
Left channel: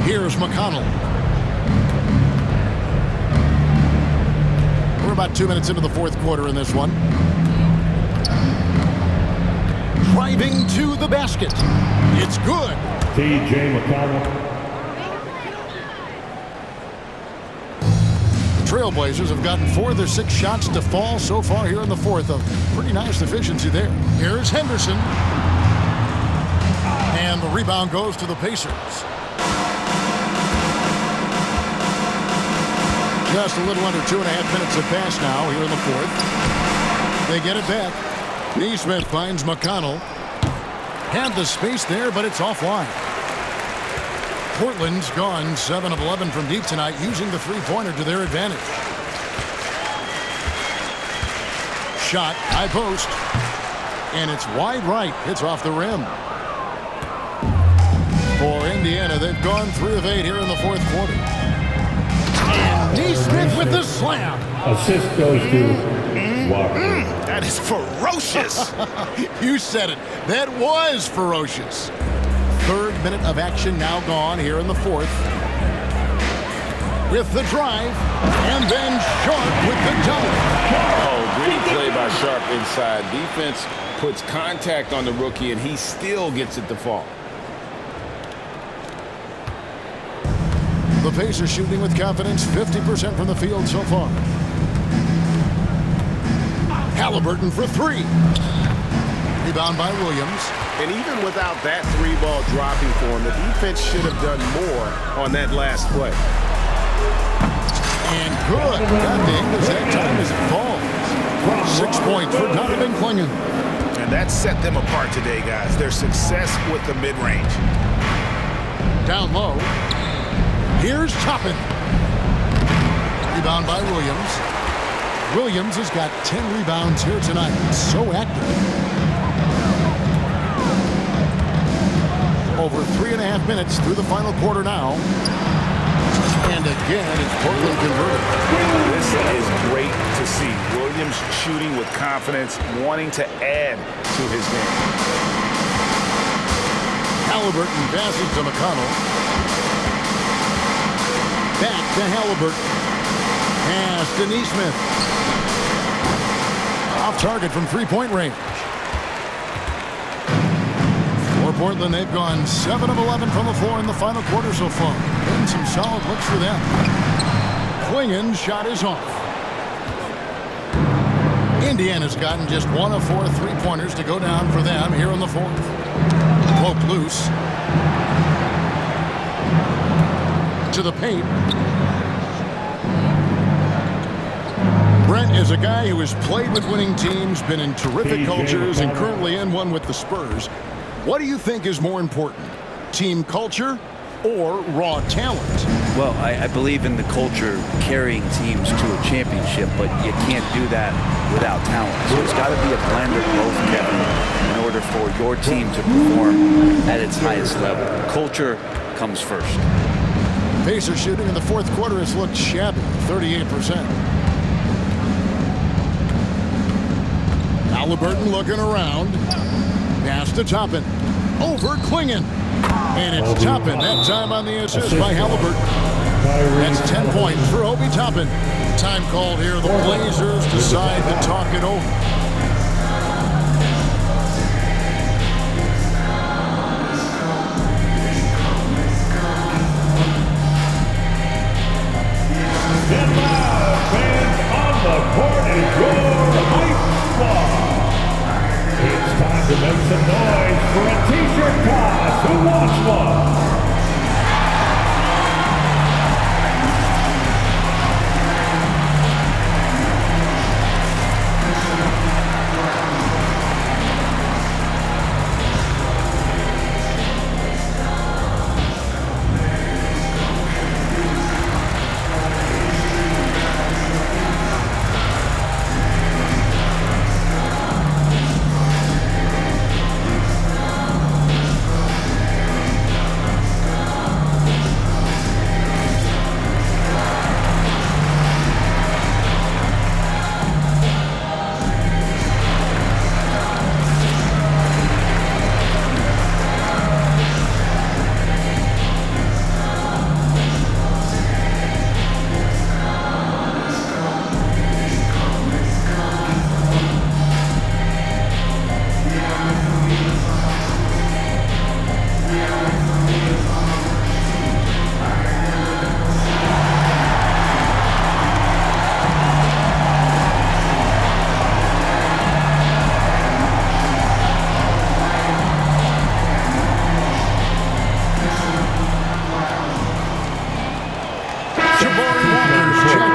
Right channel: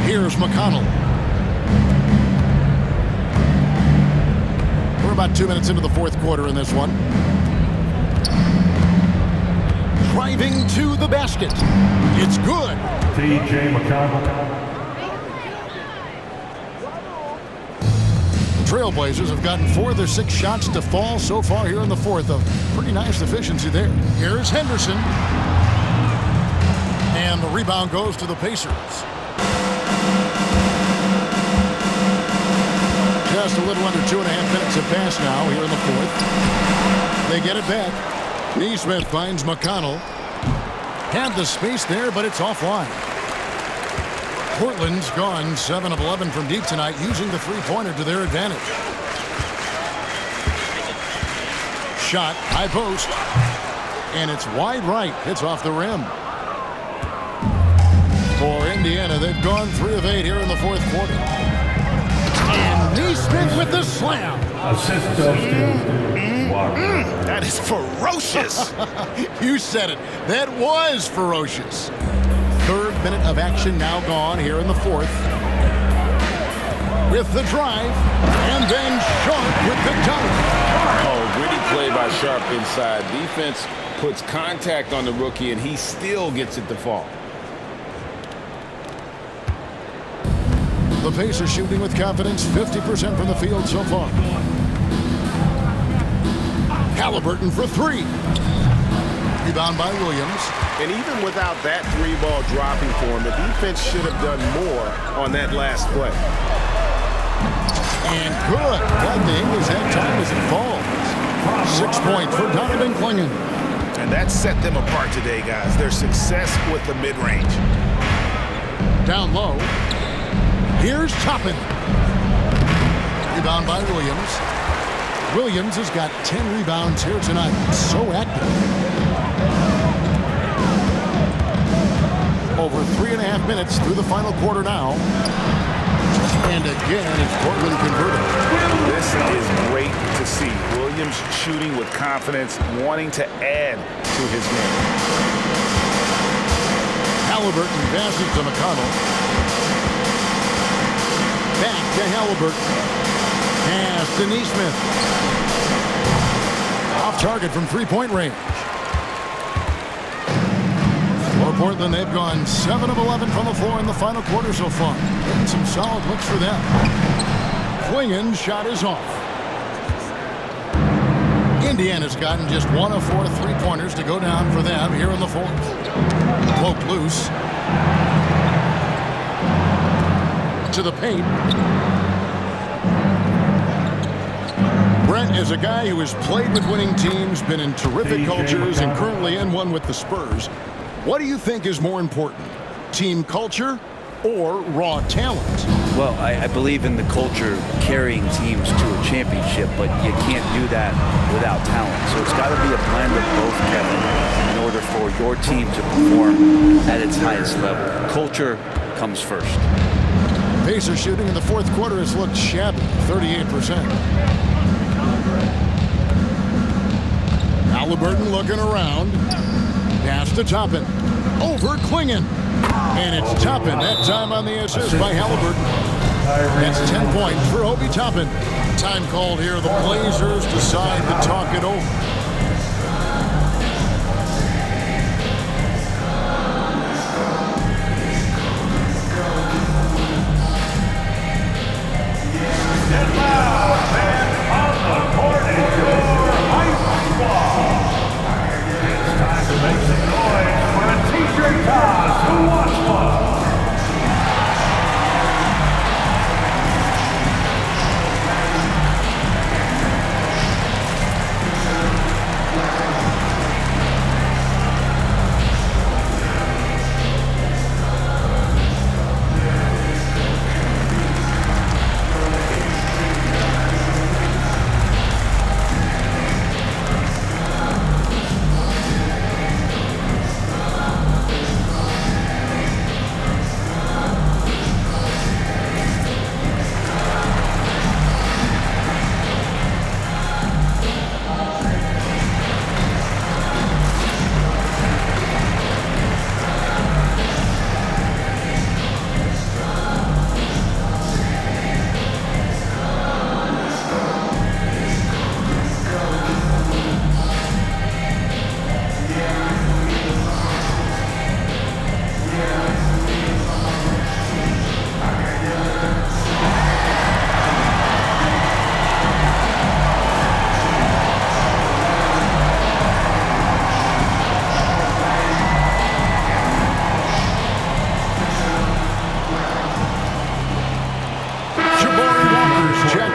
Here's McConnell. We're about 2 minutes into the fourth quarter in this one. Driving to the basket. It's good. T.J. McConnell. The Trailblazers have gotten 4 of their 6 shots to fall so far here in the fourth. A pretty nice efficiency there. Here's Henderson. And the rebound goes to the Pacers. Just a little under 2.5 minutes have passed now here in the fourth. They get it back. Neesmith finds McConnell. Had the space there, but it's offline. Portland's gone 7 of 11 from deep tonight, using the three-pointer to their advantage. Shot, high post. And it's wide right. Hits off the rim. For Indiana, they've gone 3 of 8 here in the fourth quarter. And Neesmith with the slam. Assist goes to Walker. That is ferocious. You said it. That was ferocious. Third minute of action now gone here in the fourth. With the drive, and then Sharp with the dunk. Oh, gritty play by Sharp inside. Defense puts contact on the rookie, and he still gets it to fall. The Pacers shooting with confidence, 50% from the field so far. Haliburton for 3. Rebound by Williams. And even without that 3-ball dropping for him, the defense should have done more on that last play. And good. Got the English that time as it falls. 6 points for Donovan Clingan. And that set them apart today, guys. Their success with the mid-range. Down low. Here's Toppin. Rebound by Williams. Williams has got 10 rebounds here tonight. So active. Over 3.5 minutes through the final quarter now. And again, it's Portland converted. This is great to see. Williams shooting with confidence, wanting to add to his game. Haliburton passes to McConnell. Back to Haliburton. Pass to Neesmith. Off target from three-point range. For Portland, they've gone 7 of 11 from the floor in the final quarter so far. Getting some solid looks for them. Clingan's shot is off. Indiana's gotten just 1 of 4 three-pointers to go down for them here in the fourth. Poke loose. To the paint. Brent is a guy who has played with winning teams, been in terrific cultures, and currently in one with the Spurs. What do you think is more important, team culture or raw talent? Well, I believe in the culture carrying teams to a championship, but you can't do that without talent. So it's got to be a blend of both, Kevin, in order for your team to perform at its highest level. Culture comes first. Pacers shooting in the fourth quarter has looked shabby, 38%. Haliburton looking around. Pass to Toppin. Over Clingan. And it's Toppin that time on the assist by Haliburton. That's 10 points for Obi Toppin. Time called here. The Blazers decide to talk it over. Step out, fans on the court is your hype squad. It's time to make some noise for a t-shirt toss. Who wants one?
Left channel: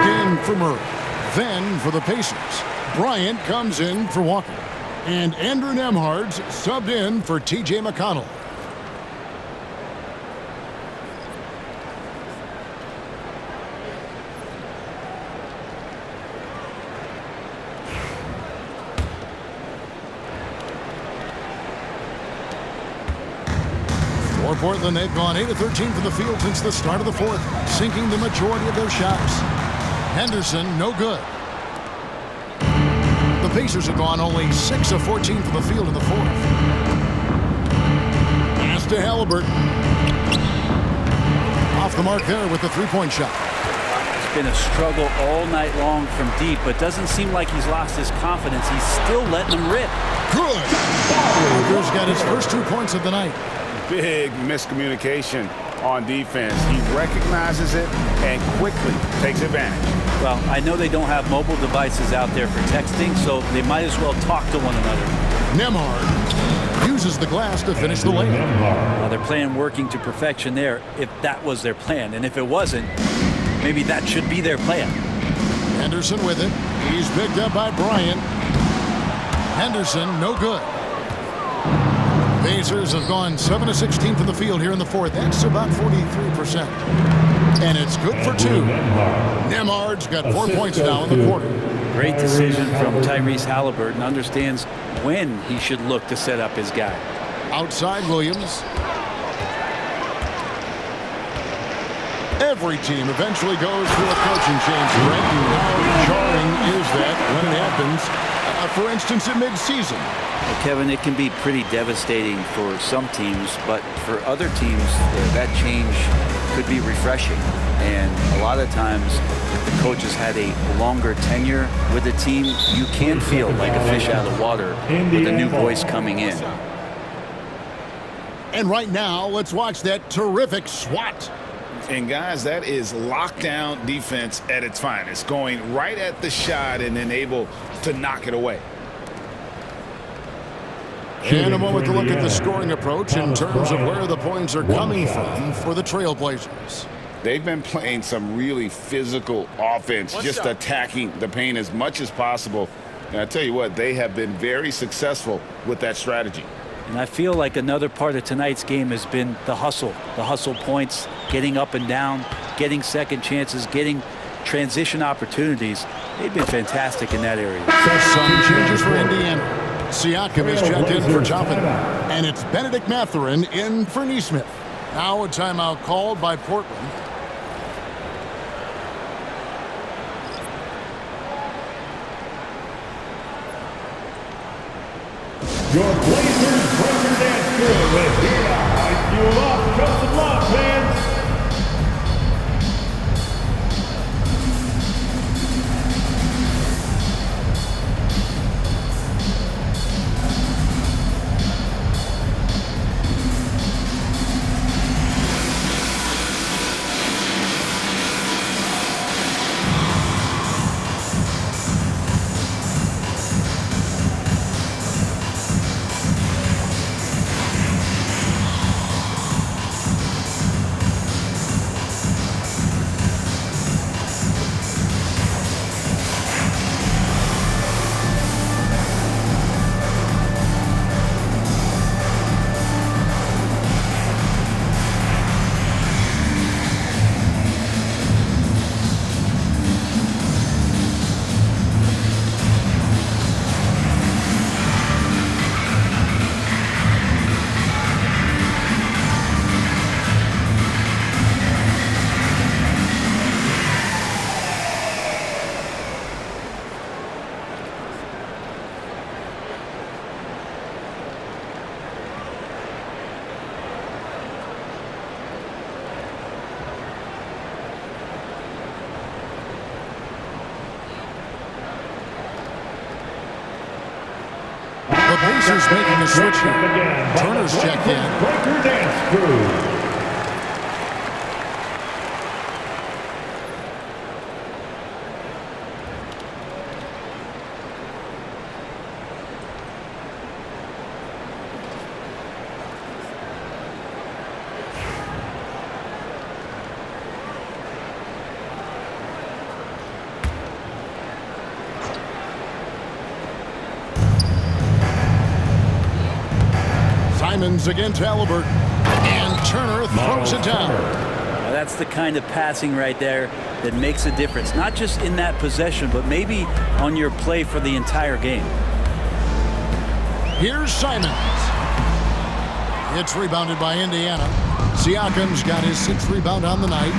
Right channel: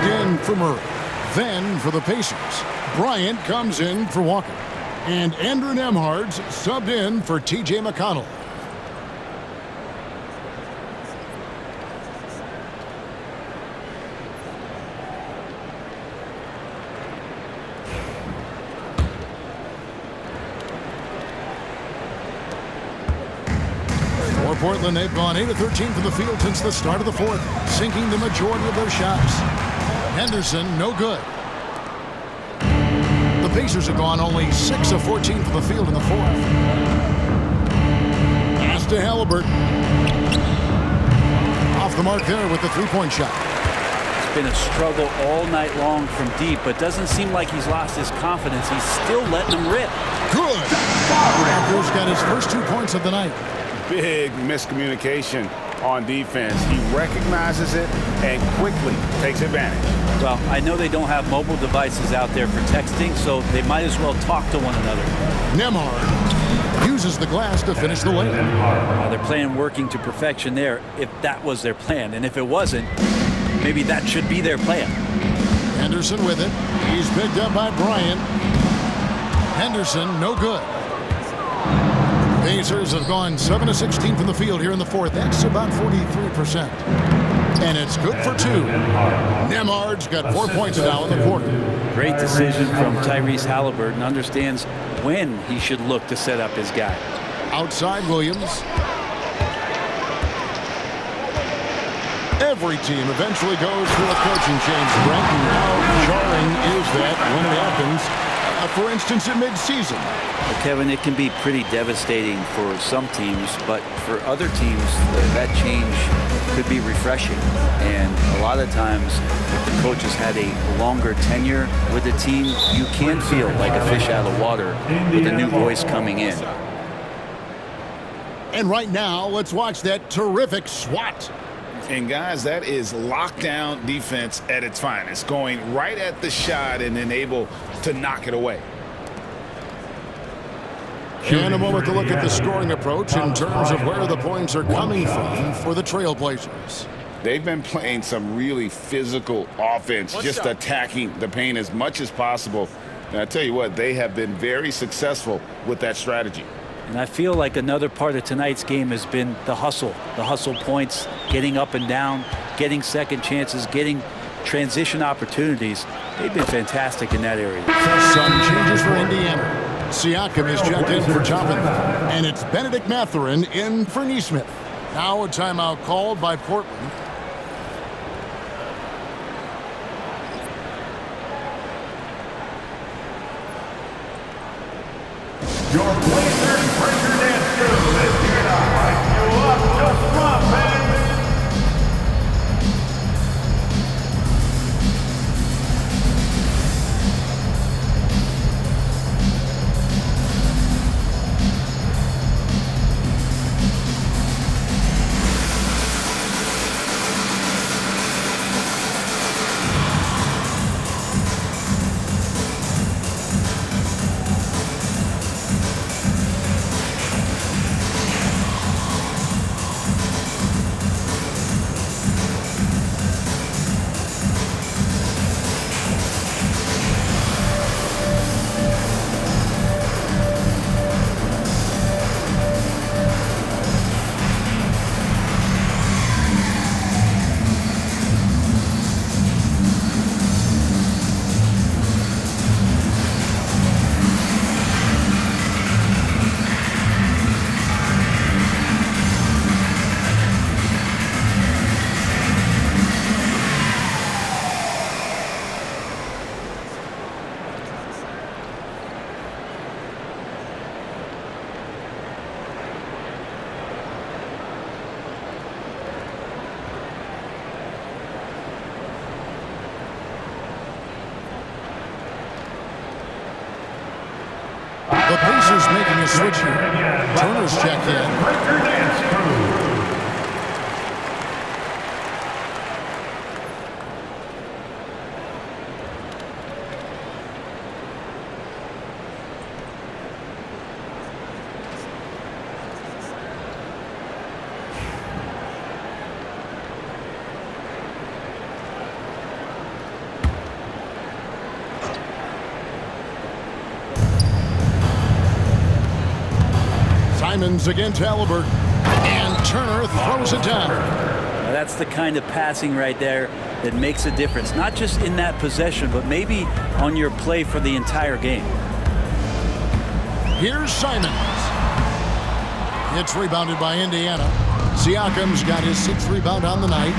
in for Murray. Then for the Pacers, Bryant comes in for Walker. And Andrew Nembhard's subbed in for T.J. McConnell. For Portland, they've gone 8 of 13 from the field since the start of the fourth, sinking the majority of their shots. Henderson, no good. The Pacers have gone only 6 of 14 from the field in the fourth. Pass to Haliburton. Off the mark there with the three-point shot. It's been a struggle all night long from deep, but doesn't seem like he's lost his confidence. He's still letting them rip. Good. Walker's got his first 2 points of the night. Big miscommunication on defense. He recognizes it and quickly takes advantage. Well, I know they don't have mobile devices out there for texting, so they might as well talk to one another. Nembhard uses the glass to finish the layup. They're playing working to perfection there, if that was their plan. And if it wasn't, maybe that should be their plan. Henderson with it. He's picked up by Bryant. Henderson, no good. Pacers have gone 7 of 16 from the field here in the fourth. That's about 43%. And it's good for 2. Nembhard's got 4 points now in the quarter. Great decision from Tyrese Haliburton. Understands when he should look to set up his guy. Outside Williams. Every team eventually goes through a coaching change, Brent, and how jarring is that when it happens, for instance, in mid-season? Well, Kevin, it can be pretty devastating for some teams, but for other teams, that change could be refreshing. And a lot of times, if the coach has had a longer tenure with the team, you can feel like a fish out of water with a new voice coming in. And right now, let's watch that terrific swat. And guys, that is lockdown defense at its finest, going right at the shot and then able to knock it away. And a moment to look at the scoring approach in terms of where the points are coming from for the Trailblazers. They've been playing some really physical offense, just attacking the paint as much as possible. And I tell you what, they have been very successful with that strategy. And I feel like another part of tonight's game has been the hustle points, getting up and down, getting second chances, getting transition opportunities. They've been fantastic in that area. Some changes for Indiana. Siakam is checked in for Toppin, and it's Benedict Mathurin in for Nesmith. Now a timeout called by Portland. Your Blazers breaker dance crew is here to hype you up. Show some love, fans. The Pacers making a switch here. Turner's checked in. Breaker dance crew. Simons against Haliburton. And Turner throws it down. Now that's the kind of passing right there that makes a difference. Not just in that possession, but maybe on your play for the entire game. Here's Simons. It's rebounded by Indiana. Siakam's got his 6th rebound on the night.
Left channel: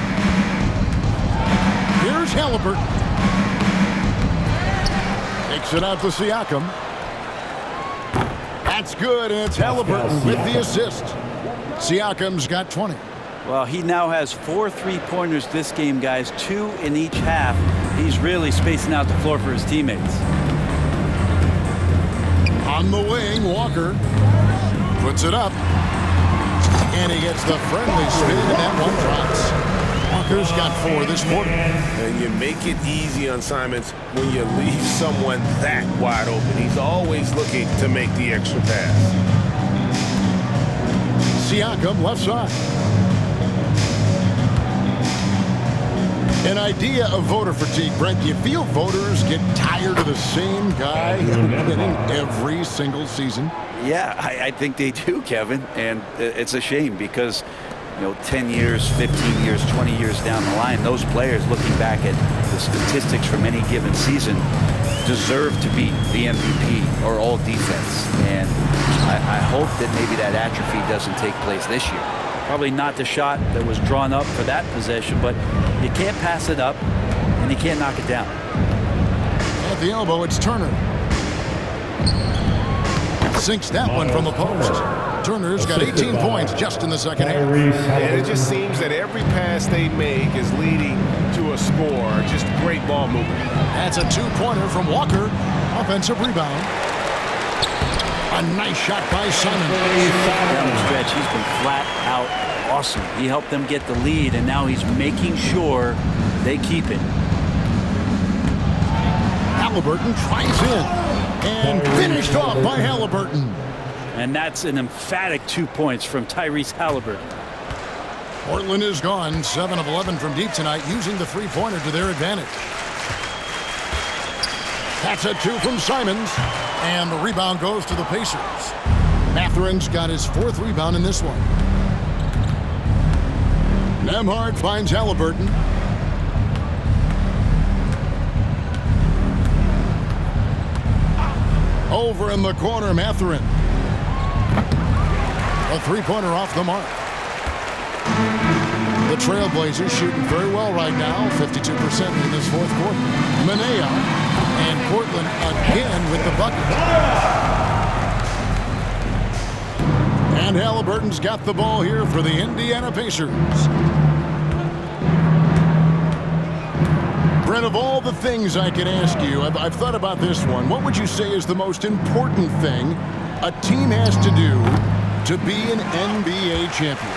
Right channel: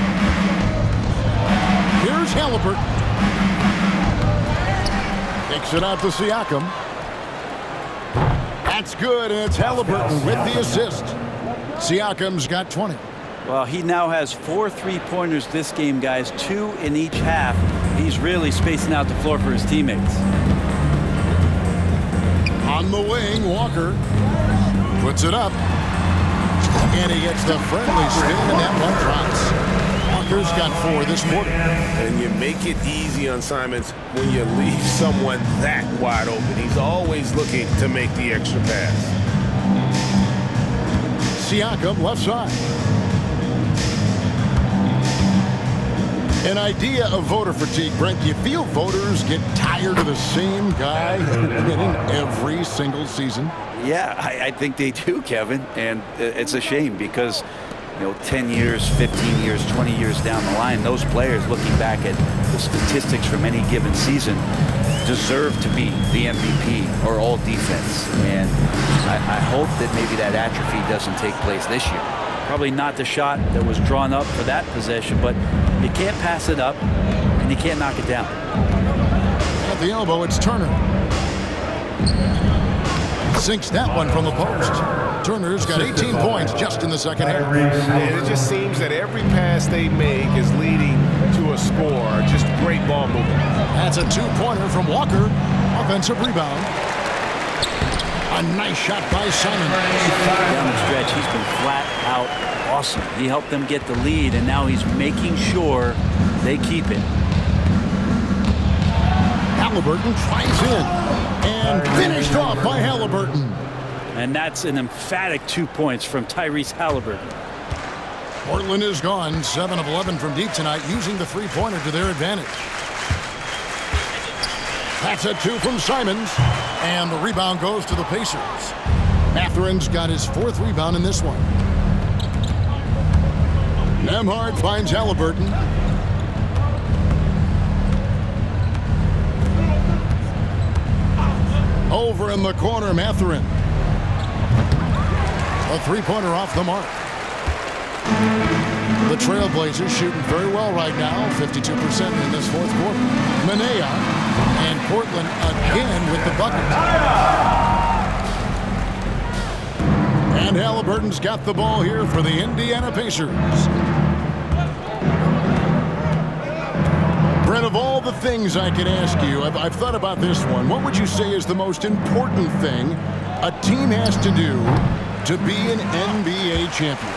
Here's Haliburton. Takes it out to Siakam. That's good, and it's Haliburton with the assist. Siakam's got 20. Well, he now has 4 3-pointers this game, guys, 2 in each half. He's really spacing out the floor for his teammates. On the wing, Walker puts it up. And he gets the friendly spin, and that one drops. Walker's got 4 this quarter. And you make it easy on Simons when you leave someone that wide open. He's always looking to make the extra pass. Siakam left side. An idea of voter fatigue, Brent. Do you feel voters get tired of the same guy winning every single season? Yeah, I think they do, Kevin. And it's a shame because, 10 years, 15 years, 20 years down the line, those players looking back at the statistics from any given season deserve to be the MVP or all defense. And I hope that maybe that atrophy doesn't take place this year. Probably not the shot that was drawn up for that possession, but you can't pass it up and you can't knock it down. At the elbow, it's Turner. Sinks that one from the post. Turner's got 18 points just in the second half. And it just seems that every pass they make is leading to a score. Just great ball movement. That's a 2-pointer from Walker. Offensive rebound. A nice shot by Simon. Down the stretch, he's been flat out awesome. He helped them get the lead, and now he's making sure they keep it. Haliburton tries in. And finished off by Haliburton. And that's an emphatic 2 points from Tyrese Haliburton. Portland is gone 7 of 11 from deep tonight, using the 3-pointer to their advantage. That's a 2 from Simons. And the rebound goes to the Pacers. Matherin's got his 4th rebound in this one. Nembhard finds Haliburton. Over in the corner, Mathurin. A 3-pointer off the mark. The Trailblazers shooting very well right now, 52% in this 4th quarter. Manea and Portland again with the bucket. And Haliburton's got the ball here for the Indiana Pacers. Brent, of all the things I could ask you, I've thought about this one. What would you say is the most important thing a team has to do to be an NBA champion?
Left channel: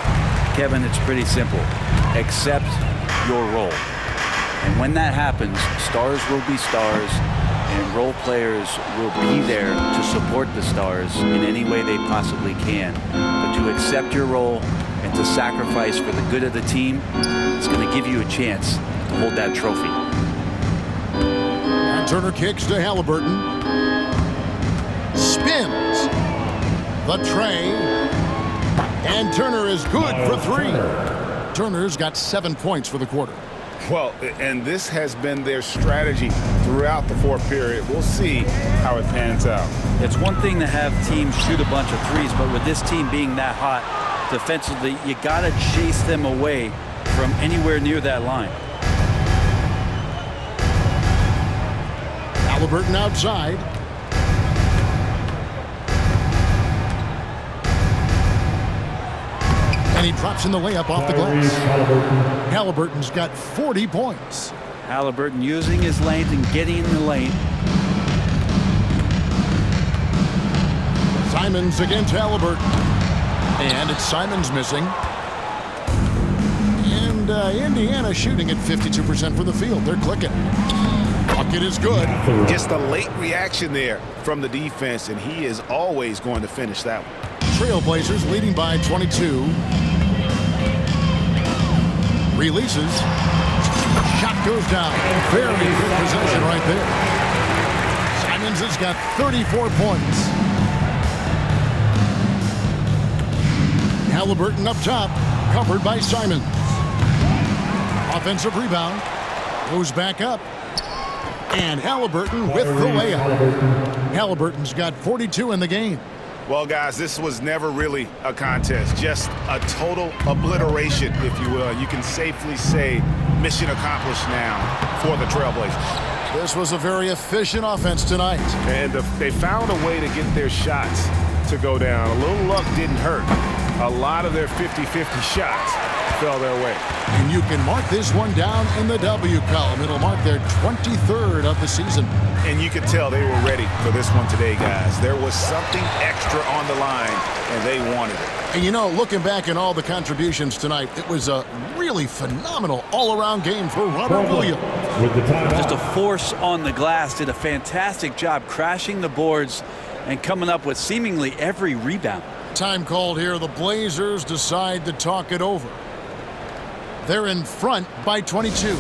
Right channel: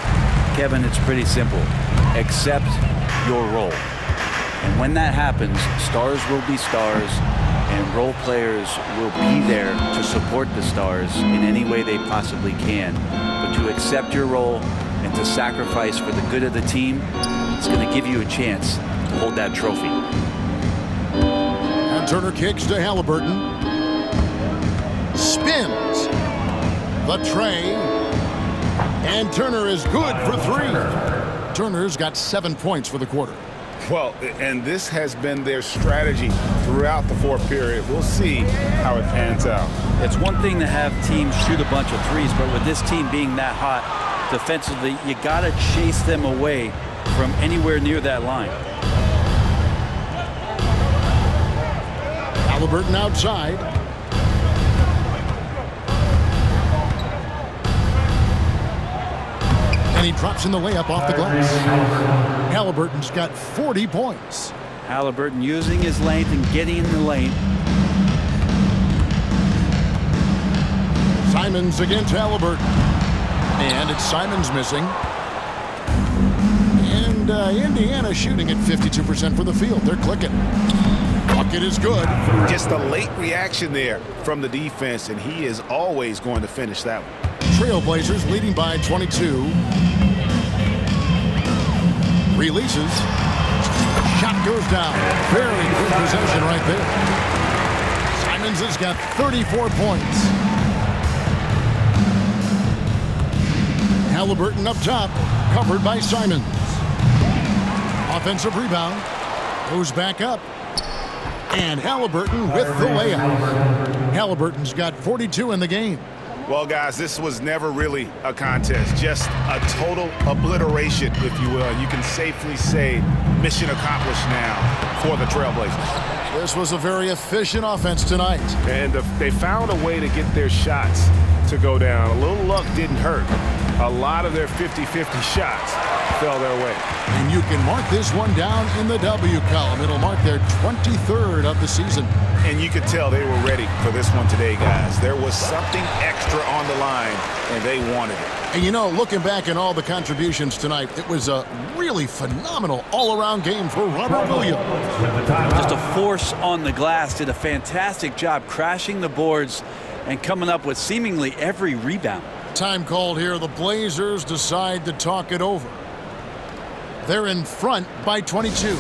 Kevin, it's pretty simple. Accept your role. And when that happens, stars will be stars, and role players will be there to support the stars in any way they possibly can. But to accept your role and to sacrifice for the good of the team, it's going to give you a chance to hold that trophy. And Turner kicks to Haliburton. Spins the tray. And Turner is good for 3. Turner's got 7 points for the quarter. Well, and this has been their strategy throughout the 4th period. We'll see how it pans out. It's one thing to have teams shoot a bunch of threes, but with this team being that hot defensively, you got to chase them away from anywhere near that line. Haliburton outside. And he drops in the layup off the glass. Haliburton's got 40 points. Haliburton using his length and getting in the lane. Simons against Haliburton. And it's Simons missing. And Indiana shooting at 52% from the field. They're clicking. Bucket is good. Just a late reaction there from the defense, and he is always going to finish that one. Trailblazers leading by 22. Releases. Shot goes down. Very good possession right there. Simons has got 34 points. Haliburton up top, covered by Simons. Offensive rebound, goes back up. And Haliburton with the layup. Haliburton's got 42 in the game. Well, guys, this was never really a contest, just a total obliteration, if you will. You can safely say mission accomplished now for the Trailblazers. This was a very efficient offense tonight. And they found a way to get their shots to go down. A little luck didn't hurt. A lot of their 50-50 shots fell their way. And you can mark this one down in the W column. It'll mark their 23rd of the season. And you could tell they were ready for this one today, guys. There was something extra on the line, and they wanted it. And you know, looking back at all the contributions tonight, it was a really phenomenal all-around game for Robert Williams. Just a force on the glass, did a fantastic job crashing the boards and coming up with seemingly every rebound. Time called here. The Blazers decide to talk it over. They're in front by 22.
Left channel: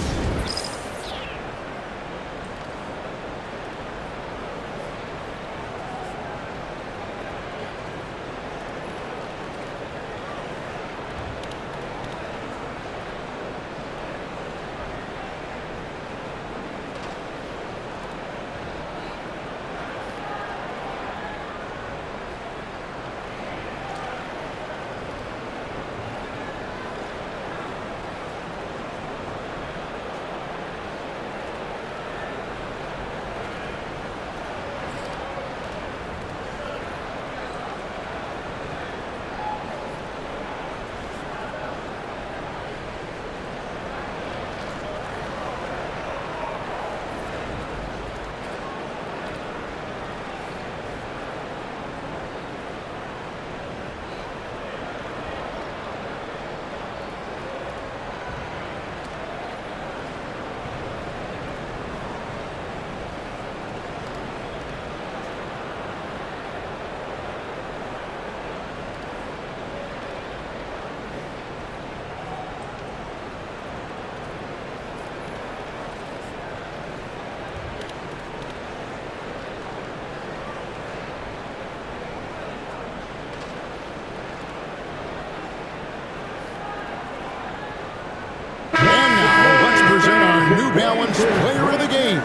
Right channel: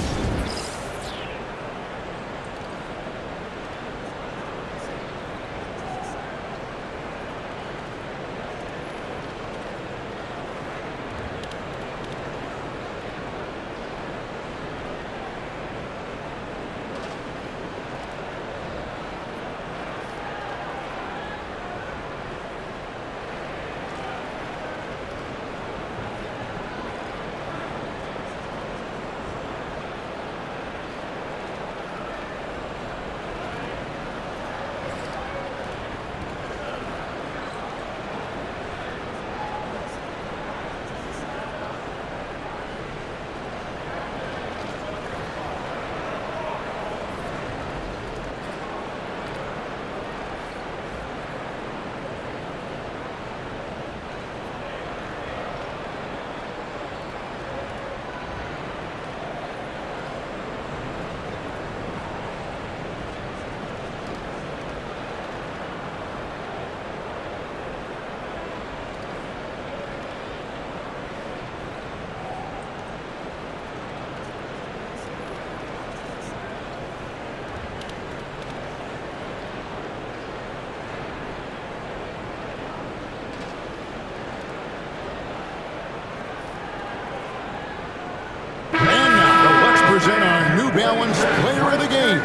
Present our New Balance Player of the Game,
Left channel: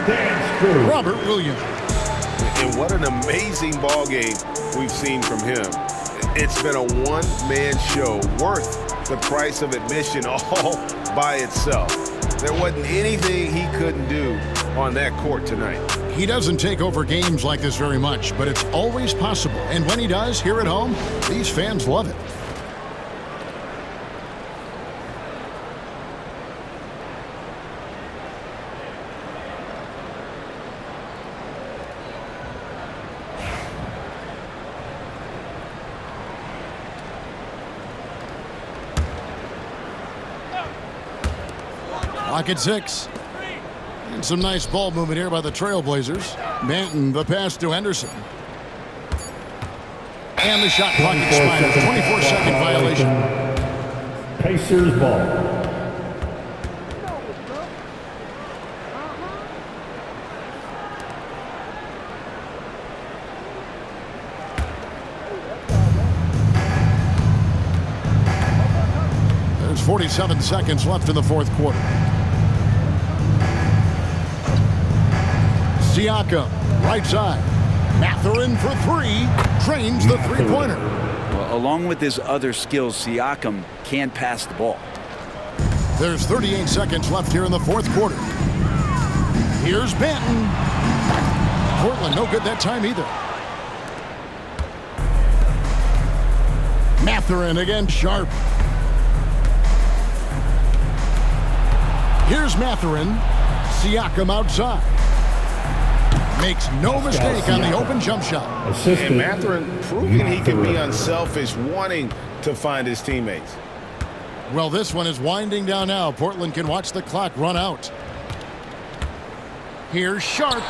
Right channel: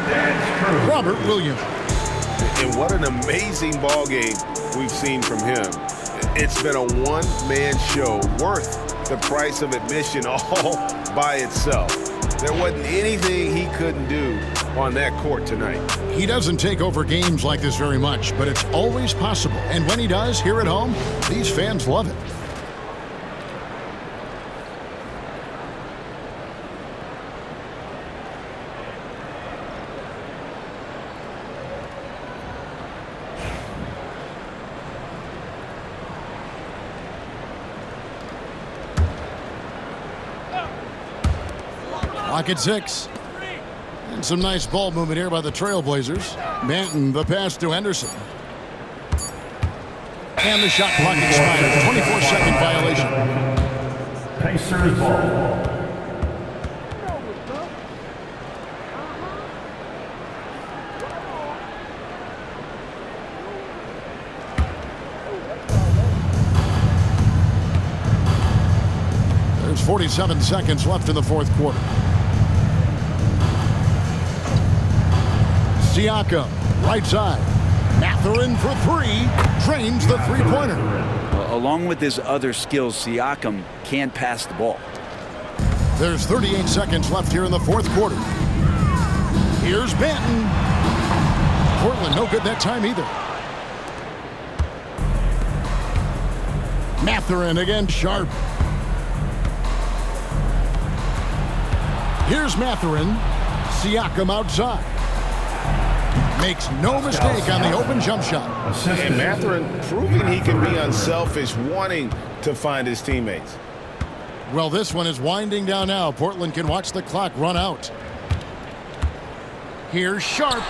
Robert Williams. And what an amazing ball game we've seen from him. It's been a one-man show worth the price of admission all by itself. There wasn't anything he couldn't do on that court tonight. He doesn't take over games like this very much, but it's always possible. And when he does, here at home, these fans love it. Clock at 6. And some nice ball movement here by the Trailblazers. Banton, the pass to Henderson. And the shot clock expires. 24-second violation. Pacers ball. There's 47 seconds left in the fourth quarter. Siakam, right side. Mathurin for three. Drains the three-pointer. Well, along with his other skills, Siakam can pass the ball. There's 38 seconds left here in the fourth quarter. Here's Banton. Portland no good that time either. Mathurin against Sharp. Here's Mathurin. Siakam outside. Makes no mistake on the open jump shot. And Mathurin proving he can be unselfish, wanting to find his teammates. Well, this one is winding down now. Portland can watch the clock run out. Here's Sharp.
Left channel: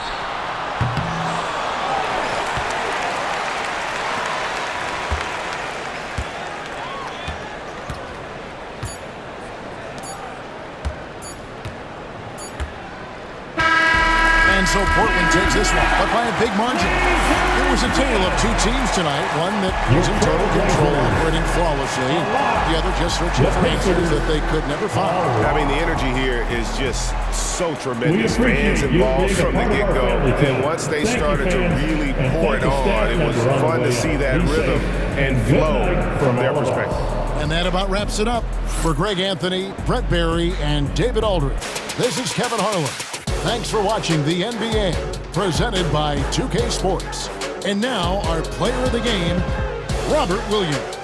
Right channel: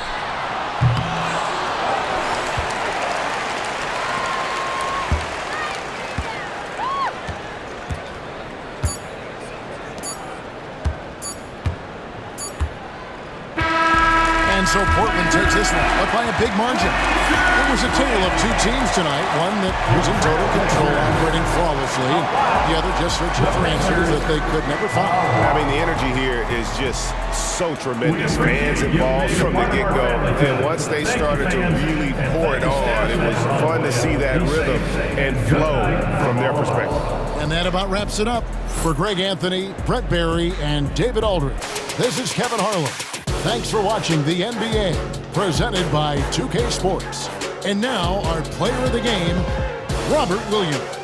So Portland takes this one, but by a big margin. It was a tale of two teams tonight, one that was in total control, operating flawlessly, and the other just searching for answers that they could never find. I mean, the energy here is just so tremendous. Fans involved from the get-go, and once they started to really pour it on, it was fun to see that rhythm and flow from their perspective. And that about wraps it up. For Greg Anthony, Brett Barry, and David Aldridge, this is Kevin Harlan. Thanks for watching the NBA, presented by 2K Sports. And now, our player of the game, Robert Williams.